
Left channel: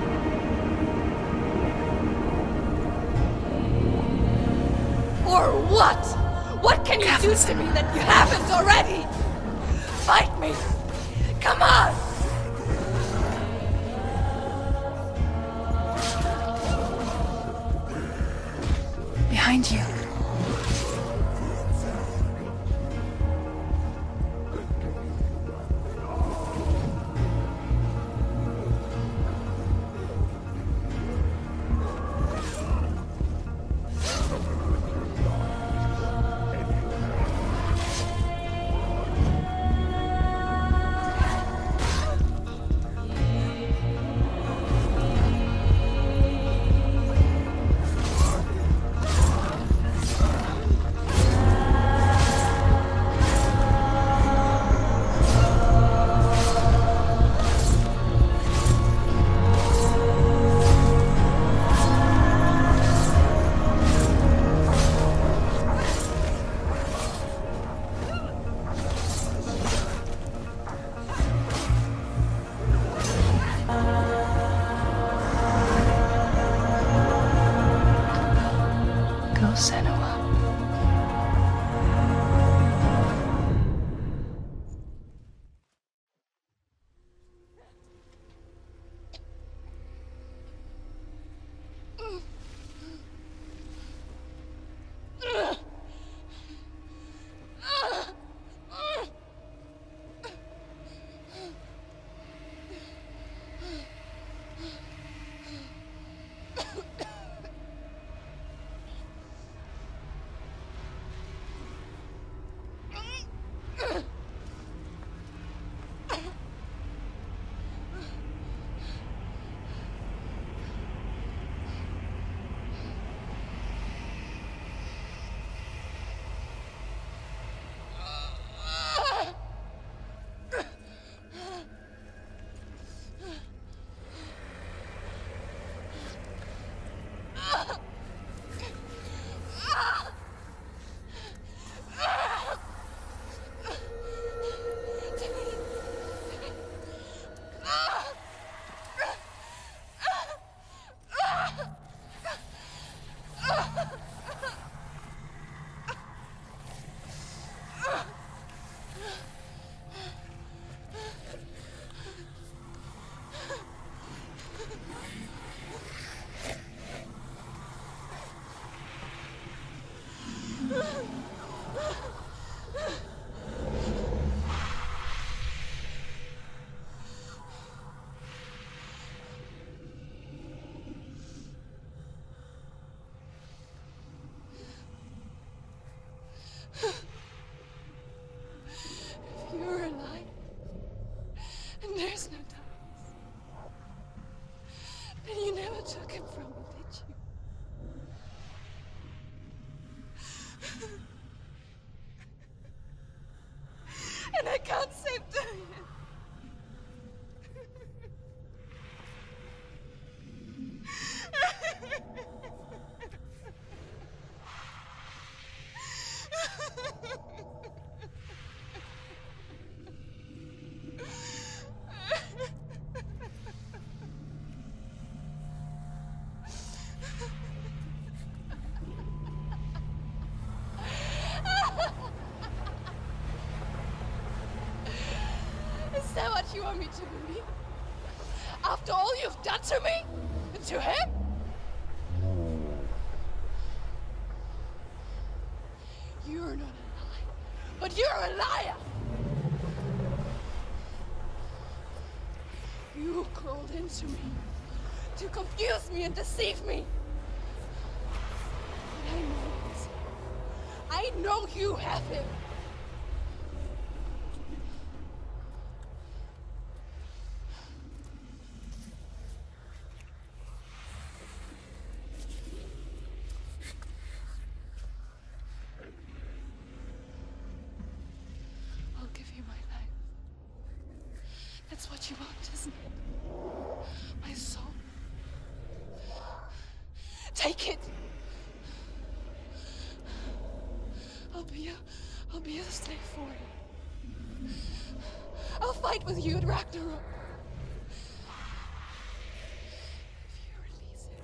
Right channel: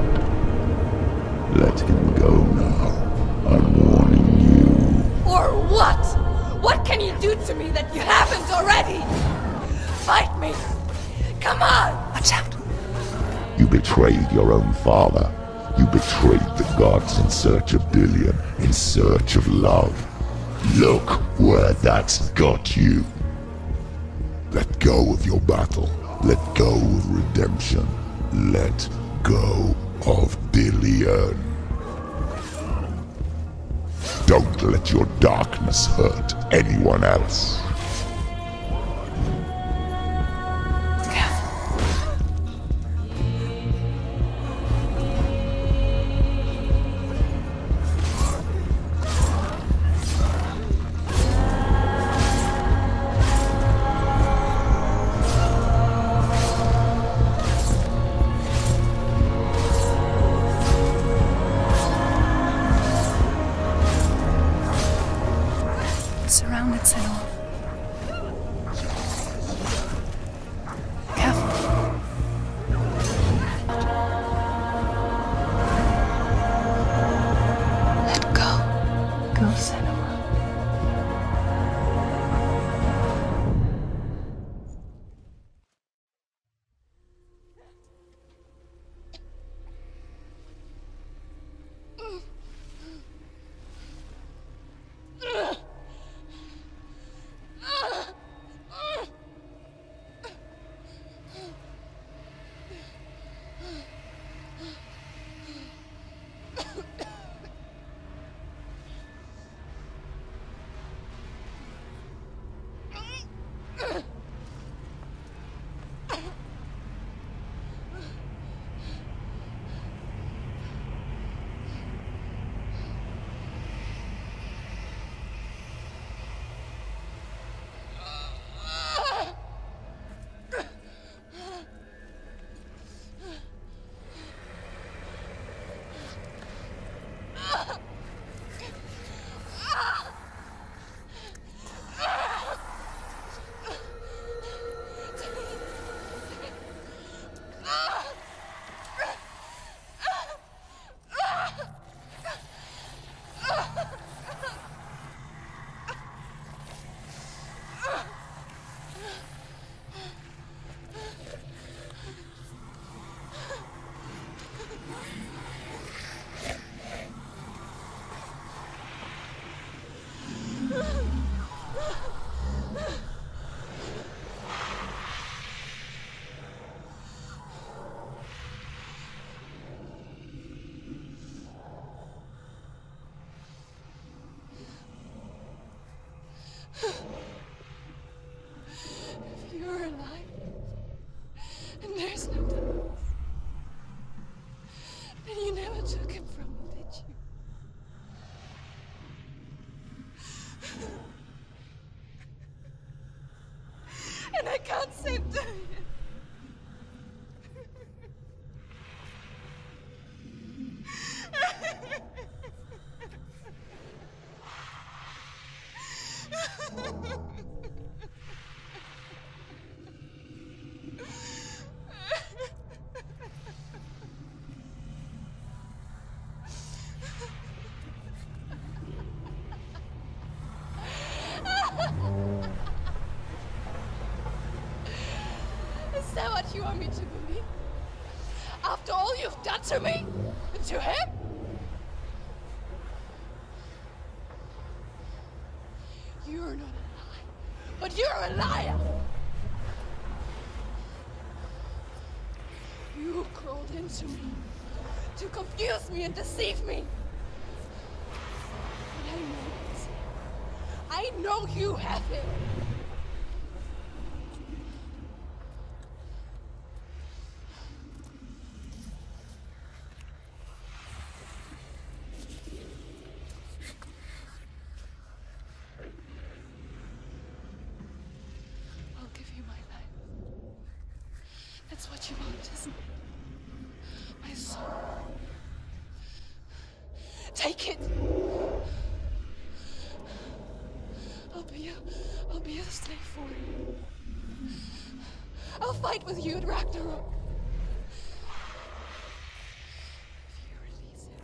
Let him go now. I'm warning you. Or what? What can you do to me that you haven't already? Fight me. Come on. Watch out. You betrayed your own father. You betrayed the gods in search of Dillian, in search of love. Look where that's got you. Let go of your battle. Let go of redemption. Let go of Dillian. Don't let your darkness hurt anyone else. Go, Senua. If you're alive, and there's no darkness, then you never took him from me, did you? And I can't save Dillian. Is that what you want me to believe? After all you've done to me? And to him? You're not a lie, but you're a liar! You crawled into me to confuse me and deceive me. But I know he's here. I know you have him. What isn't it? My soul. Take it! I'll be a slave for you. I'll fight with you at Ragnarok. If you release it.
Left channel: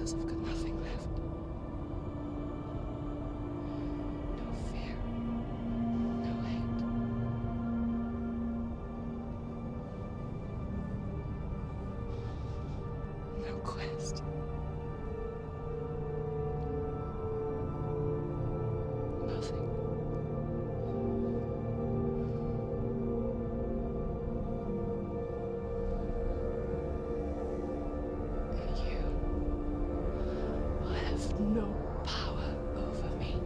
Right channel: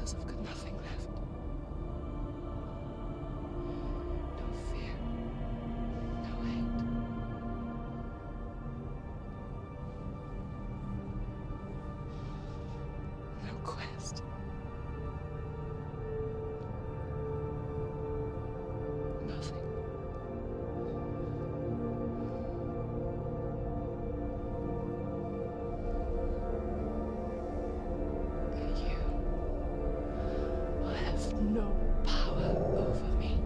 I've got nothing left. No fear. No hate. No quest. Nothing. No power over me.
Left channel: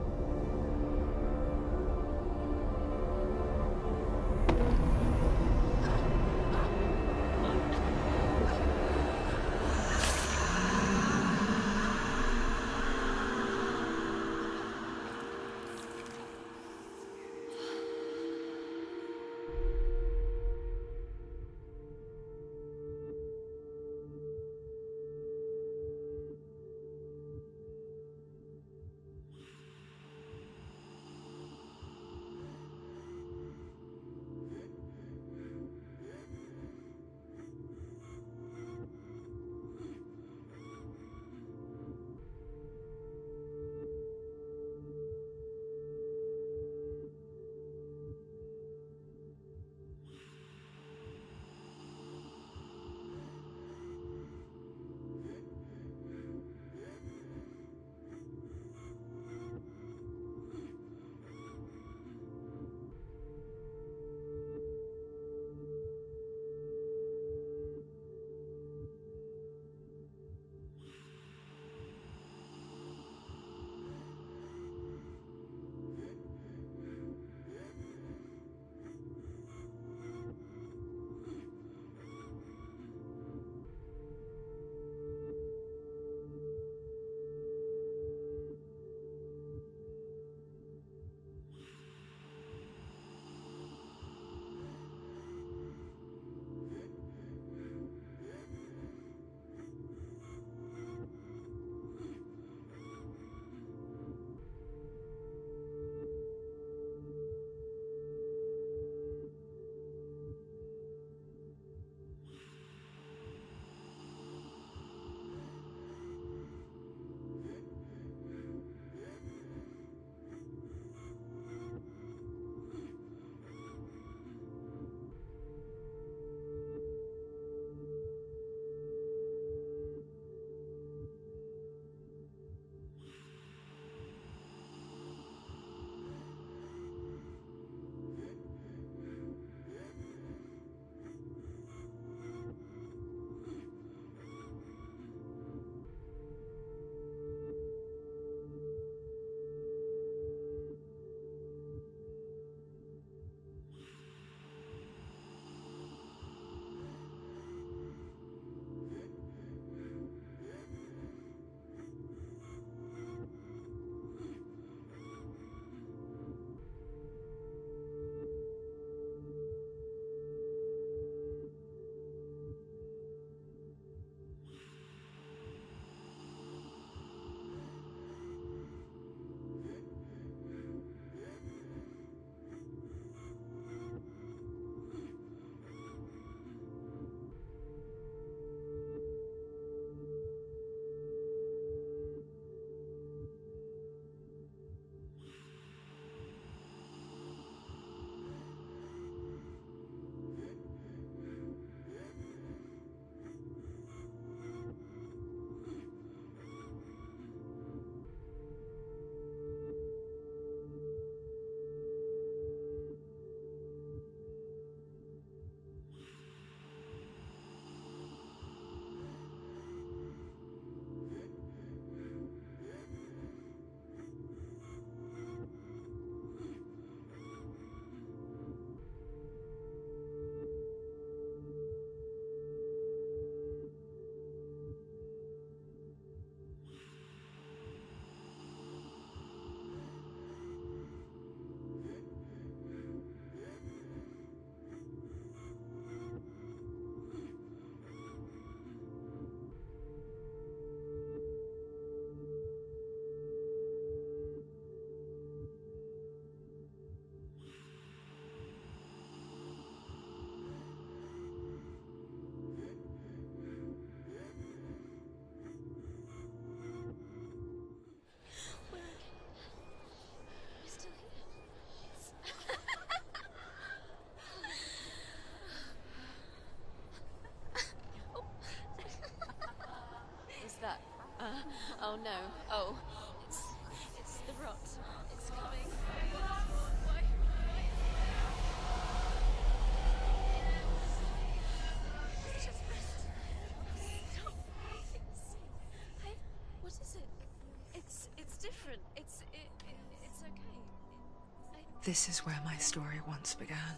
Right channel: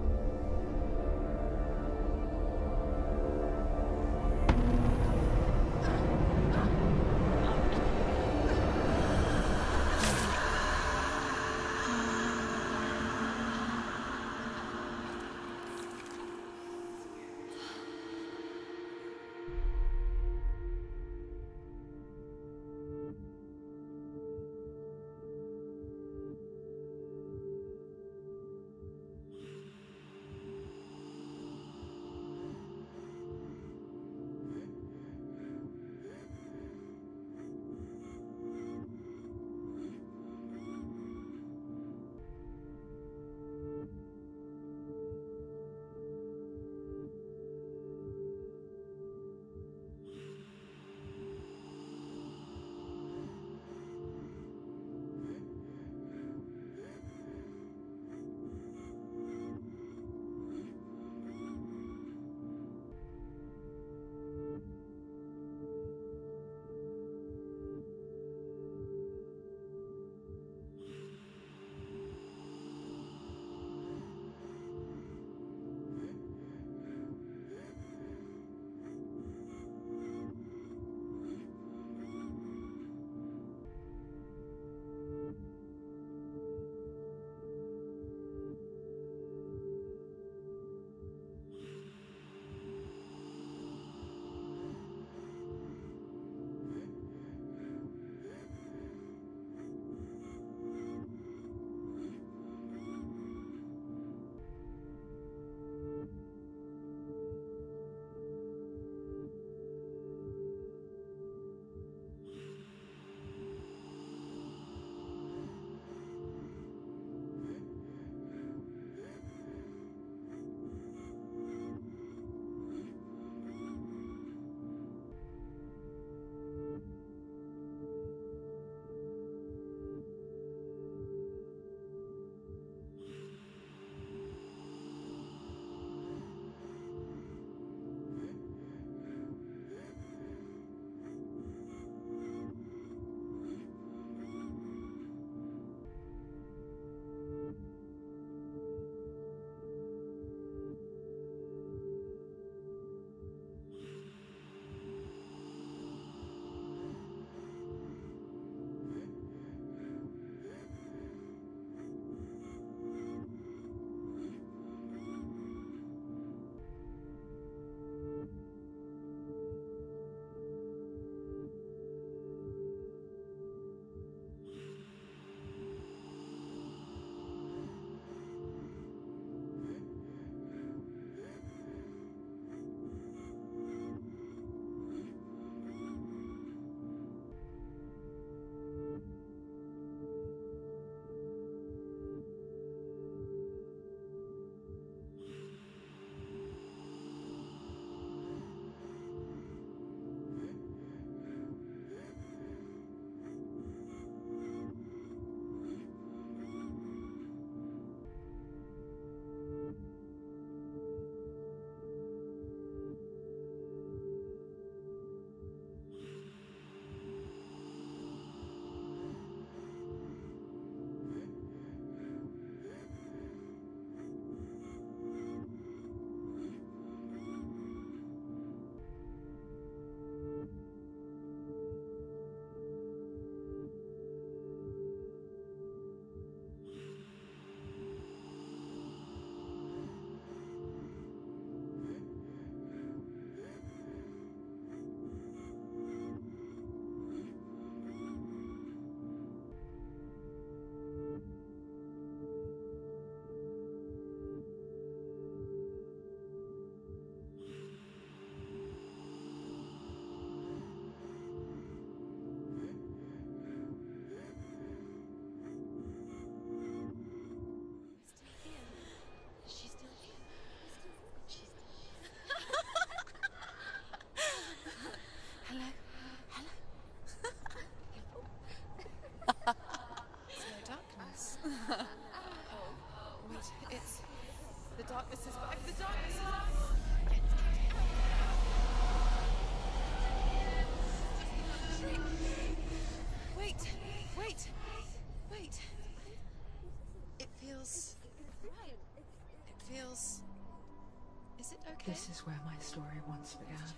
This is where my story once began.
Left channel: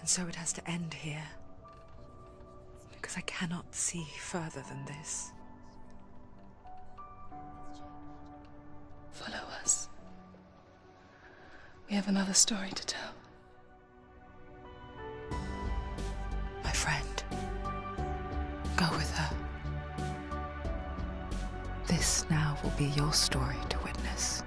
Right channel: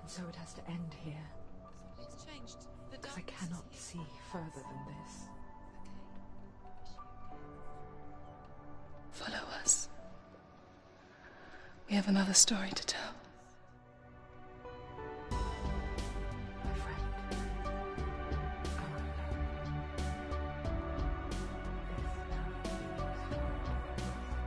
And so it has to end here. Because I cannot see further than this. Follow us. We have another story to tell. My friend, go with her. This now will be your story to witness.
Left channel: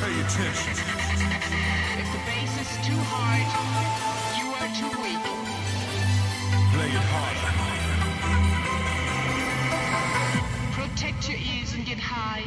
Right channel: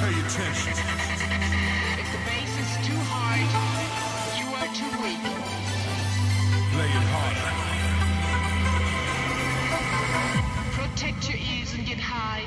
Pay attention. If the bass is too hard, you are too weak. Play it harder. Protect your ears and get high.